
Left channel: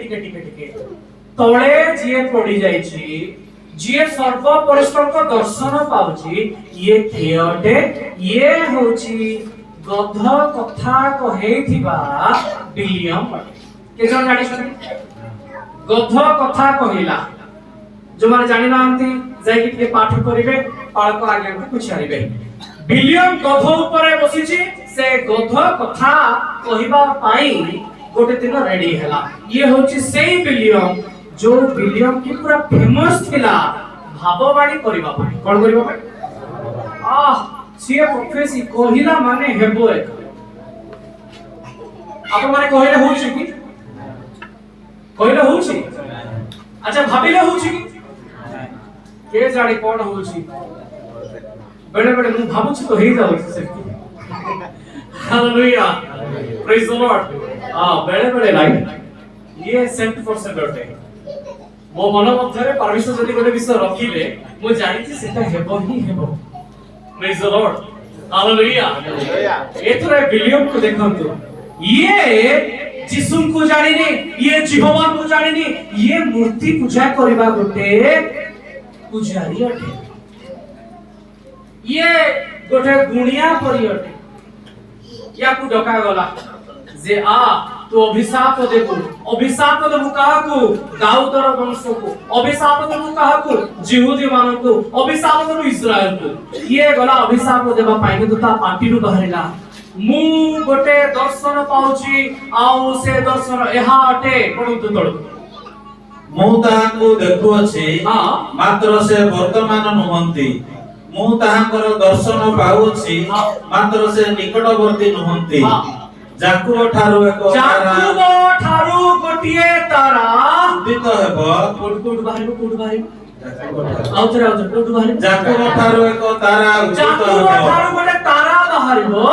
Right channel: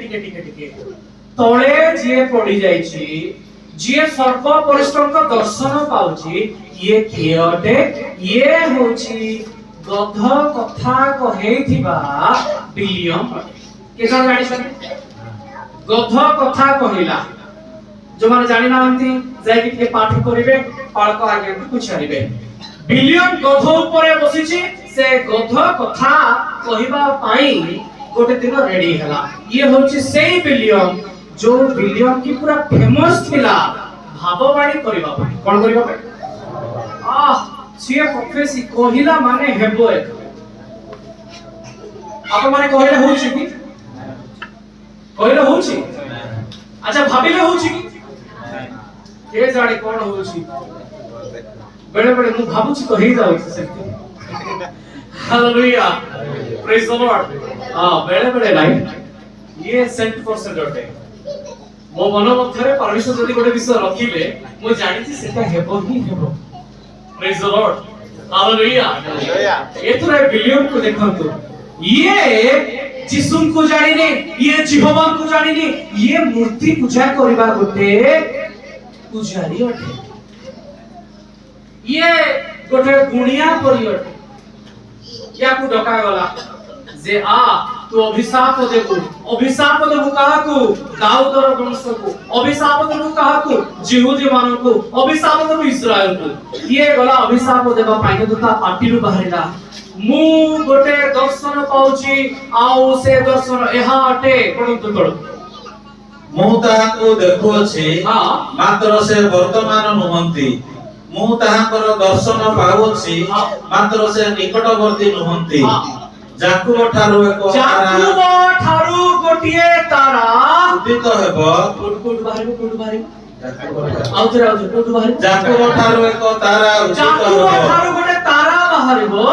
तळे जे पड़ी जाई छी जे सर्व परिश्रमक दर्शन पाउची ये कियटे ये होची गध कथा कहेथिबा विलियम के जण जानि छथि गध कथा कहिला जो माने जानि नांती जाय कि पाठ करिवे पाळक आगे पुछारिबे विलियम गध ऊपर बसिछि से गध कथा कहिबा पाई गोटे दिन रेडी हला ये होछि सेही विलियम जो विलियम की पूरा फेमस थिला भाववाणी करिबा पाई कोन करिबा पाई सिए प्रोफेसी कहिला माने हेबो एक आप माने कहिला होछि कि कहिला होछि अच्छा भाबिले होछि कि के जाडी कोन होछि बेले बेले मु भाबुछि तो हेई जाउ सेति हालेलुया प्रेज द लॉर्ड बेले बेले लाइट ये सेंट फॉर सेंटरटे मो मन मध्यरे परमेश्वर जदी गोटे विषय रखिले मु जानि छी सेटा हेबो ही हेबो प्रेज द लॉर्ड हालेलुया एथरे विलियम को देखंतु ये जिसुम को जानिने ये जिहोवान को जानिने ये मूर्ति पूजा करबा गोटे पुजारी अटे ये गोटे गुणिया परि अटे या को डका गला जे तू अभिशाप देबु काहाकू दाऊदर वंश को अभिशाप देबु काहाकू जिहुदी मानन को अभिशाप देबु इस्राएल को ये गला अभिशाप देबा पाइने तो ता पाटिरु बाहरिला मु गोटे दर्शन पाउची आउ से दर्शन एहा अटे पडंतु तळ मु ताहाको देखु अछि मात्र से वर्तमान नुहंती मु ताहाकर दर्शन पाउ अछि मात्र से निकटवर्ती नुहंती जाकुब ठारू गोटिए तारा उदित हेबो कोड बाहरिबो आउतरे कोड बाहरिबो जाकुब ठारू एक तारा उदित हेबो जाकुब ठारू गोटे तारा बाहरिबो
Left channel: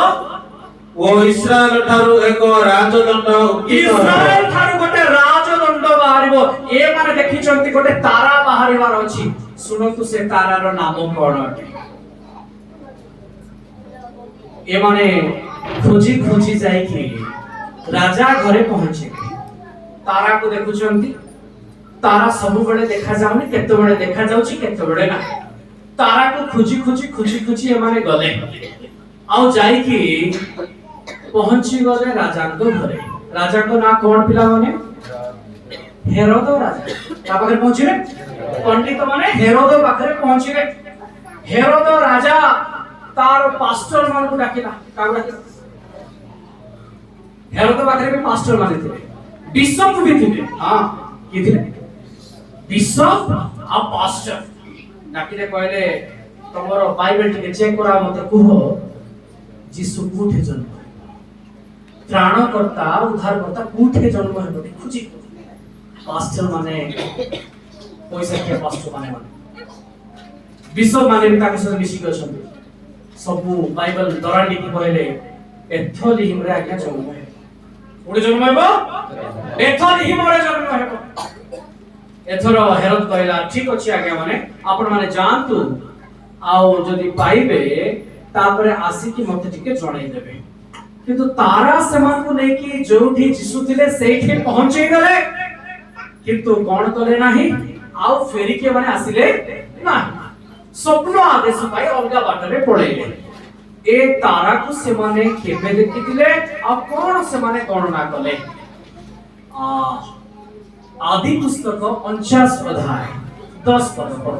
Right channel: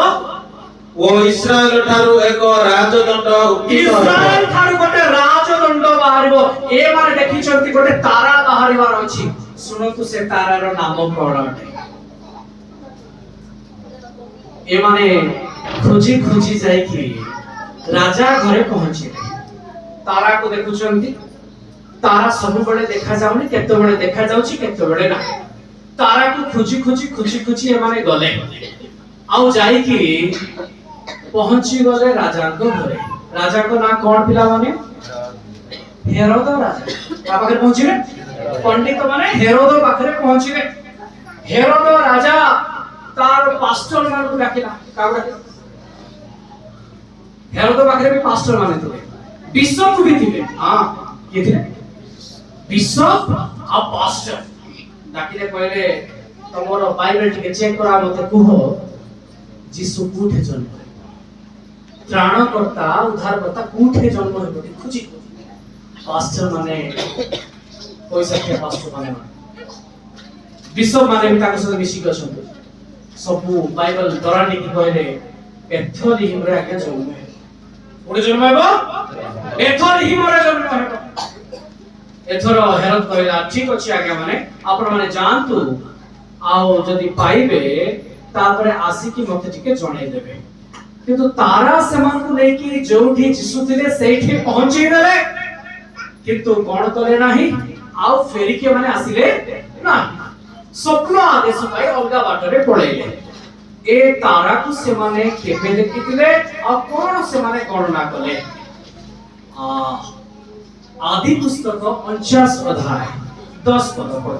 ओ इस्राएल ठारू एक राजदंड उदित हेबो इस्राएल ठारू गोटे राजदंड बाहरिबो ए माने देखि चंती गोटे तारा बाहरिबार अछि सुनतु से तारार नाम कोन अटे एमाने खोजी खोजी जाइकी राजा घरे पहुंचिले तारा को देखुचंती तारा सब बड़े देखा जाउनी केते बड़े देखा जाउची केते बड़े ना तारा को खोजी खोजी खोजी खोजी एमाने गले आउ जाइकी पहुंची गले राजा को घरे राजा को ना कोन पिला माने हेरोद राजा ता पाखरे पहुंचिले पंडित माने हेरोद पाखरे पहुंचिले हेरोद राजा तार पास्टर मान को डाकिला का डाकिला हेरोद पाखरे भी पास्टर माने थे बिशप भी थे हां के थे बिशप आ पास्टर डाकिले कहले तमरो बाइबल टिके चेक करा मते कुहो जीसु कोठे जन्म त्राणकर्ता उद्धारकर्ता कोठे जन्म हेबे खुजी पास्टर माने पैसा के पास्टर माने बिशप माने भी ताको सहित मिसी गछन्ते सब बाइबल दरानी की कहले एथोलिहिम रे आज्ञा जन्म हे ओडे जन्म हेबो एथोलिहिम रे जन्म हेबो एथरो हेरोद कहला ठीक अछि आज्ञा माने आपण माने जानतु आओ जदी पाइबे तापरे आसी की मते टिके जणाई देबे किंतु तारा समान को लेके जोठी जिसु थिले सेठी पहुंची गले किंतु कोन कले नाही आउ फेरी के माने आसिले नाही स्वप्न आदेश पाई अलगा बाटरे पळेले ए तारा को से माने केबे देखिथिले आ कोन से माने गणना कले आदि पुस्तक 49 अध्याय 10 पद पढ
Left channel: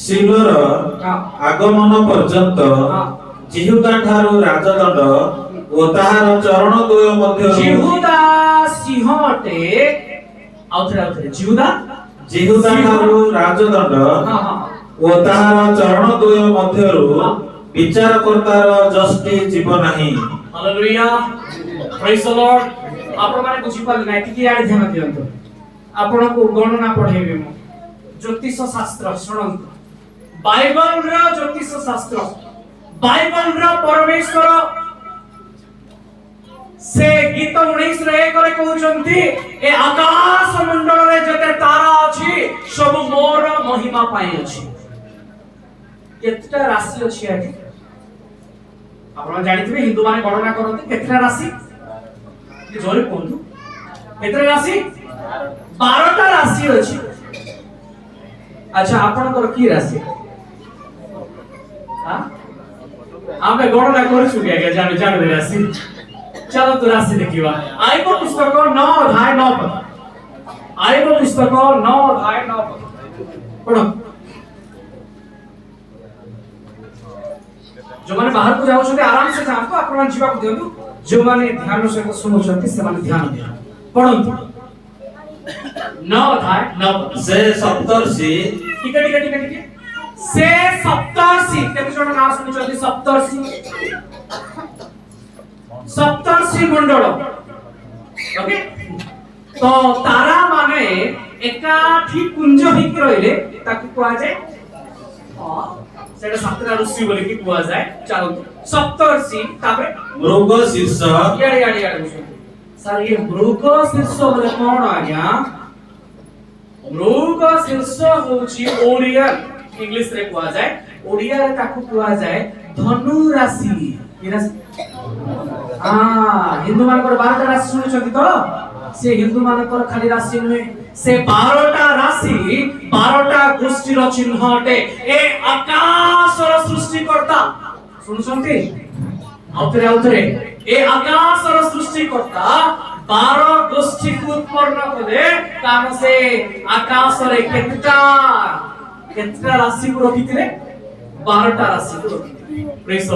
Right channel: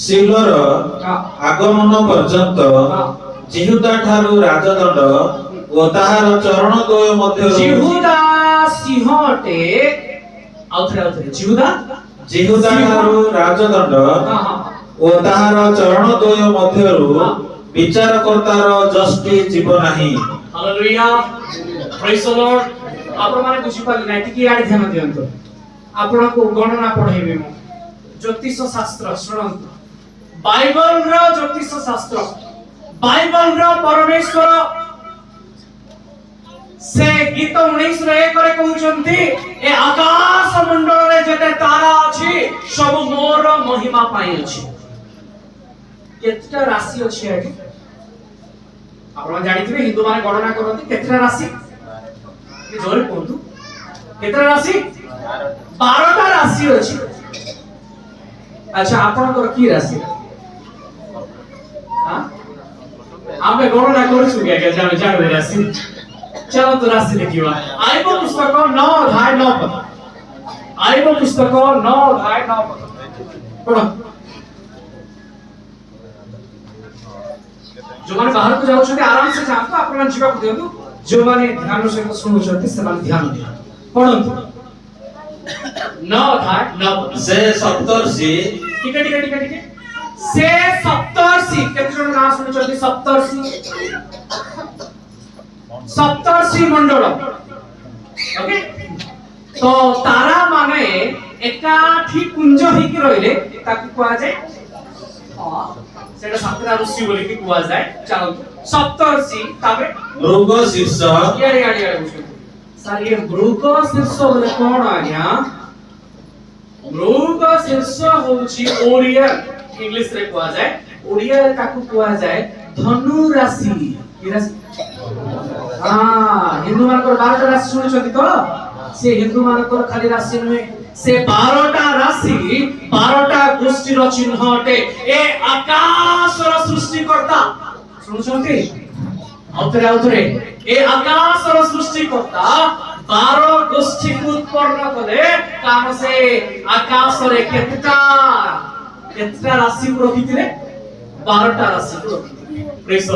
शिलोर आगमन पर्यंत जिहुदा ठारू राजदंड ओ ताहार चरण द्वय मध्य जिहुदा सिंहटे आउथरे जिहुदा ठारू राजदंड ओ ताहार चरण द्वय मध्यरु विचार करतार जस्टी जीव नाही हालेलुया प्रेज द लॉर्ड आपण माने बुझी पाली नाही कि यार ध्यान दियंतो आपण को गणना पढाइबे मो ज्योतिष शास्त्र सुनंतो बाइबल रो ज्योतिष शास्त्र बाइबल रो परमेश्वर से गीत 19 रे करे कहउचंती ए आकाश मंडल रे जते तारा अछि सब मोर महिमा पाई अछि केतटा राशि अछि आगे आपण जानिथिबे हिंदू माने गणना करନ୍ତି केतटा राशि नि जोरे कोंतु केतटा राशि 12टा राशि अछि अच्छा आपनकर की राशि हां आमे गणना करछु क्या जाने जाने राशि चलो तो राशि देखिवा आइबो पुस्तक 9 अध्याय 9 पद आइबो पुस्तक 9 अध्याय 9 पद पढ़ो जो माने बाहर को जाउ छथि आराम से जाऊ आपण जीवा को देनु जो माने ध्यान से सुनु छथि से माने ध्यान दिया पढ़ंतु 9 अध्याय 9 पद से सप्तर्षि ठीक से सप्तर्षि केते जण नाम सुनुचନ୍ତି सप्तर्षि मंडल ओके तो तारा माने एकाठी कुंज हिक रहिले ताकि कुआ जाय सेटा सप्तरा ऋषि बोले कि कुआ जाय चलो सप्तर्षि ताबे मृग शीर्ष याडे बुझो सर ये मृग शीर्ष बोले कोन आज्ञा मृग शीर्ष होची ओडिया इंग्लिश रे कुआ जाय ओडिया रे ताकू कुआ जाय धनु राशि की राशि हां हिंदू मानकर 12टा राशि सुनिछथि तो से हिंदू मानकर खाली राशि नुहे से 12टा राशि 12टा गोष्ठीर चिन्हटे ए आकाशर सृष्टिकर्ता सुनुछथि आउथरे ए आकाशर सृष्टिकर्ता 12 गोष्ठी को उत्पन्न करे कारण से आकाश रे केतटा राशि को रखिथिले 12टा राशि को रखिथिले प्रेज द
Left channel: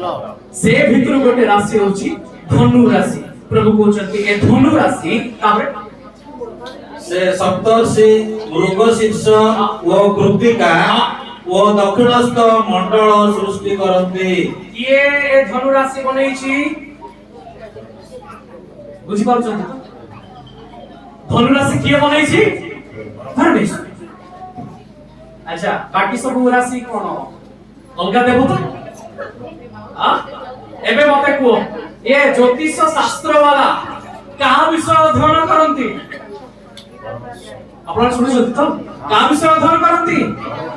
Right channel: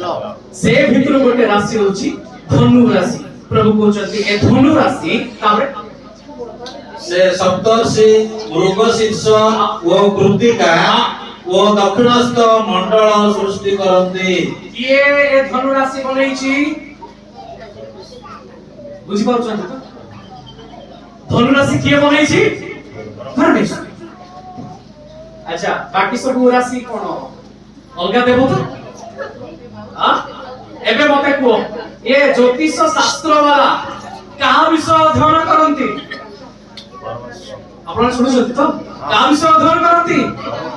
लॉर्ड से भितर गोटे राशि होची धनु राशि प्रभु कहउचंती ए धनु राशि ताबरे से सप्तर्षि मृग शीर्ष ओ कृतिका ओ दक्षिणस्थ मंडल सृष्टि करନ୍ତି ये ए धनु राशि बनैछि बुझि पाउछंती तो धनु राशि किए बनैछि परमेश्वर अच्छा बाकी सब राशि कोन अलगा देबो तो हां एबे मते को ए ज्योतिष शास्त्र वाला कहा विषय अध्ययन करंती आपण सुनुछथि तो काम संधान करती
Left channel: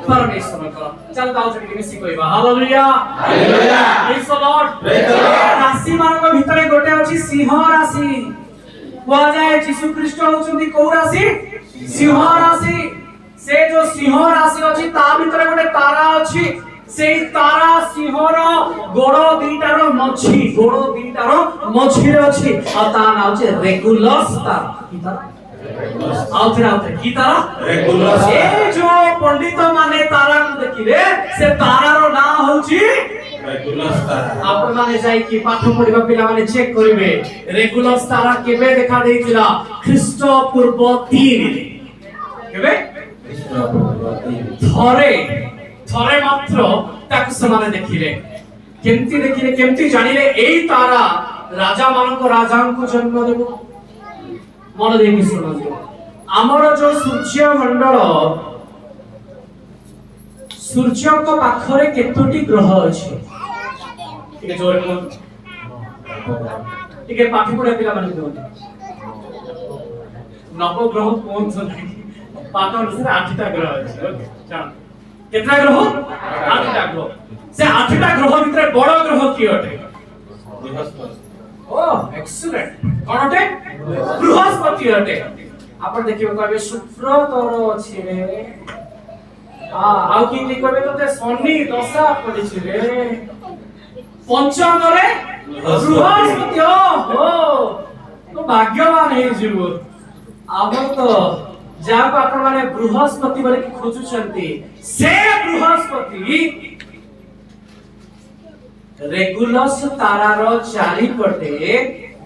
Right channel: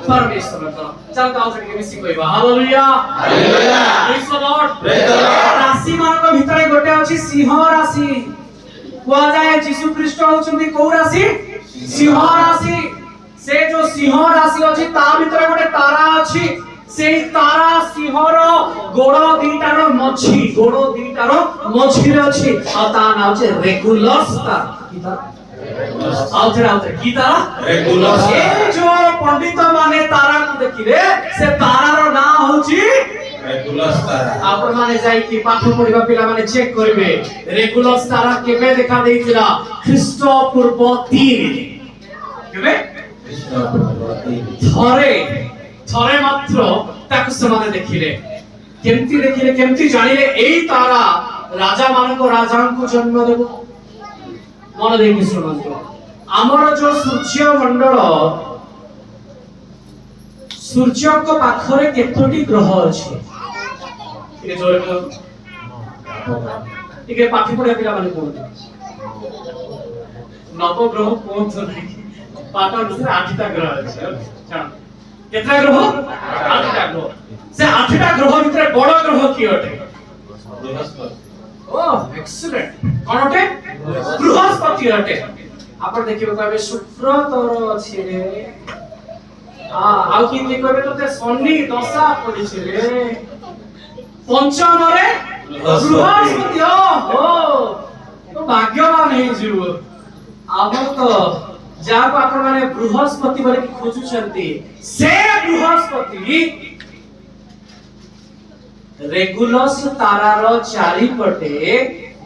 परमेश्वर को चल गाओ छके मिसी कहबा hallelujah hallelujah praise the Lord praise the Lord राशि मान भितरे गोटे अछि सिंह राशि कुआ जाए यीशु ख्रीष्ट होचुंदी को राशि सिंह राशि से जो सिंह राशि अछि ता भितरे गोटे तारा अछि से तारा सिंहर गोड़ दीटार मझी रे अछि आ ता नाम छै रेगुलस तारा की तारा आउथरे की तारा रेगुलस ए जो पंडित माने तारा को देखिले से तारार नाम होछि रेगुलस तारा आपण माने जाई कि पाठ पढिबा पिला माने चेक करिवे रेगुलस तारा केबे देखा देइतिला ख्रीष्ट पूर्व 3 केबे थरे मात्र ताकु समाने देखिले केमती जानिले एई तारा राजा मानको राजांको जन्म देबो मन देखि सुनंतो हमर जो सूर्य मंडल सूर्य को पाखरे केतोटी ग्रह अछि टिके जोरे को टिके पाठी पढिया पिला माने कोन नव ग्रह कोन छ पाठ अनुसार 8टा ग्रह अछि ओके जान केतना ग्रह 8टा ग्रह से 8टा ग्रह भितर बड़ ग्रह की अटे बृहस्पति ओ एक्सीलेंट कोन अटे बृहस्पति अटे आपण देखिबो कहबे शुक्र तोर अछि रे आउ कि कहबे तो शनि दशा पडिछि रे पंचम रे बृहस्पति हो तो भाग्यवान हे जीव आबो तो जाको आपण माने बृहस्पति बोले कि खोजुछंती से बृहस्पति रेगुलस तारार चारिपटे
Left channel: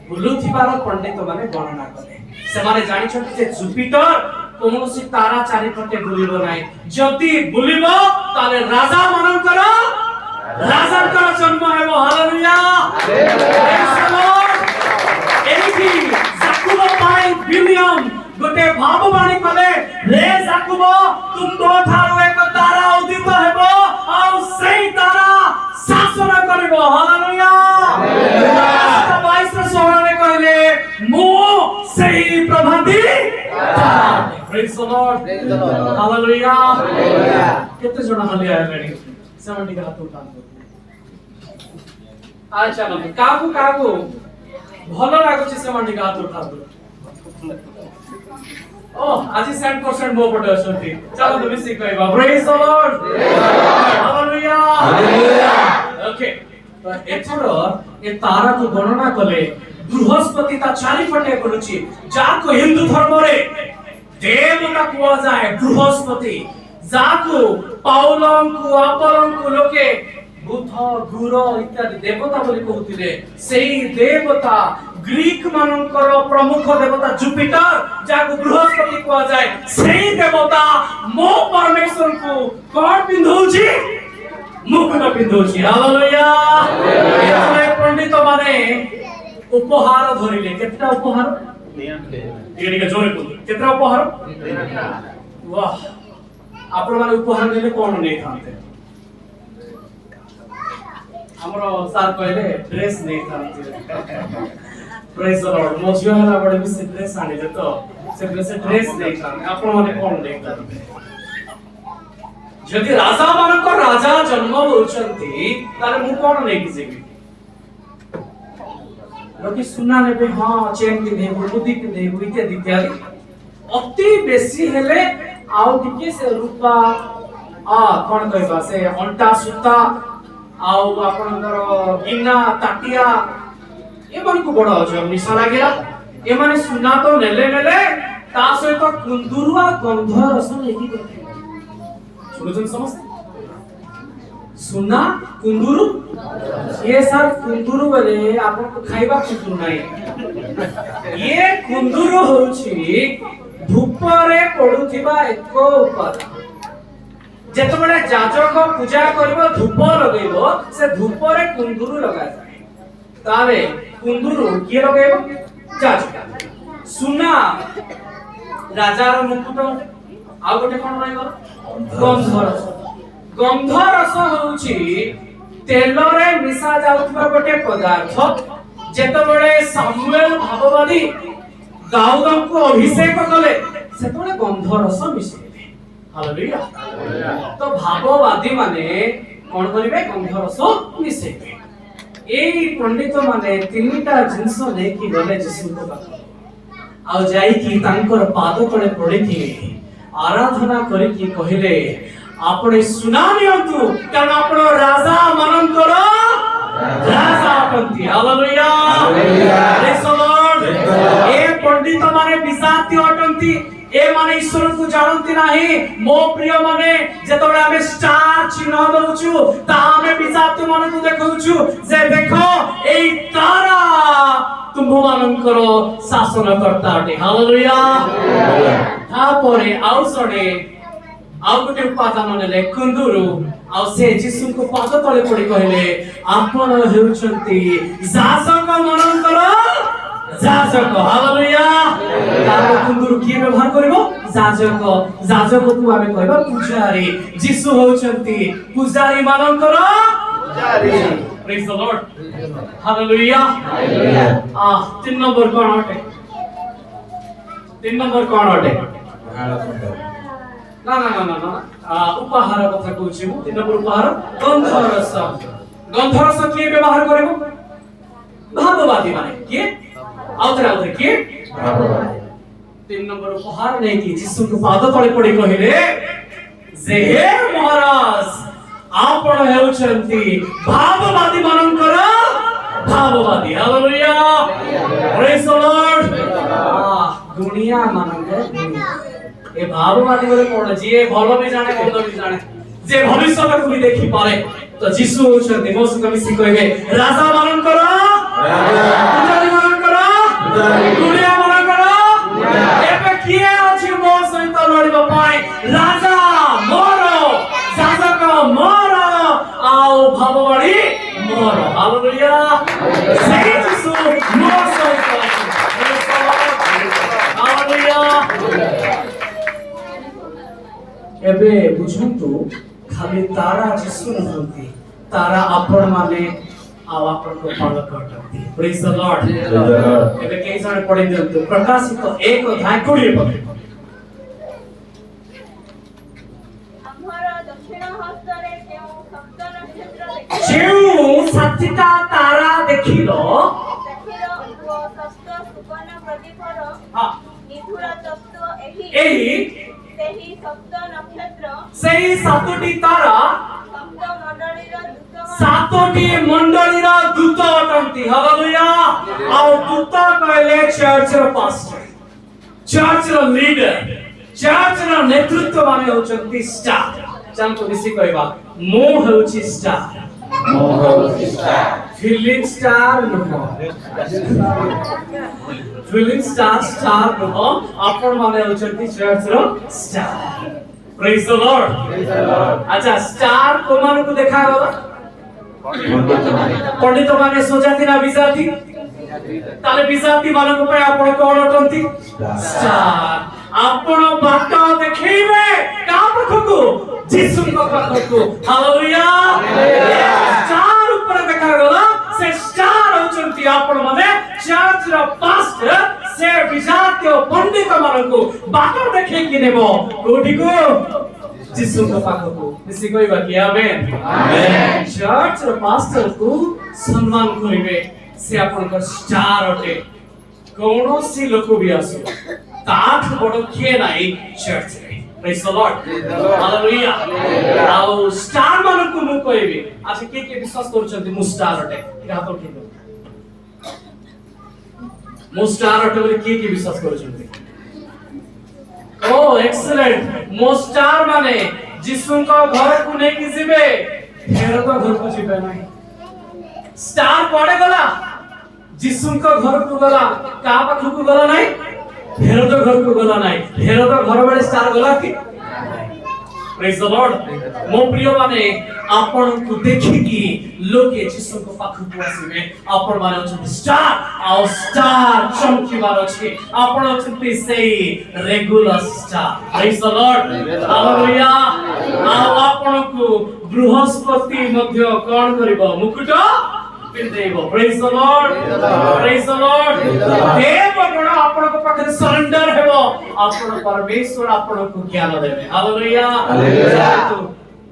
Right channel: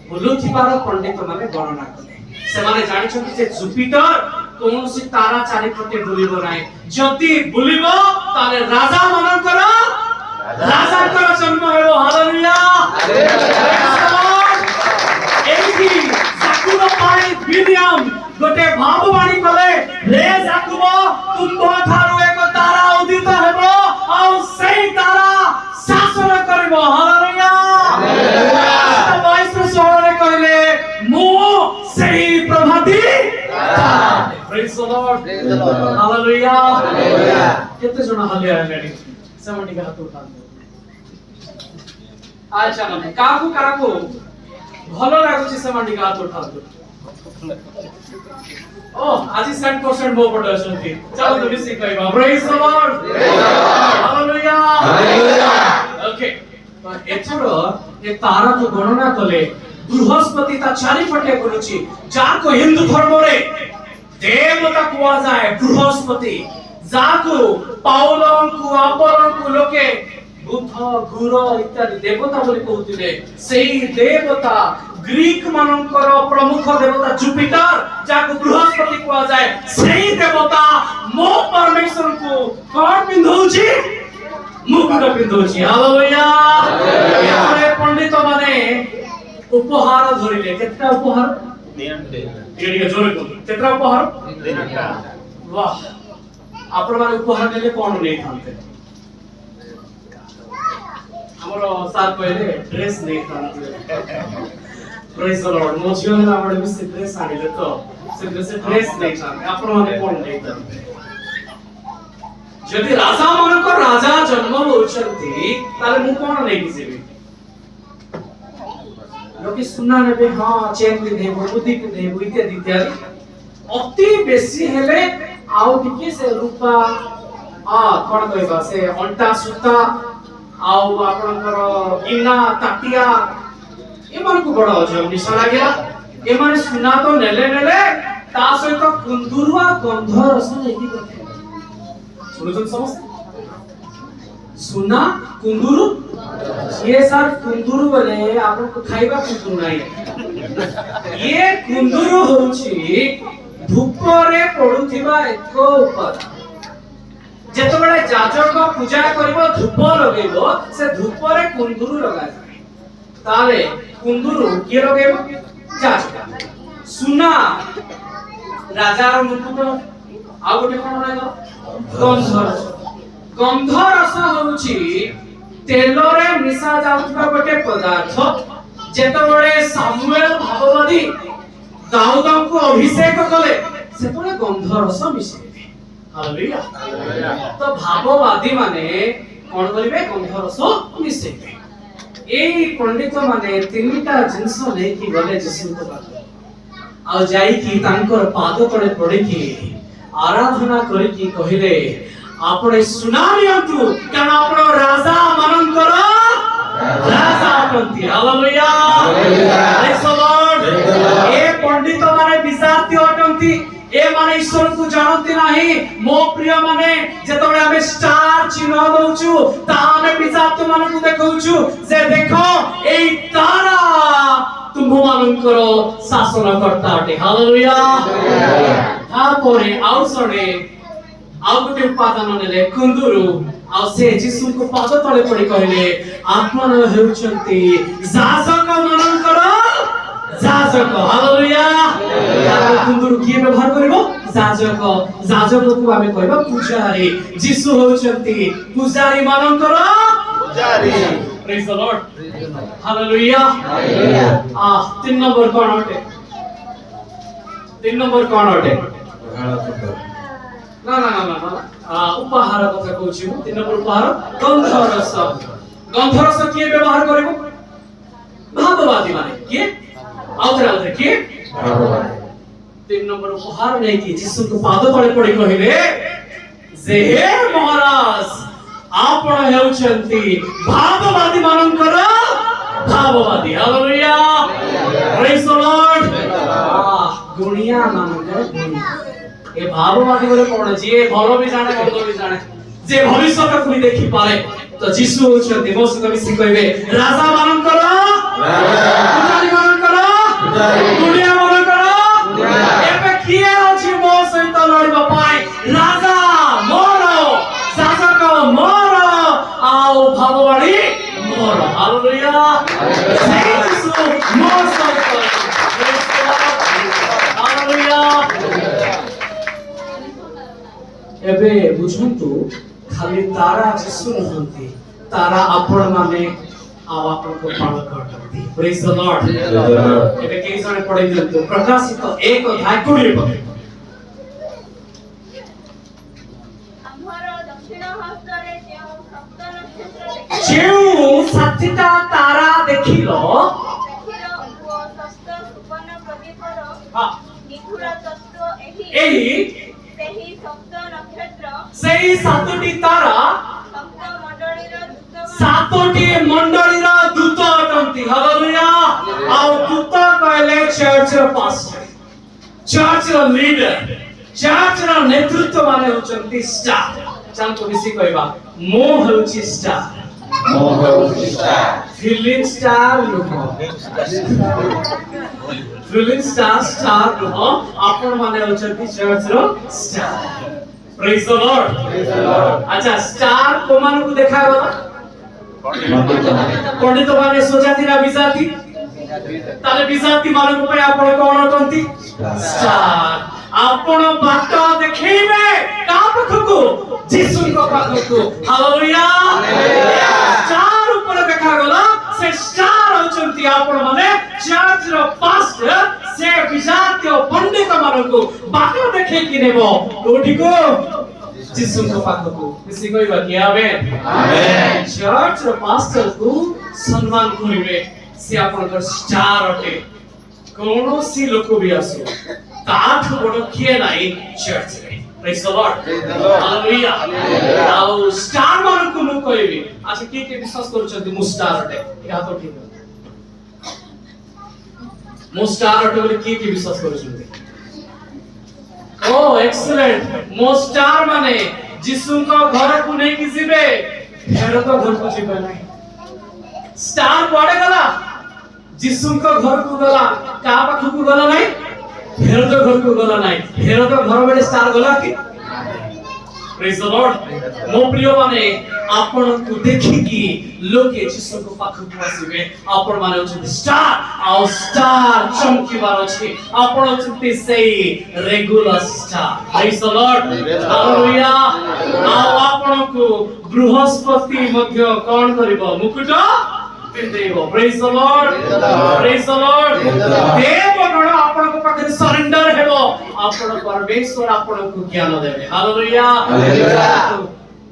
बुलुथिबार पंडित माने गणना कले से माने जानि छथि जे जुपिटर कोनोसी तारा चारिपटे बुलिबो नाही जति बुलिबो ताले राजा मानकर राजाकर जन्म हेबो हालेलुया एथि जाकुब पाई विलियम गोटे भाववाणी कले रे जाकुब तुमको थारो एक तारा उदित हेबो आ सेई तारा शासन करबो हालेलुया हालेलुया 22 रे कहले मु सेई प्रभाती तारा praise the Lord hallelujah hallelujah केते जण हालेलुया लेडी समडी का हाथ उठान अच्छा न काकू भलो लागुची समडी का हाथ उठान ओ आज 100% मो पटे असंती चलो तो मिसी कहबा praise the Lord hallelujah hallelujah okay तो एथरो ए तारा को गणना कले बृहस्पति ता चारिपटे करूची जाको हिंदू धर्म रे देवता कुआ जाए बृहस्पति जाको पाउलम को अपरम को लोके बुध गुरु इत्यादि देवता बोली कहउतिले सेही देवता ग्रीक मानकर प्रमुख देवता जुपिटर जाको बृहस्पति कुआ जाए सेही देवता मो परमेश्वर को कोन पिंधौची मुकुट पिंधौची हालेलुया हालेलुया पंडित माने उपहार धरिले केतना उपहार एडिके जोरे को केतना उपहार वाह आपण माने उपहार देले कोन नै थांते हमरो साल पहले ड्रेस नै थांते प्रेज द लॉर्ड मोजियो ना बडे बिसे ड्रेस आनिले तो से ड्रेस नै थांते आपण माने कोन नै थांते जदि राजा मानको राजा जन्म होचंती ताले मु कोन नै किजेबी लोके सुना नेबे हां चेन पिंधे बुद्धि पिंधे इत्यादि इत्यादि अति बेसी हेले आउ टिके से रूपा कोन कहबा से अंटा सुता आउ आपनकर गिना ताटिया ए मन को बड़ अजब निशा लागेला ए माने सुना तो नेले ता सहित कुंदुरुआ गंध रस नेकी करथे सुनछन समस्त सुना कुंदुरु ये सर कुंदुरु बेले आपन को खाइबा कुंदुरु नाही ये कुंदुरु होछि धूप रे पडुथिबा एको उपादान जेतबेले जाजक पूजा करबो धूप लगेबो से धूप रे कुंदुरु लगा जाय ताले कुंदुरु के लगेबो जाजक सुना राजार मुकुट आ गोटे कोन लगेबो गंध रस होउची तेल रे मिसा जाउतबा गोटे पदार्थ जेतबेले सामुएल भागवती दाऊद को अभिषेक कले सेतबेले गंध रस मिसेले हालेलुया। तो भाववादी माने कोन करिवे गंधरस मिसेबे एई पंडित माने तीनटा जिंस लेकी गले यीशु को पाखो आ जाई की तांकर पाद तळे पड़े की आराधना करी की कहिले आपणे सुनानियंतु कारण आपण राजा मानकर राजा अटंती हालेलुया प्रेज द लॉर्ड ए पंडित माने विजाती अटंती ए माने ईश्वर को जानती नाही मो प्रिय माने जेतबे आमे स्टार चिन्ह दउचु ता आमे विजाती माने को देखौचु जे देखो एई तारा तुम मानकर शासन करता अटे हालेलुया तापरे आउ सडे आउ गुटे उपादान नेले कुंदुरु आउ से यीशु को पाद तळे पड़ी कहले आपण हेउचंती शासक मानकर जाजक हालेलुया तार कुंदुरु की व्यवहार करबो जाजक जाजक को आमे कहबा पूजारी यीशु होचंती पूजारी मानकर पूजारी प्रेज द लॉर्ड हालेलुया आ 3 नंबर कोन अटे 3 नंबर कोन अटे ना ना ना ना उपहार कथा कहूची मु 3 नंबर उपहार गंधरस की व्यवहार करबो भाववादी माने की आउतरे की भाववादी 3 नंबर उपहार नहीं की यीशु को पाद तळे पड़ी कहिले जे हे महाराज आपण हेउचंती भाववादी मानकर भाववादी हालेलुया प्रेज द लॉर्ड गुणिया मानकर गुणिया ए भाववादी बोले कोन जे भलो भी जाने मंद भी जाने जे भविष्य को भी देखि पारे तो यीशु होचंती मो सहित मिसी कहबे राजा मानकर पुजारी मानकर गुणिया मानकर एबे किए अछि मो सहित लड़िबा पाए राजा मोर शासक मोर आओ भाववादी मोर हालेलुया से यीशु मो सहित हालेलुया एबे बुझंतु खाली तारा यीशु नहंती तारा आपण माने आ आपण को पालन करती प्रेज द लॉर्ड एबे केई जने पढे दियंतु प्रकाशित 1 अध्याय 20 पद ଆମର ଦକ୍ଷିଣ ହସ୍ତରେ ଯେଉଁ ସପ୍ତ ନକ୍ଷତ୍ର ଦେଖିଲ जेउ साथिता तारा देखिलो ଓ ଷଷ୍ଠ ସୁବର୍ଣ୍ଣ ପ୍ରଦୀପର हां ନିଧୁର ତତ୍ତ୍ୱ एही ସେହି ସପ୍ତ ନକ୍ଷତ୍ର सेही सातोटी तारा ସପ୍ତ ମଣ୍ଡଳୀର ଦୂତଗଣ सातोटी मंडलीर दूत अटंती हालेलुया आ दूत कहले चर्च रो पास्टर चर्च रो लीडर चर्च रो नेतृत्व माने होचंती स्टार जानतो बेसी कहबा मो होची स्टार फिलिंग स्टार नुहो फिलिंग स्टार नुहो आपण माने होचंती चर्च रो स्टार प्रेज द लॉर्ड अच्छा स्टार को मान को देखाय बाबा पंडित माने सोजाती ना बिजाती ताले बिजाती मानक पे आपण कोन अटंती स्टार आपण बाट देखैबे का पखकु यीशु को पखकु हालेलुया स्टार ऊपर देखा गला से स्टार होचंती आपण माने चर्च रो पास्टर से बिजाती पंडित मानक बाट देखै कि नेबो कोठी को यीशु को पाखको इसी कोई बाकी आमेन आमेन चर्च रो पास्टर को सम्मान करिवे से आपनकर स्टार अटे कोनोसी लोक भी आसो ताठ बड़ किए नाही चर्च रे प्रेज द लॉर्ड हालेलुया आउ स्टार मान को मु कहबी अच्छा के विश्वास करछंती मु स्टार अटे के हाथ उठे मु स्टार अटे बोले के विश्वास करछंती ओ एक्सीलेंट मो स्टार माने यीशु को घर को नहीं किसीबे फेर तो घर को जीबे नहीं स्टार पड़े गला यीशु को घर को गला का पाखु को गला नहीं फेर तो घर को गला नहीं फेर तो घर बेले स्टार गला की प्रेज द लॉर्ड मो प्रिय माने आपण को देखि कि लोके यीशु को पाखु को आसीबे आपण माने होचंती स्टार आ स्टार चमकी बार अछि आपण होचंती सेही regular star praise the Lord hallelujah आ आपण को बृहस्पति मध्य कोन करबो मुकुट ପିନ୍ଧେଇବ। ପ୍ରେଜ୍ ଦ ଲର୍ଡ, ପ୍ରେଜ୍ ଦ ଲର୍ଡ। ଦେବଗଣ ଆପଣଙ୍କ ପାଖରେ ସରେଣ୍ଡର ହେବ, ଆପଣ ପରମେଶ୍ୱର ଆପଣଙ୍କୁ ଜ୍ଞାନ ଦେବେ। Hallelujah, hallelujah.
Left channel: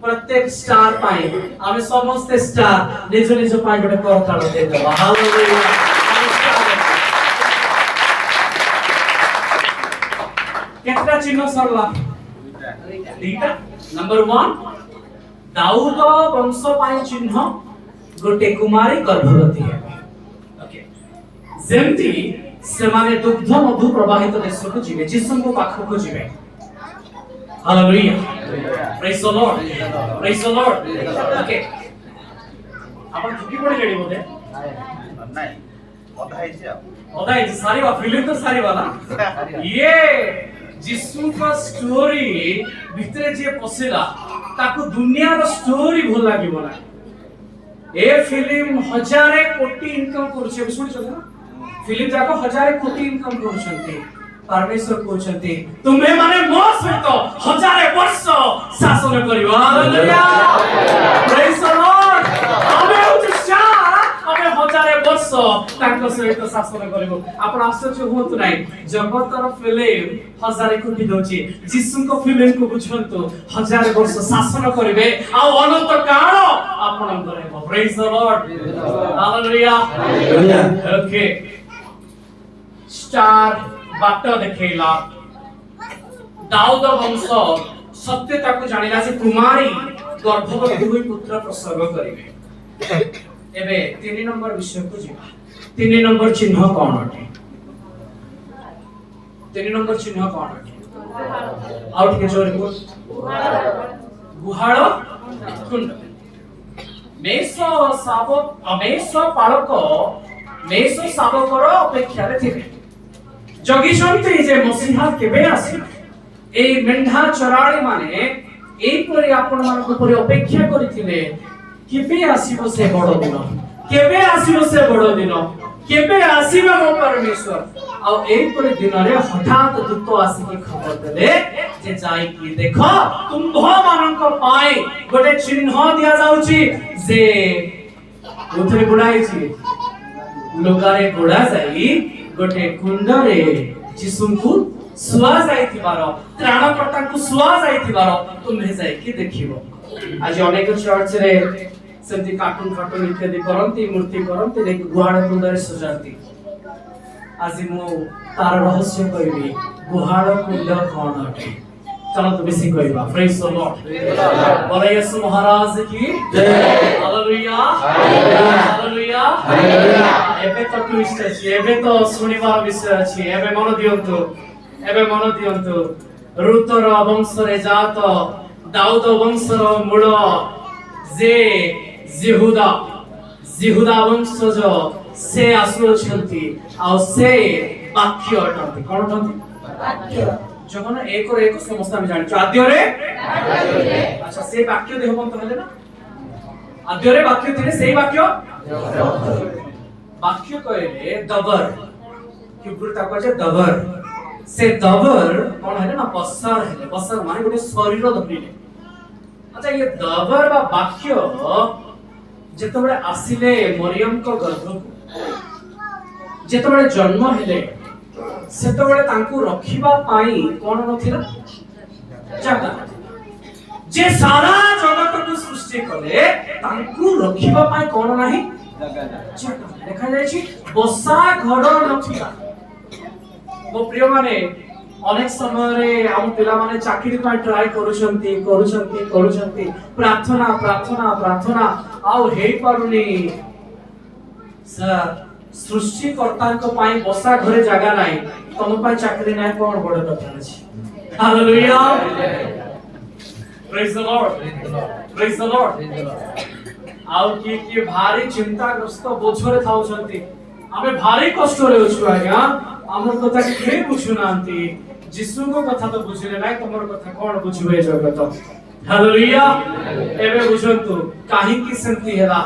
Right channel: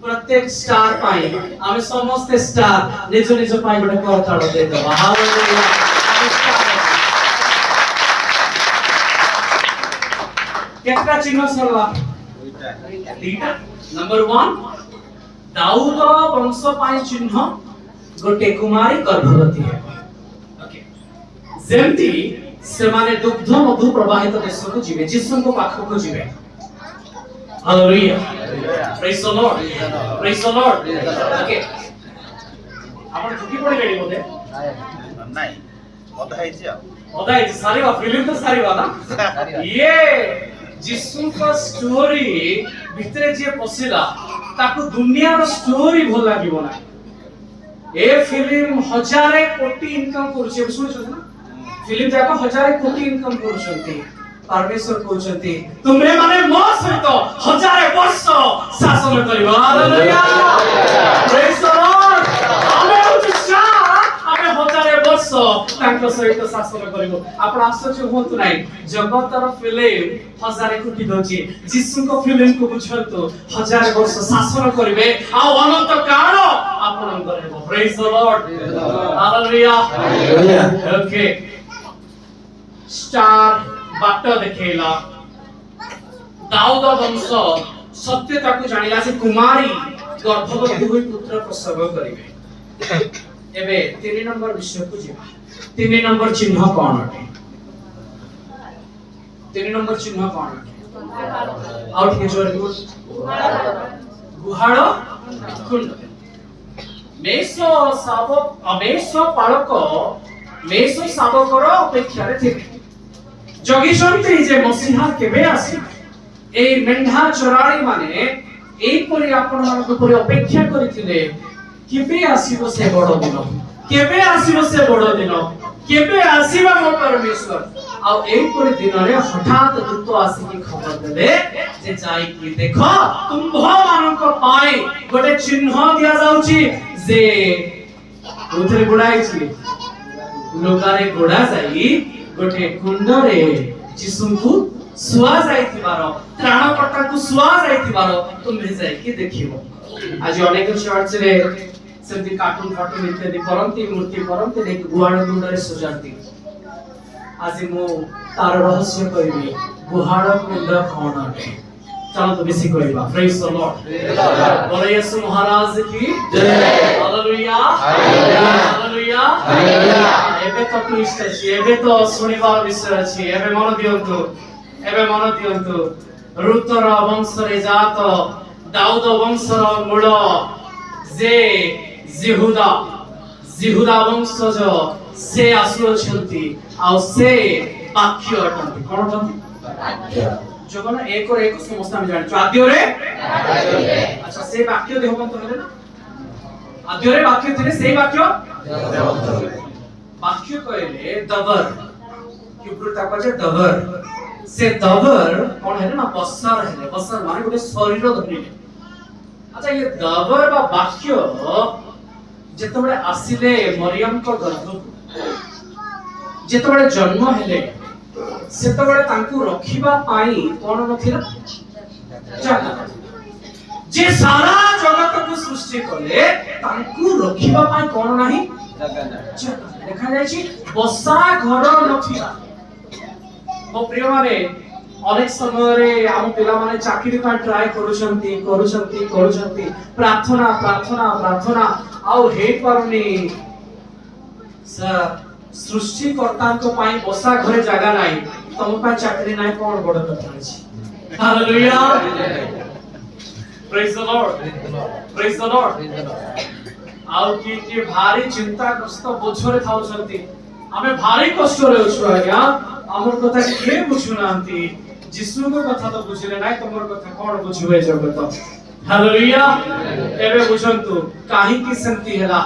प्रत्येक स्टार पाई आमे समस्त स्टार निज निज पाई गोटे करताल दे दबा। हालेलुया, केतना चिन्ह सरला? दुईटा। नंबर 1 दाऊद वंश पाई चिन्ह गोटे कुमारी गर्भवती है। ओके, जेमती से माने दुग्ध मधु प्रवाहित देश को जीवे, जिसम को पाख को जीवे। Hallelujah, praise the Lord, praise the Lord. Okay, आपण झुकी पड़ी रेडी बोले नाही बधाई बधाई सारी बात फिल्म तो सारी बात ना। ये जिसु का स्टोरी भितरे जे पसिला ताको दुनिया रो स्टोरी भल लागिबो ना। ए फिल्म हजारे कोटी इनकम करूछे, सुनिछो ना? फिल्म जाको हजारे कोटी इनकम करूछंती। परमेश्वर कहउछंती तुमरे माने मो सहित हजारे वर्ष शासन करिवो। Hallelujah, praise the Lord. आमे उच्चा आमे हजारे वर्ष तांको सहित शासन करिवो। आपण आश्चर्य होंतु नाही, जगतर फिल्म हजारे कोटी दोची, जिसु को फिल्म को बुझंतु हजारे वर्ष शासन करिवे आ अनंत काल आपण करेबो। Praise the Lord, hallelujah, hallelujah. Okay, star बाट देखेला दाऊद वंश सत्यता को जानिला से कुमारी गर्भवती होई पुत्र प्रसव करिवे। एबे 3 नंबर विषय को जीवा। 3 नंबर चिन्ह कोन अटे? 3 नंबर चिन्ह कोन अटे? आउट के जोर को गुहाळ कुंड। मेषो शाबकर अपेक्षा रे थिबे। जगिसंती जे मसीहा केबे आसी, ए मेंढा चराणी माने एई परि आपण मानक परि अपेक्षा करिथिले केबे आसीबो से बड़ दिन, केबे आसीबो से बड़ दिन, केबे आसीबा मो परमेश्वर। आ एई परि दिन रे हठात दूत आसी के खबर देले जे जाई कि देखो तुम्भ मानक पाई गोटे चिन्ह दिया जाउची जे उथरे गुडाई छी लोकारे गुडा जाई गोटे कुंडरे जिसुଙ୍କୁ सुआ जाइथिबार, त्राणकर्ता को सुआ जाइथिबार तुमे जाई कि देखिबो। आज अनेक चर्च रे सेंती कार्टून इत्यादि करंती, मूर्ति करंती, देख गुहाळ कुंडरे सजाती। आज मु तार रहस्य कहबी गुहाळ कुंड कोन अटे। चलो तो बेसी कहबा। प्रेज द लॉर्ड, बोले यीशु महाराज की जय। Hallelujah, hallelujah, hallelujah. एबे तो ट्विस्ट अछि, एबे तो सुनिबार विषय अछि। एबे मन दियंतु, एबे मन दियंतु। रुतर वंश रे जात दाऊद वंश रो मूल जे जिहुदा वंशज से आसुछंती आ से वाक्य अटंती। कोन अटंती? वाक्य। जगन एक और एक समस्त हम जान आद्य रे। अच्छा, से वाक्य देहवंत हेले ना? आद्य रे वाक्य थिले, से वाक्य वाक्य कहले दबर हिब्रूता कहे दबर। से दबर कोन हेले ना? बसर हेले। बसर माने गोटे शरीर धरिले। अच्छा, ये दबर बा वाक्य जेतबेले आसिले मरियम को गर्भ, जेतबेले जन्म हेले सेतबेले तांकू रखिबा पाई कोन नथिला? जागा। जे सारा जगत को सृष्टि कले तांकू रखिबा पाई कोन नाही? जागा। देखा जाय छी बसा घर नथिला। मो प्रिय माने अनेक समय रे हम पिला माने चाकरी का ट्राई करूछंती प्रार्थना आउ हे पारुनी। सर सृष्टिकर्ता को पाई बसा घरे जागा नाही, तम पाई चाकरी नाही, कोन बड़ कथा अछि। Hallelujah, praise the Lord, praise the Lord. आउ की भारी चिंताग्रस्त बोझरे थाउछंती, हमें भारी कष्ट रे अछु आज्ञा, हमर कथा के बुझुनांती। जिसु को कथा तो बुझले नाही, तमर कथा कोन बुझुवे जगत। हालेलुया। एबे बुझंतु काहे की संति हेला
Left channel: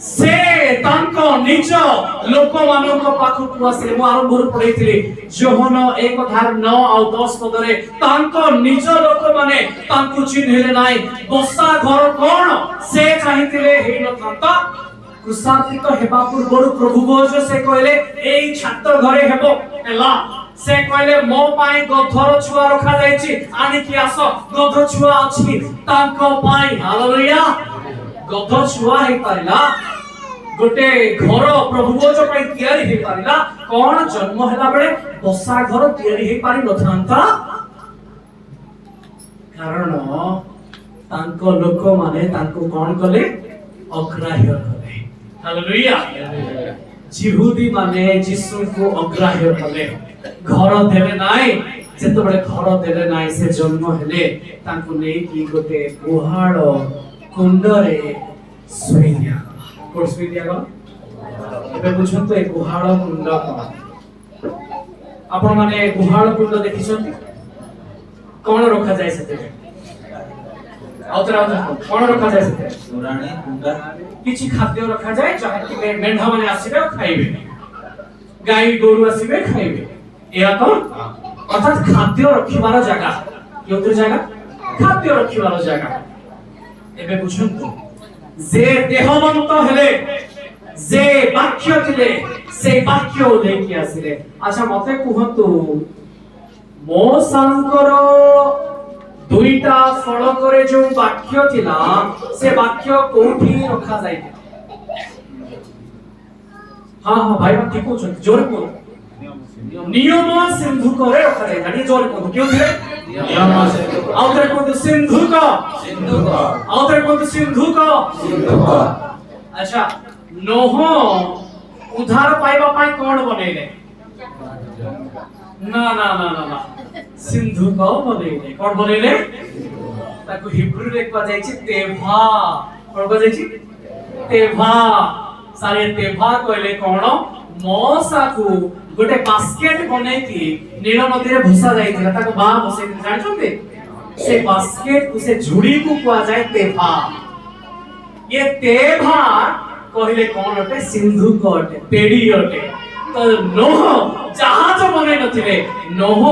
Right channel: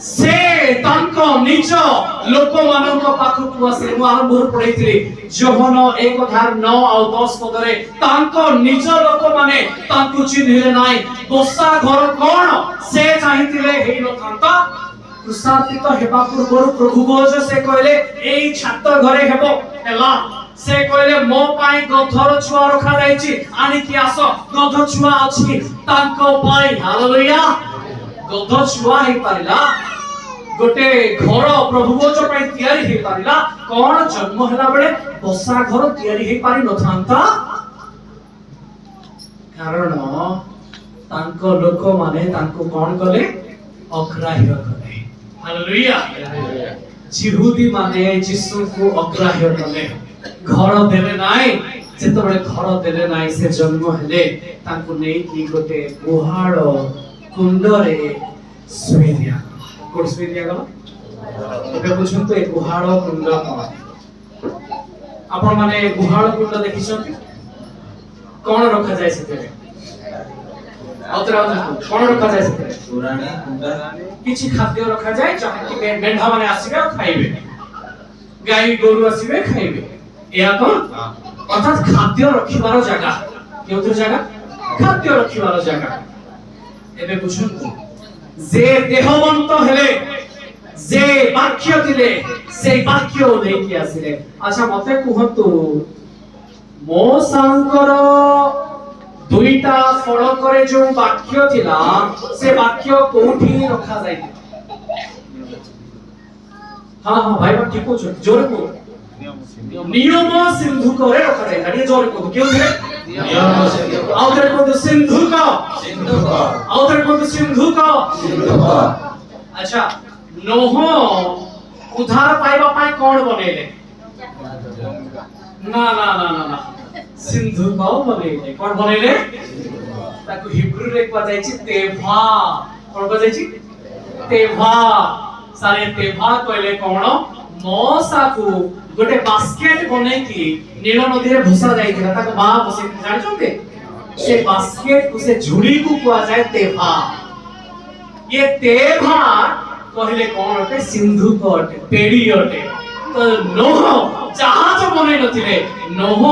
से तांको निज लोक मानक पाखु को आसे। मु आरंभ पढैथिली जोहन 1:9 और 10 पदरे तांको निज लोक माने तांकु चिन्हले नाही। बसा घर कोन से चाहिथिले हेइ नथंता कृषार्थित हेबा पूर्व प्रभु बोझ से कहले एई छात घरे हेबो हेला से कहले मो पाई गधर छुआ रखा जाईची आनी कि आस गध छुआ अछि तांको पाई हालेलुया गध छुआ हे पारिला गोटे घर प्रभु बोझ पाई तयारी हे पारिला कोन जन्म होला बेले बसा घर तयारी हे पारि नथांता कारण तांको लोक माने तांको कोन कले अग्राह्य कले हालेलुया जिहुदी माने यीशु को अग्राह्य कले घर देले नाइ जेतबे घर देले नाइ से जन्म हेले तांको नै कि गोटे गुहाळ कुंड रे सुई दिया कोड सुई दिया गलो एबे बुझन तो ए गुहाळ कुंड कोन आपण माने गुहाळ कुंड देखिछन कोन रखा जाय सेते कोन रखा जाय सेते पुराणी कुंडा किछि खाद्य रखा जाय जहा कि मेंढा माने आसीबे और खाइबे गाय गोरु आसीबे खाइबे या कोन अर्थात खाद्य रखिबार जगह केउतर जगह खाद्य रखिबार जगह एबे बुझंतु जे देहवंत हेले जे वाक्य दिले से वाक्य लेके आसिले अच्छा मते कुहतु मो सांकर दुईटा फल करे जो वाक्य थिला से वाक्य कोठी रखा जाय हां हां भाई बा ठीक हो जोर को नियम सिंधु करे रखा जाय गाड़ी जोर को क्यों थे नियम सिंधु आउटर को सिंधु का आउटर को सिंधु का अच्छा नोह उधार पाइबा पाई कोन बनेले ना ना ना ना ना सिंधु का बनेले कोन बनेले ताको हिब्रू रे को जायछि तेभा कोन को जायछि तेभा सारे तेभा कहले कोन मौसा को गोटे बास्केट बने की नील नदी रे भसा जायथिला ताको बा भसे जानि छते से बास्केट को से झुड़ी को कुआ जाय तेभा ये तेभा कहले कोन अटे सिंधु को अटे पेड़ी अटे तो नोह जहाज बने नथिले नोह